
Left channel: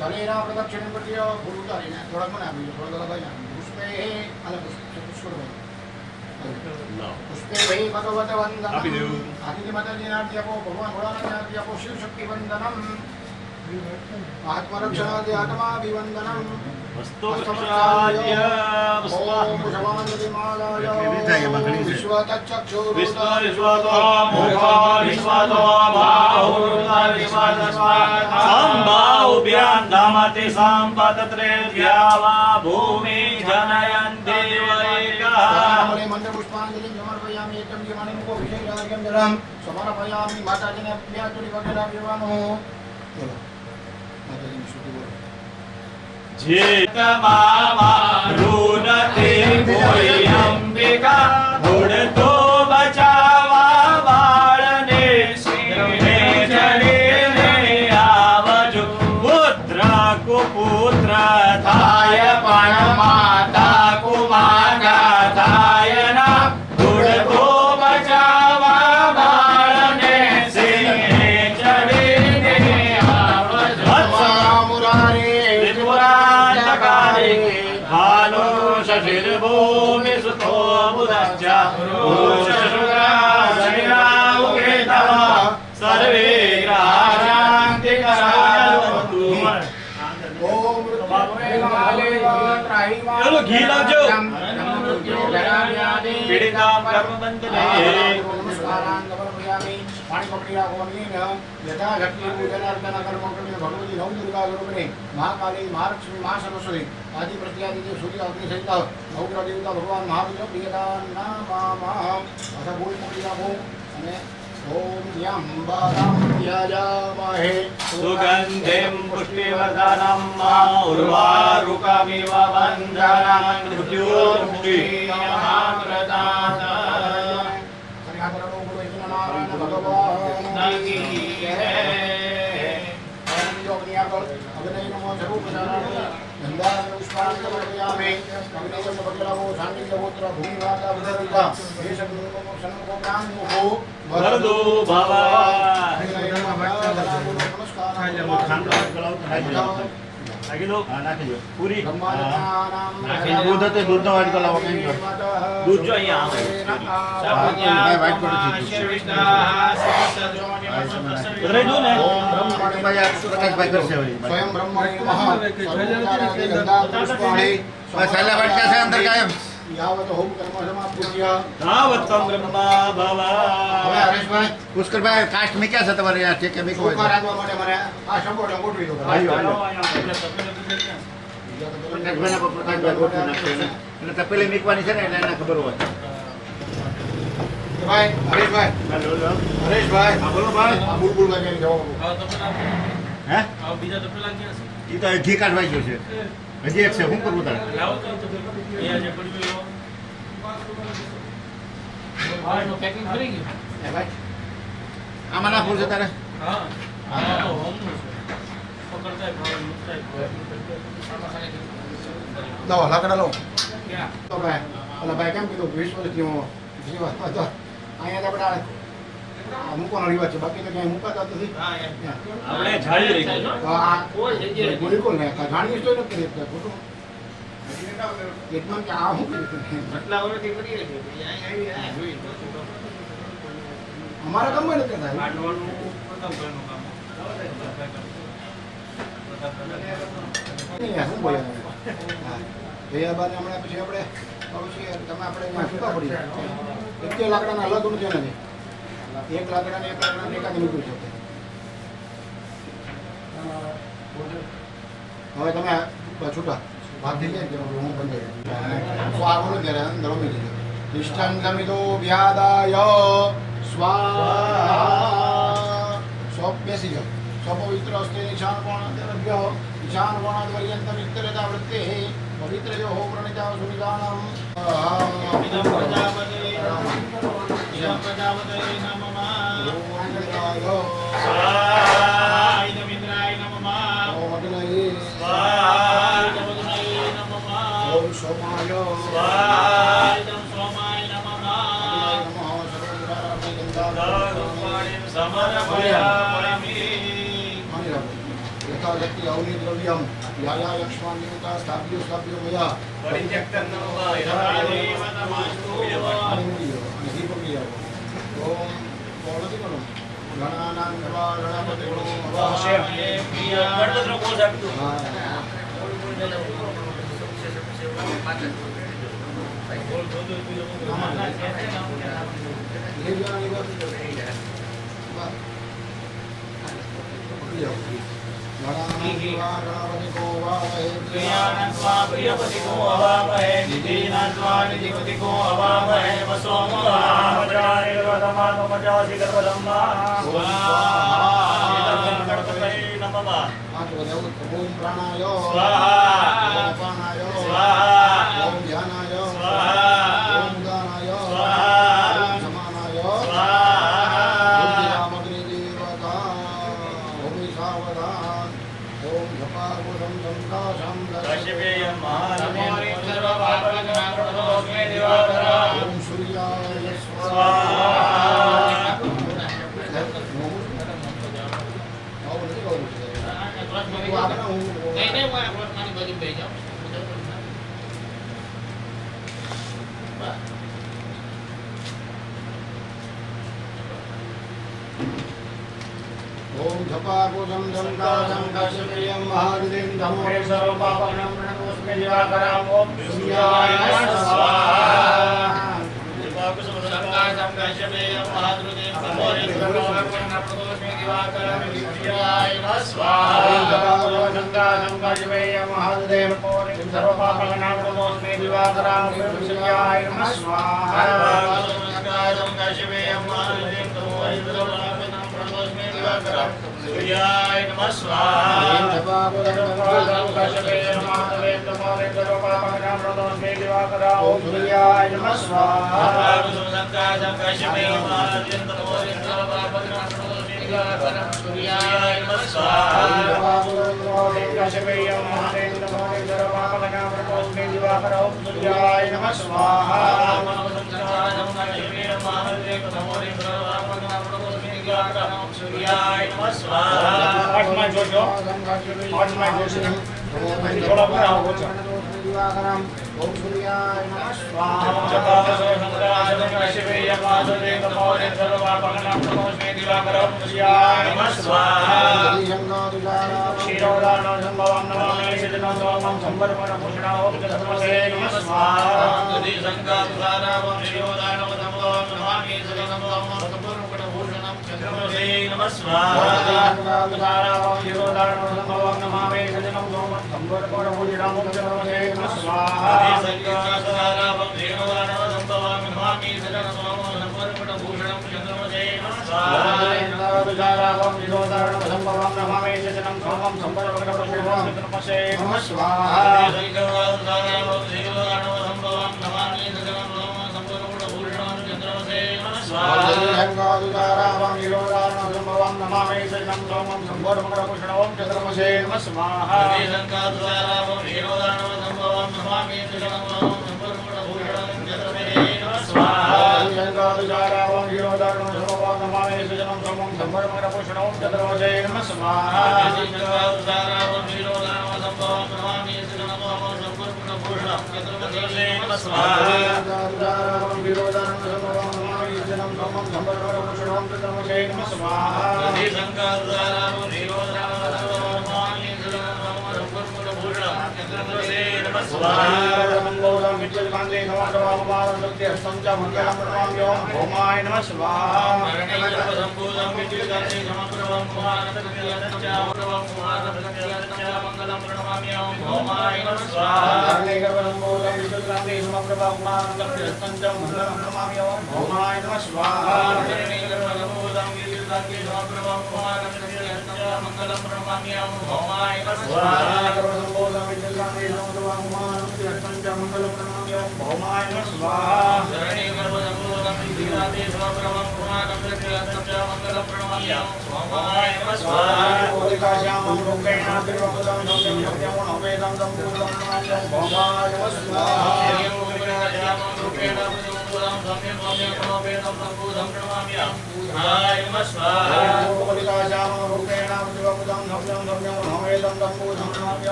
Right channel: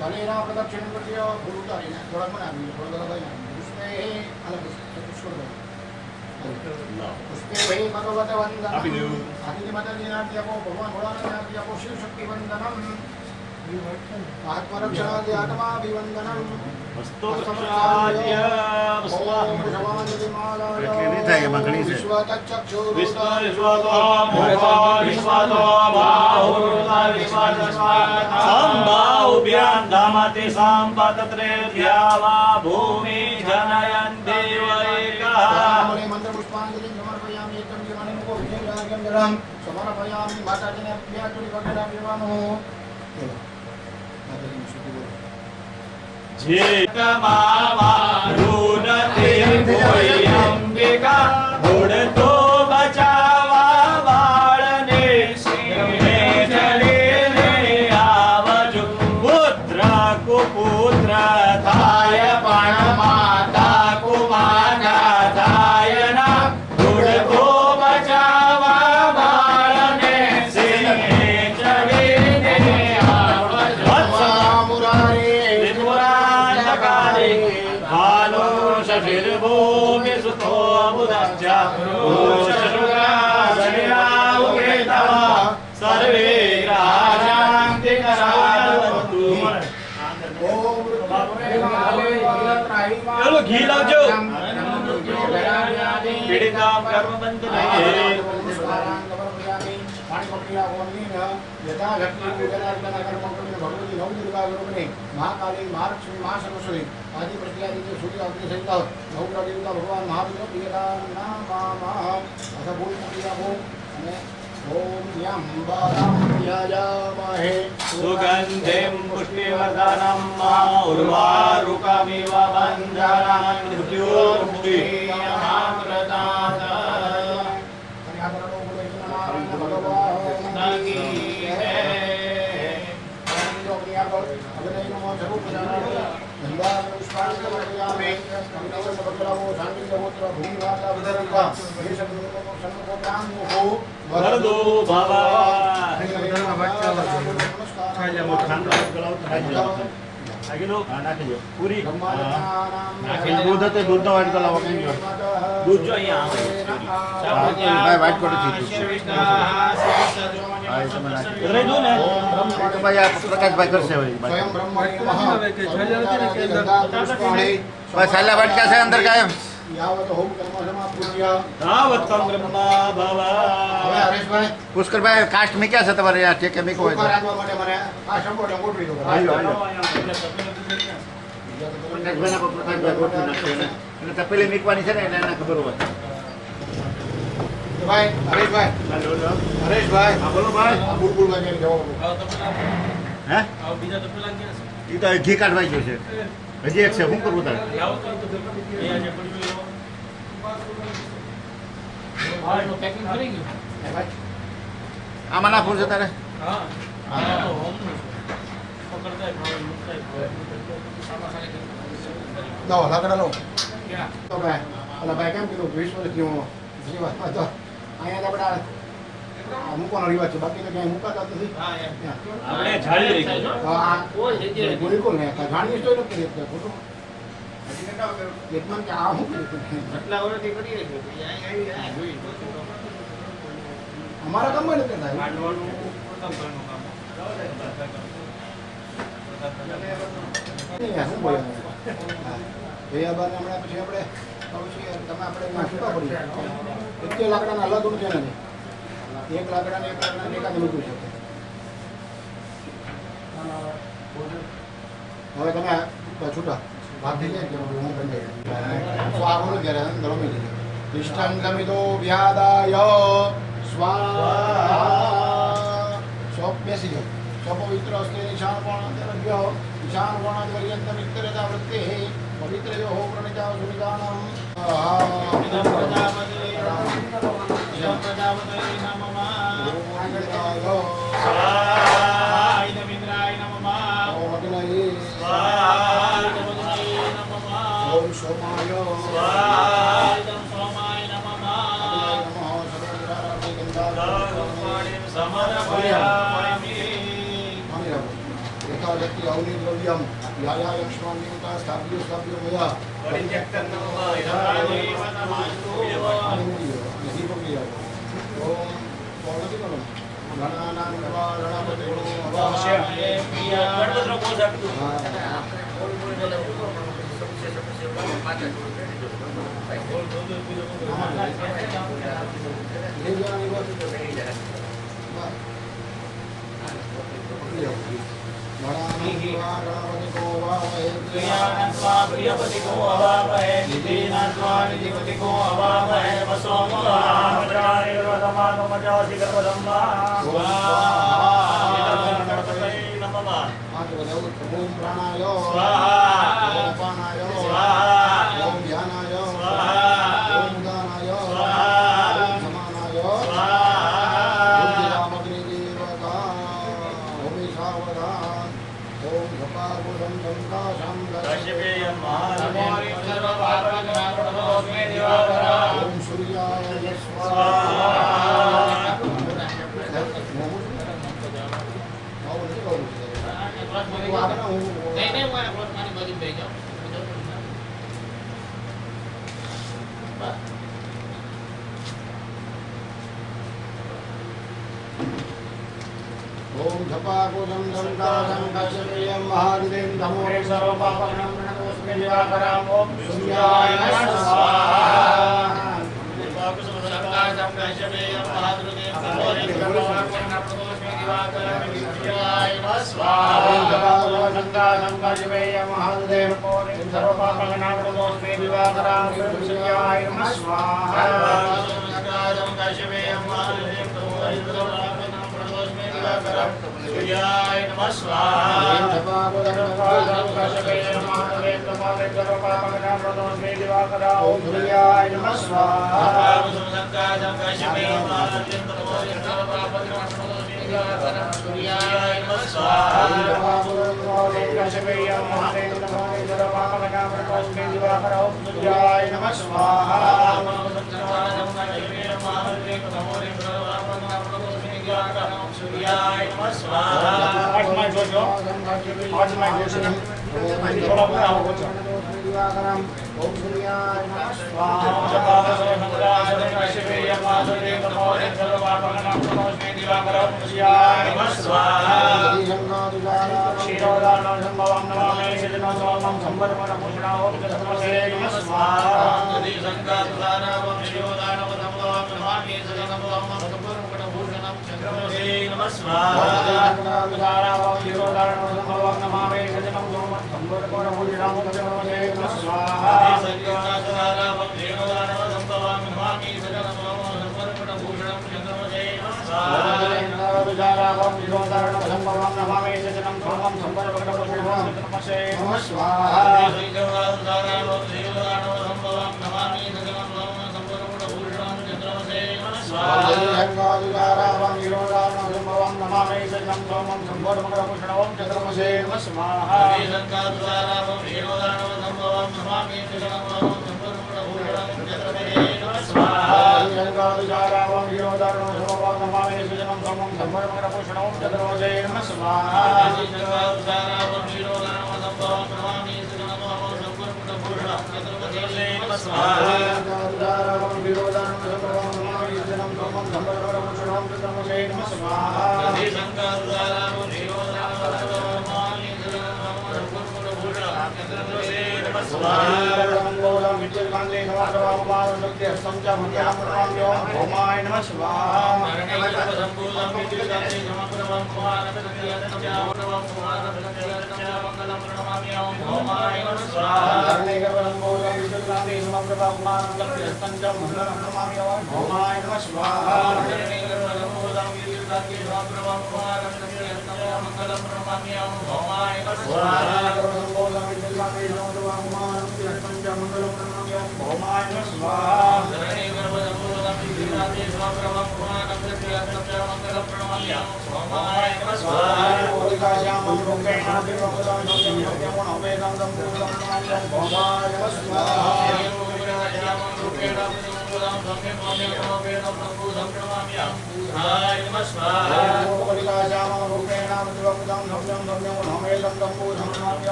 शरीर प्रदक्षिण प्रतियो गुरु तारीने थोड़ा मना भी थोड़ा भाई ना पुष्पे अलग पुष्पे भाई भगवत वंदनम आदित्य माता जी नाम दिया को भगवान भोलानाथ नाम दिया को शिव शक्ति वंदनम महात्मा रक्षणादि आत्मा अभिवंदनम हस्तोक्षाद्य संबाहुभ्यां धामति संपतत्रेभ्या वा भूमि जनयन्ति वैकः मंत्रपुष्पाञ्जलिं समर्पयामि एकं जीवनिमुखो विजयराज्यं जलं समर्पयामि माताजिने प्रियाचुरि भगवानो माताजिने शुद्धि बोलो जेतमारुणते भूमि सुतो बुधश्च शरीरावकेतः सर्वे ग्रहाशान्ति करावन्तु चलो घी लाओ पीड़ितां कर्मबन्धने भगवती नव दुर्गा रूपिणी महाकाली महालक्ष्मी महासरस्वती आदि प्रत्यादि सूर्य अग्नि सहित नवग्रह देवता भगवान महावीर अथ भूल ओम यं ध्यायामहे सुगन्धिं पुष्टिवर्धनं उर्वारुकमिव बन्धनं मृत्युर्मुक्षीयमामृतात् वरदो भव પૂરી દૂધ હતું દૂધનો વાટ કલાવ દૂધ જો અહીંયા આવે વાટ કરી રહી દો ને પ્રકાશભાઈ કરશે સ્વયં બ્રહ્મણી બસ છેલ્લા વાટકા છે અંદર કાયમ યાવત હોમ કર્મ સમાપૂજ્ય તાવત્તમ બ્રહ્મા ભવ હવે હરેશભાઈ પુષ્કરભાઈ કાસ્ટ મીક્યા છે તમારે આ ઠેકે મીકો હોય રાખવા માટે મને આ સંબોધન ગોઠવી દો પ્રકાશભાઈ ગોઠવી નાખશે એટલે તપેલી મીકવાની છે ને એટલે એને ખબર હોય ભાઈ હરેશભાઈ હા બોલો ભાઈ આ બુલબુલભાઈ જવાબ હે બીજા તો પેલા ક્યાં છે એ તો ઘી કાઢવાઈ ગયો છે હજી એક છે શું કરવું તારે લાવો તો અહીંયા જે પડ્યું હા એનું પેકિંગ કરી ગયું ભાઈ આમાં નાખવું છે તારે હા આ તો હોમનું છે પકડતા ભાવ મુકતા દવા લાકડા લો ક્યાં તો ભાઈ ઓલા ભાઈ કેમ કીધું 20 વર્ષથી હું જીવનમાં તો અહીંયા તો આપણે આ મૂકવાનો રિવાજ છે બાકી તો ક્યાંય મુકાતા જ નથી હા એમ આપણે જાળી રાખી આ કોઈ જગ્યાએ બિલકુલ નહીં જાણીએ તો નથી ખોટું એકમાં કે આ હું આટલા વર્ષથી કરીએ છીએ અહીંયા જોઈ અમારા ગામમાં નથી થાય માંડવાનું પ્રથમ કામ નહીં શું બોલે ભૈયા બાને હમણાં પછી આપણે તમે આપણે એમાં છૂટા પડી એક લાકડાના અલગ નથી નથી એક લાકડાને એકાદ મૂક્યું છે હવે તમે છૂટા ભાગ થઈ જાય હું બંધ તો આગળ ત્યારે અંદર રમી દીધું તિષ્ઠં ગમિતો વ્યાદાય સ્વાહા સ્વ બેસી જાઓ સ્વપવિત્ર અસ્તે નિશાન કોણાદ્રભ્ય નિશાન કોણાદ્વર્યંત મિત્રતા વૃત્તે પવિત્ર યો હો પ્રણિતા સુનિદાનમ ઇદં પ્રજાપતે નમઃ સ્વાહા ઇદમિન્દ્રાય નમઃ સ્વાહા ઇદમગ્નયે નમઃ ઓમ સોમાય સ્વાહા ઇદં સોમાય નમઃ દારૂપાણીમ સમર્પયામિ એકાદશી અવનિ દ્રવ્યમ યાયા લક્ષ્મણ સ્થાપ્યો સ્થાપ્યો મયા પરિત્યક્તં નમઃ ગણપતિનો કોષ આપી પ્રિયાનત્વા પ્રિયપતિકો અવામહે નિધિનાત્વા નિધિપતિકો અવામહે વસોમહામજાનિર્વધમાત્મજાસી ગર્ભધમ્મા ગણપતये નમઃ ઓમ પ્રાણાય સ્વાહા ઓમ અપાનાય સ્વાહા ઓમ ધ્યાનાય સ્વાહા ઓમ ઉદાનાય સ્વાહા ઓમ સમાનાય સ્વાહા કશ્યપેયં મહાનમેન ઓમ સૂર્યાય સ્વાહા ओम झपाकुजं संकाशं काश्यपेयं महादेवं धमो सर्वपापहरणं प्रणतोऽस्मि दिवाकरं ओम सूर्याय नमः स्वाहा झपाकुसुम संकाशं काश्यपेयं महादेवं धमो सर्वपापहरणं प्रणतोऽस्मि दिवाकरं सूर्याय नमः स्वाहा झपाकुजं संकाशं काश्यपेयं महादेवं सर्वपापहरणं प्रणतोऽस्मि दिवाकरं सूर्याय नमः स्वाहा संकाशं काश्यपेयं महादेवं धमो सर्वपापहरणं प्रणतोऽस्मि दिवाकरं सूर्याय नमः स्वाहा झपाकुजं संकाशं काश्यपेयं महादेवं सर्वपापहरणं प्रणतोऽस्मि दिवाकरं सूर्याय नमः स्वाहा संकाशं काश्यपेयं महादेवं धमो सर्वपापहरणं प्रणतोऽस्मि दिवाकरं सूर्याय नमः स्वाहा काश्यपेयं महादेवं सर्वपापहरणं प्रणतोऽस्मि दिवाकरं सूर्याय नमः स्वाहा सूर्याय नमः स्वाहा आत्मा जोशो आत्मा जोशी थोड़ा पूरा हो गया ओम सूर्याय नमः स्वाहा सूर्याय नमः स्वाहा क्षीरोदानं संभवं नमामि सिद्धं सोमं संवर्धनं पुष्णां धर्मसे नमः स्वाहा यदि संकातुदानवं शिरोदानवं संभवं नमामि सिद्धं सोमं संवर्धनं चन्द्रमसे नमः स्वाहा संकातुदानं क्षीरोदानं संभवं नमामि सिद्धं सोमं संवर्धनं पुष्णां धर्मसे नमः स्वाहा संकातुदानवं शिरोदानवं संभवं नमामि सिद्धं सोमं संवर्धनं चन्द्रमसे नमः स्वाहा संकातुदानं क्षीरोदानं संभवं नमामि सिद्धं सोमं संवर्धनं पुष्णां धर्मसे नमः स्वाहा संकातुदानवं शिरोदानवं संभवं नमामि सिद्धं सोमं संवर्धनं चन्द्रमसे नमः स्वाहा संकातुदानं क्षीरोदानं संभवं नमामि सिद्धं सोमं संवर्धनं पुष्णां धर्मसे नमः स्वाहा संकातुदानवं शिरोदानवं संभवं नमामि सिद्धं सोमं संवर्धनं चन्द्रमसे नमः स्वाहा संकातुदानं क्षीरोदानं संभवं नमामि सिद्धं सोमं संवर्धनं पुष्णां धर्मसे नमः स्वाहा संकातुदानवं शिरोदानवं संभवं नमामि सिद्धं सोमं संवर्धनं चन्द्रमसे नमः स्वाहा संकातुदानं क्षीरोदानं संभवं नमामि सिद्धं सोमं संवर्धनं पुष्णां धर्मसे नमः स्वाहा संकातुदानवं शिरोदानवं संभवं नमामि सिद्धं सोमं संवर्धनं चन्द्रमसे नमः स्वाहा मंगलम विद्युत्कांते नमः भौमाय नमः स्वाहा संपूर्णं विद्युत्कान्ते समप्रभं मंगलं प्रणमामि भौमाय नमः स्वाहा विद्युत्कांते भौमाय नमः स्वाहा मंगलं प्रणमामि भौमाय नमः स्वाहा भौमाय नमः स्वाहा मंगलं प्रणमामि भौमाय नमः स्वाहा श्यामं रूपेण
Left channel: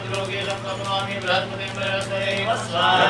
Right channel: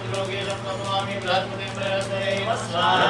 तिरुवपुरं वेदं भौमाय नमः स्वाहा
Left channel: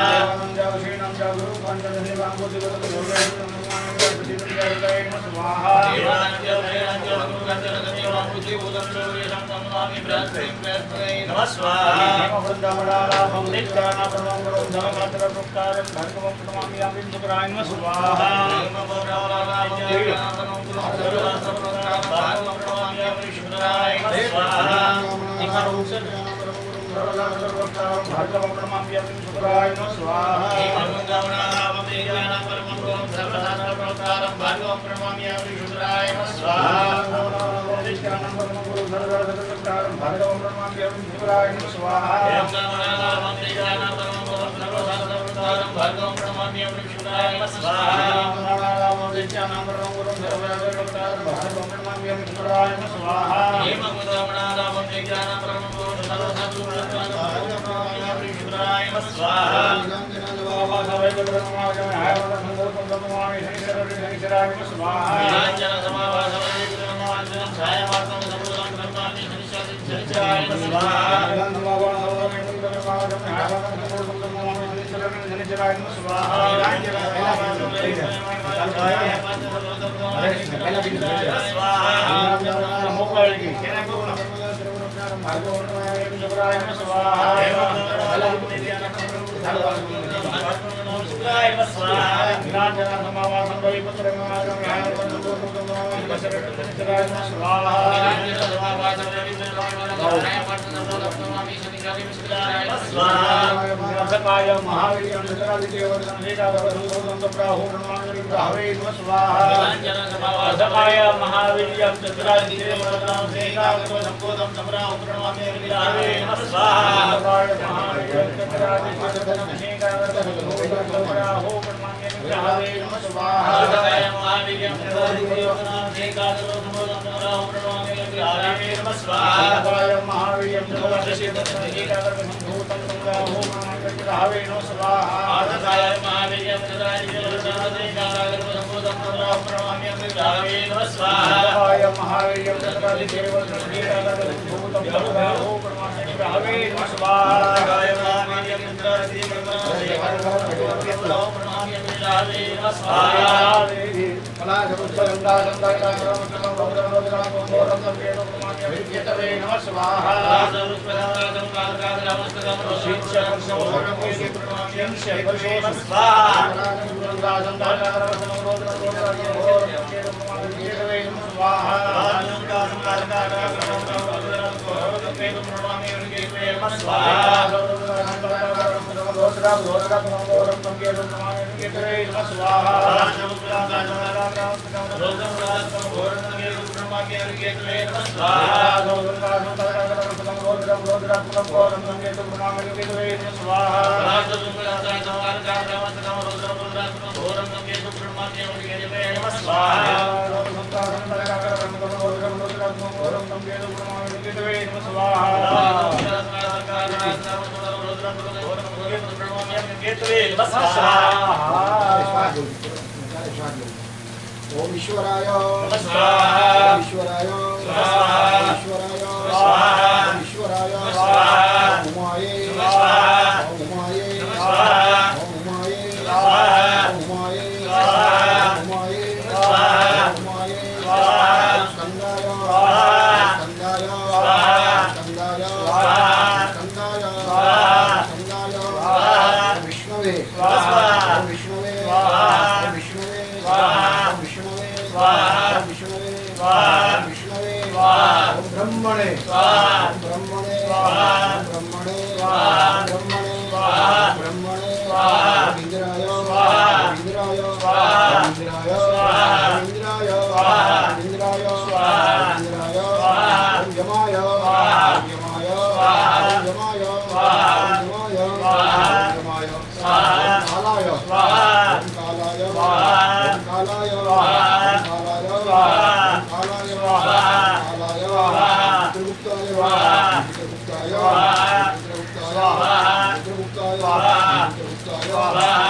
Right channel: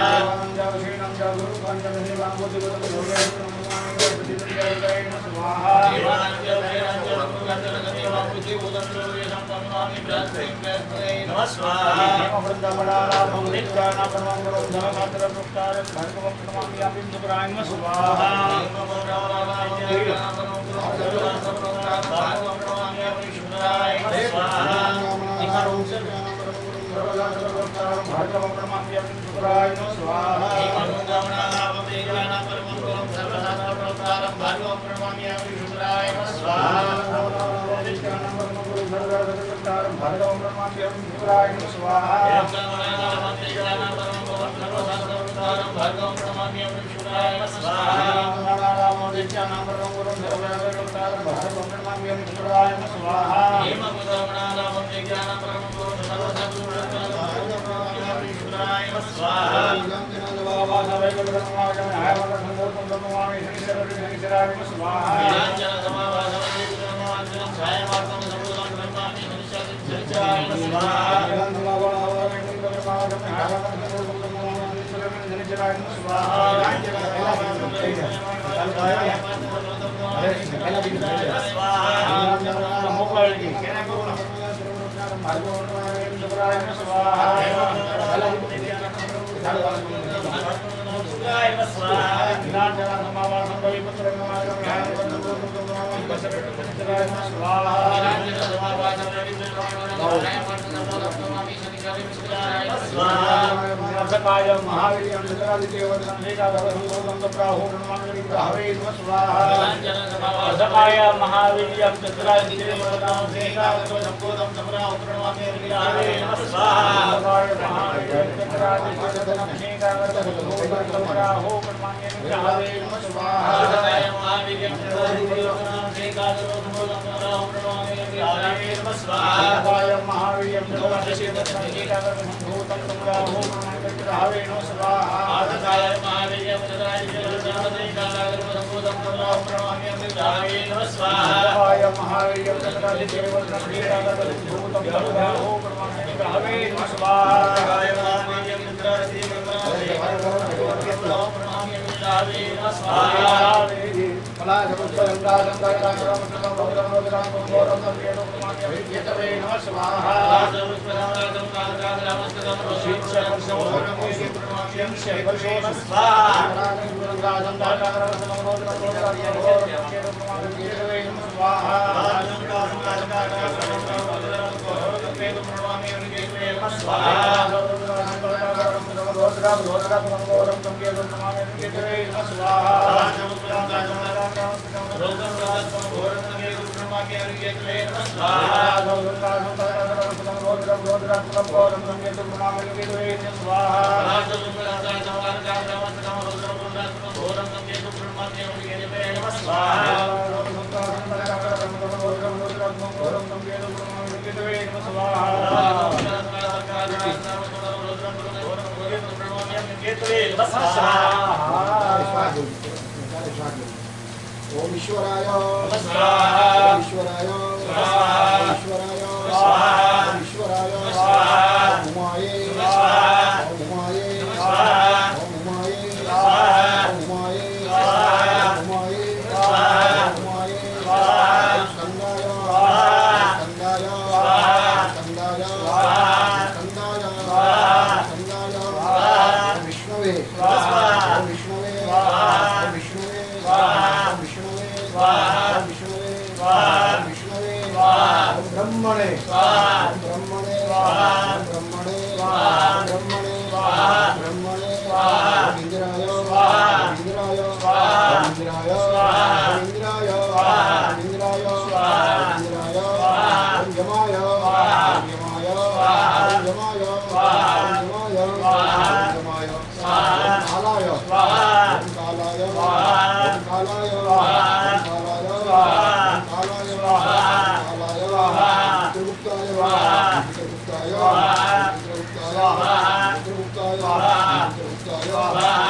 ओम ईश्वराय नमस्कार ईश्वराय नमस्कार ईश्वराय नमस्कार ईश्वराय नमस्कार उमाये नमस्कार उमाये नमस्कार उमाये नमस्कार उमाये नमस्कार उमाये नमस्कार उमाये नमस्कार संदाय संदाय संदाय संदाय संदाय विष्णवे विष्णवे विष्णवे विष्णवे विष्णवे विष्णवे ब्रह्मणे ब्रह्मणे ब्रह्मणे ब्रह्मणे ब्रह्मणे इंद्राय इंद्राय इंद्राय इंद्राय इंद्राय इंद्राय यमाय यमाय यमाय यमाय यमाय कालाय कालाय कालाय कालाय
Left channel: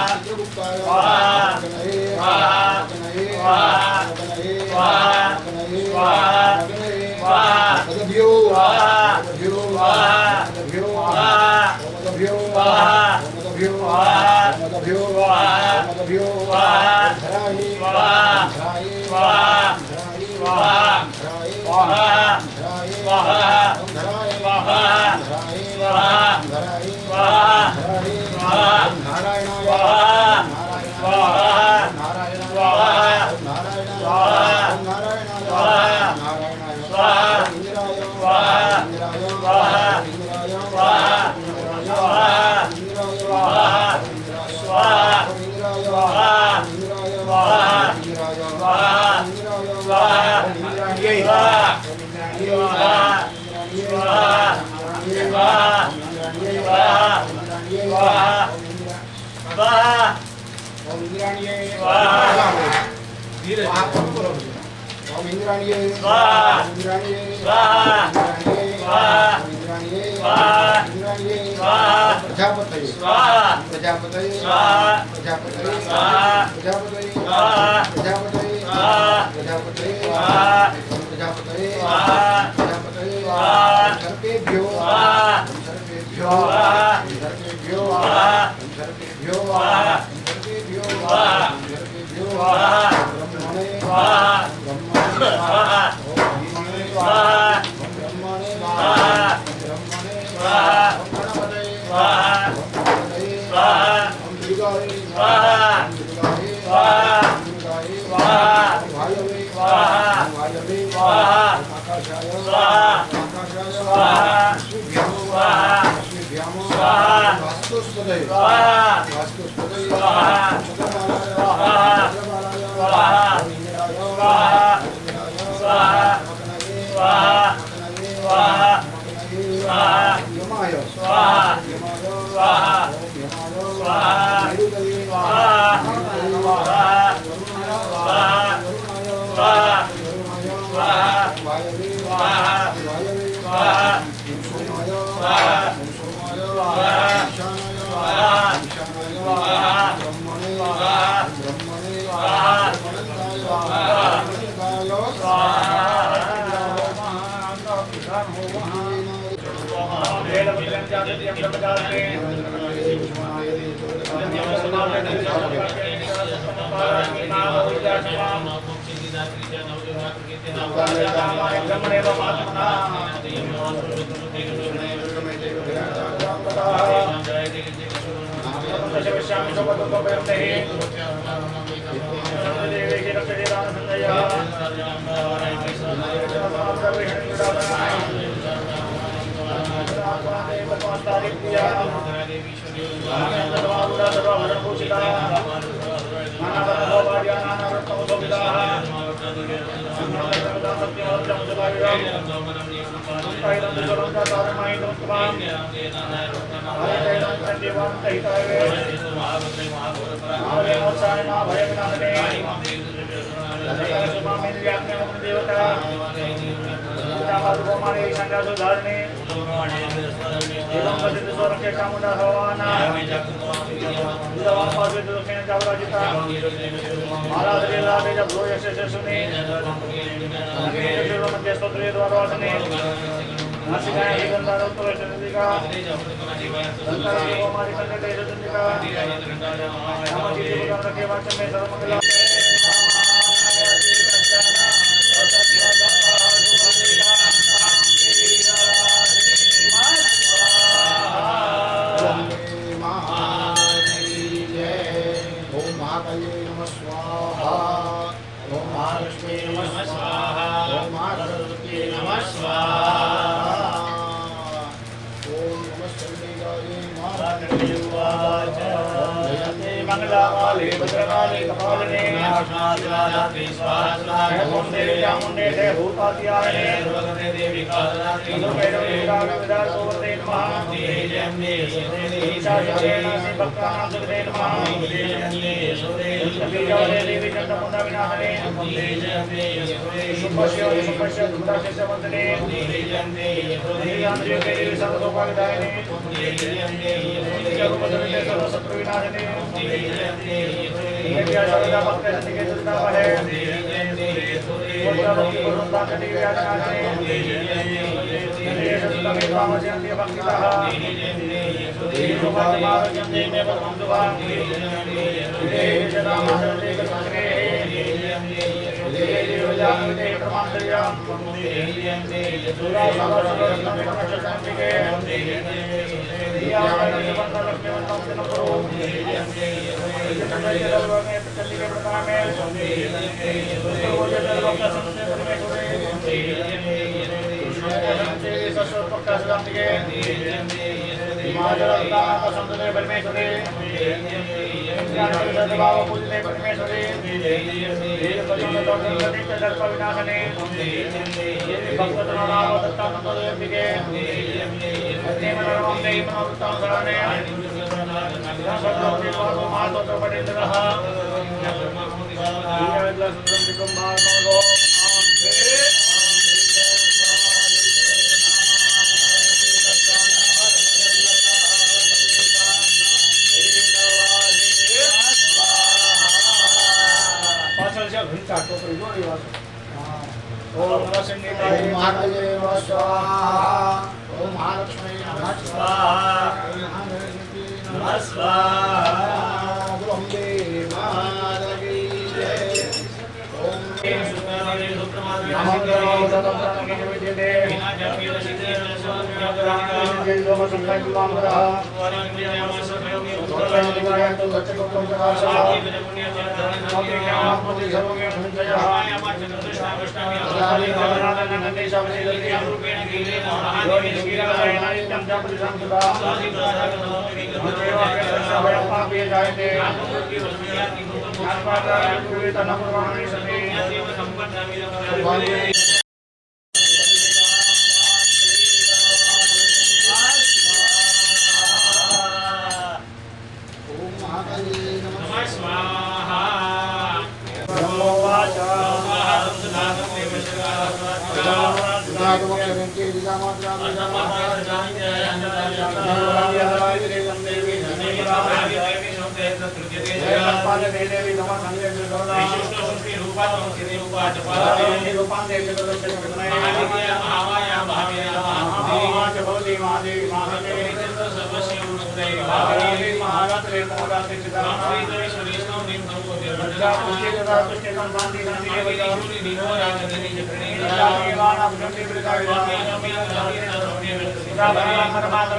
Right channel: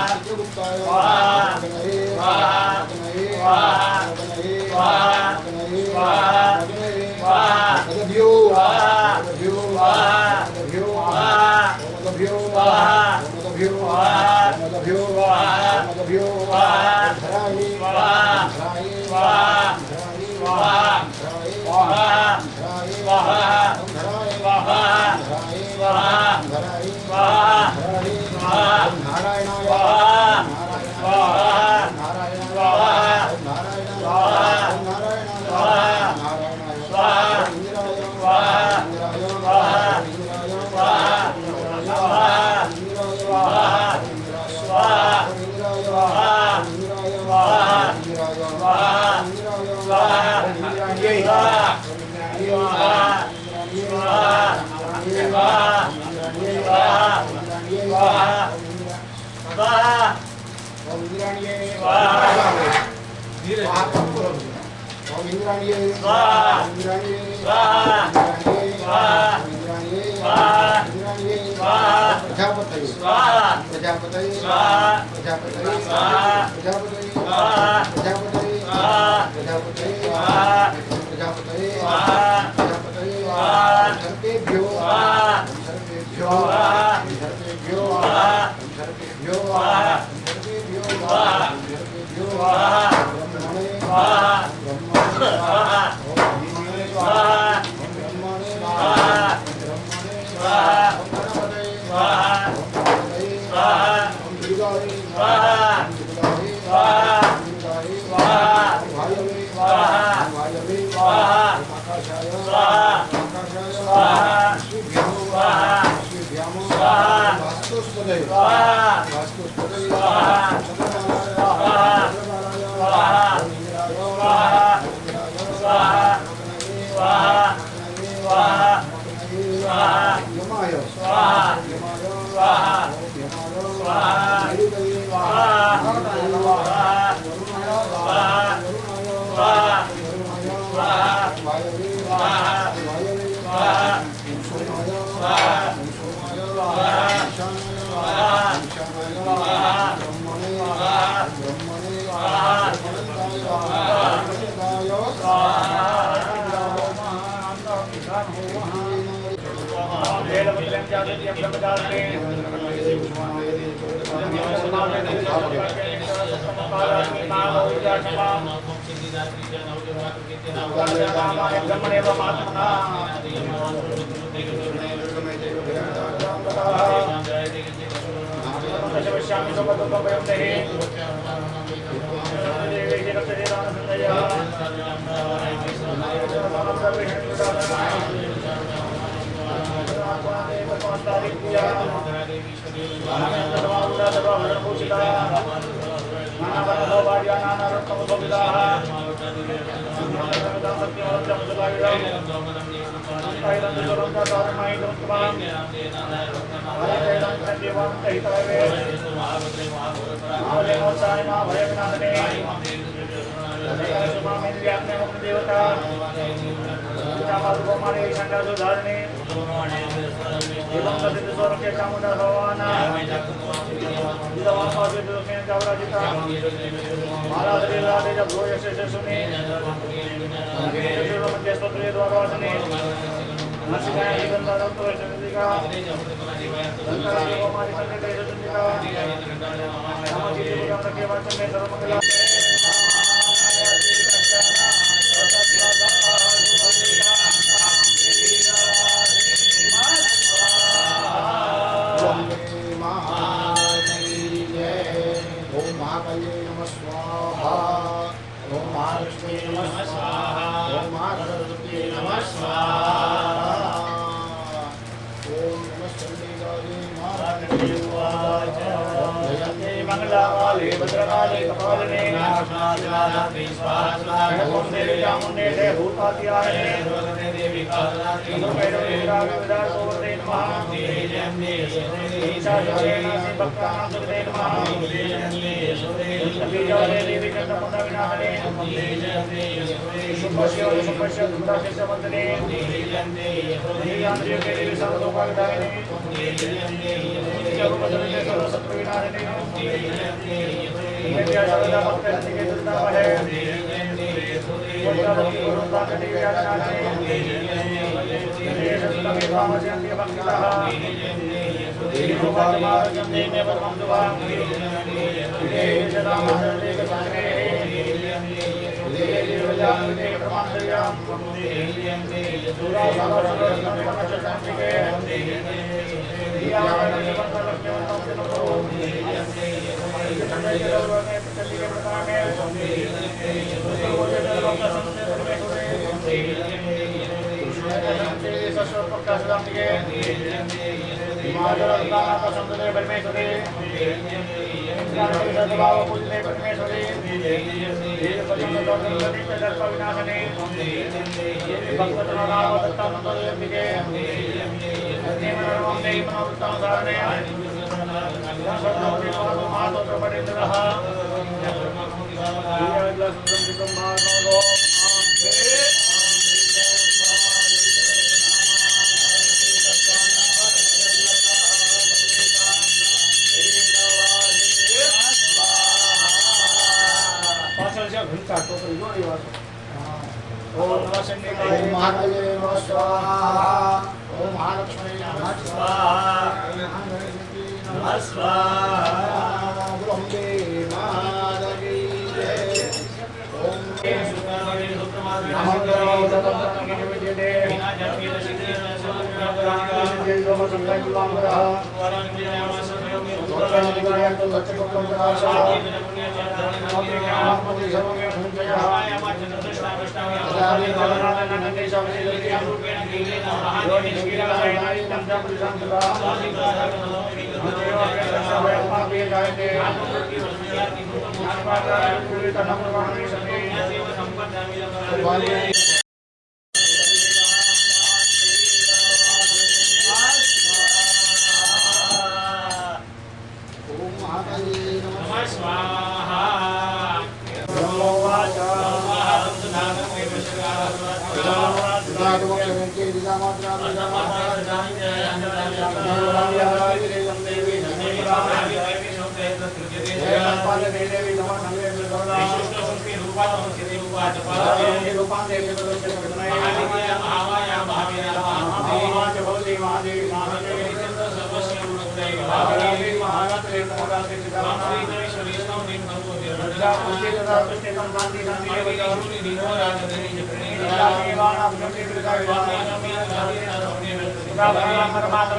धीरे बोलो ओम इंद्राणीये स्वाहा इंद्राणीये स्वाहा इंद्राणीये स्वाहा इंद्राणीये स्वाहा इंद्राणीये स्वाहा प्रजापतये स्वाहा प्रजापतये स्वाहा प्रजापतये स्वाहा प्रजापतये स्वाहा प्रजापतये स्वाहा प्रजापतये स्वाहा प्रजापतये स्वाहा प्रजापतये स्वाहा सर्वेभ्यो स्वाहा सर्वेभ्यो स्वाहा सर्वेभ्यो स्वाहा सर्वेभ्यो स्वाहा सर्वेभ्यो स्वाहा सर्वेभ्यो स्वाहा ब्रह्मणे स्वाहा ब्रह्मणे स्वाहा ओम भीमने स्वाहा ओम ब्रह्मणे स्वाहा ब्रह्मणे स्वाहा ओम गणपतये स्वाहा ओम गणपतये स्वाहा ओम दुर्गाये स्वाहा ओम दुर्गाये स्वाहा ओम दुर्गाये स्वाहा ओम वायवे स्वाहा ओम वायवे स्वाहा ओम आकाशाय स्वाहा आकाशाय स्वाहा अश्विभ्याम स्वाहा अश्विभ्याम स्वाहा वास्तुस्पदये स्वाहा वास्तुस्पदये स्वाहा चंद्रमालाय स्वाहा चंद्रमालाय स्वाहा ओम इंद्राय स्वाहा इंद्राय स्वाहा मकनये स्वाहा मकनये स्वाहा मकनये स्वाहा यमाय स्वाहा यमाय स्वाहा ओम यमाय स्वाहा निरुदये स्वाहा स्वाहा स्वाहा स्वाहा स्वाहा वायवे स्वाहा वायवे स्वाहा सोमाय स्वाहा सोमाय स्वाहा ईशानाय स्वाहा ईशानाय स्वाहा ब्रह्मणे स्वाहा ब्रह्मणे स्वाहा Terima kasih. ओम महाकाले नमः स्वाहा ओम महालक्ष्मी नमः स्वाहा ओम महागणपति नमः स्वाहा बोलो अम्बे माता की जय ओम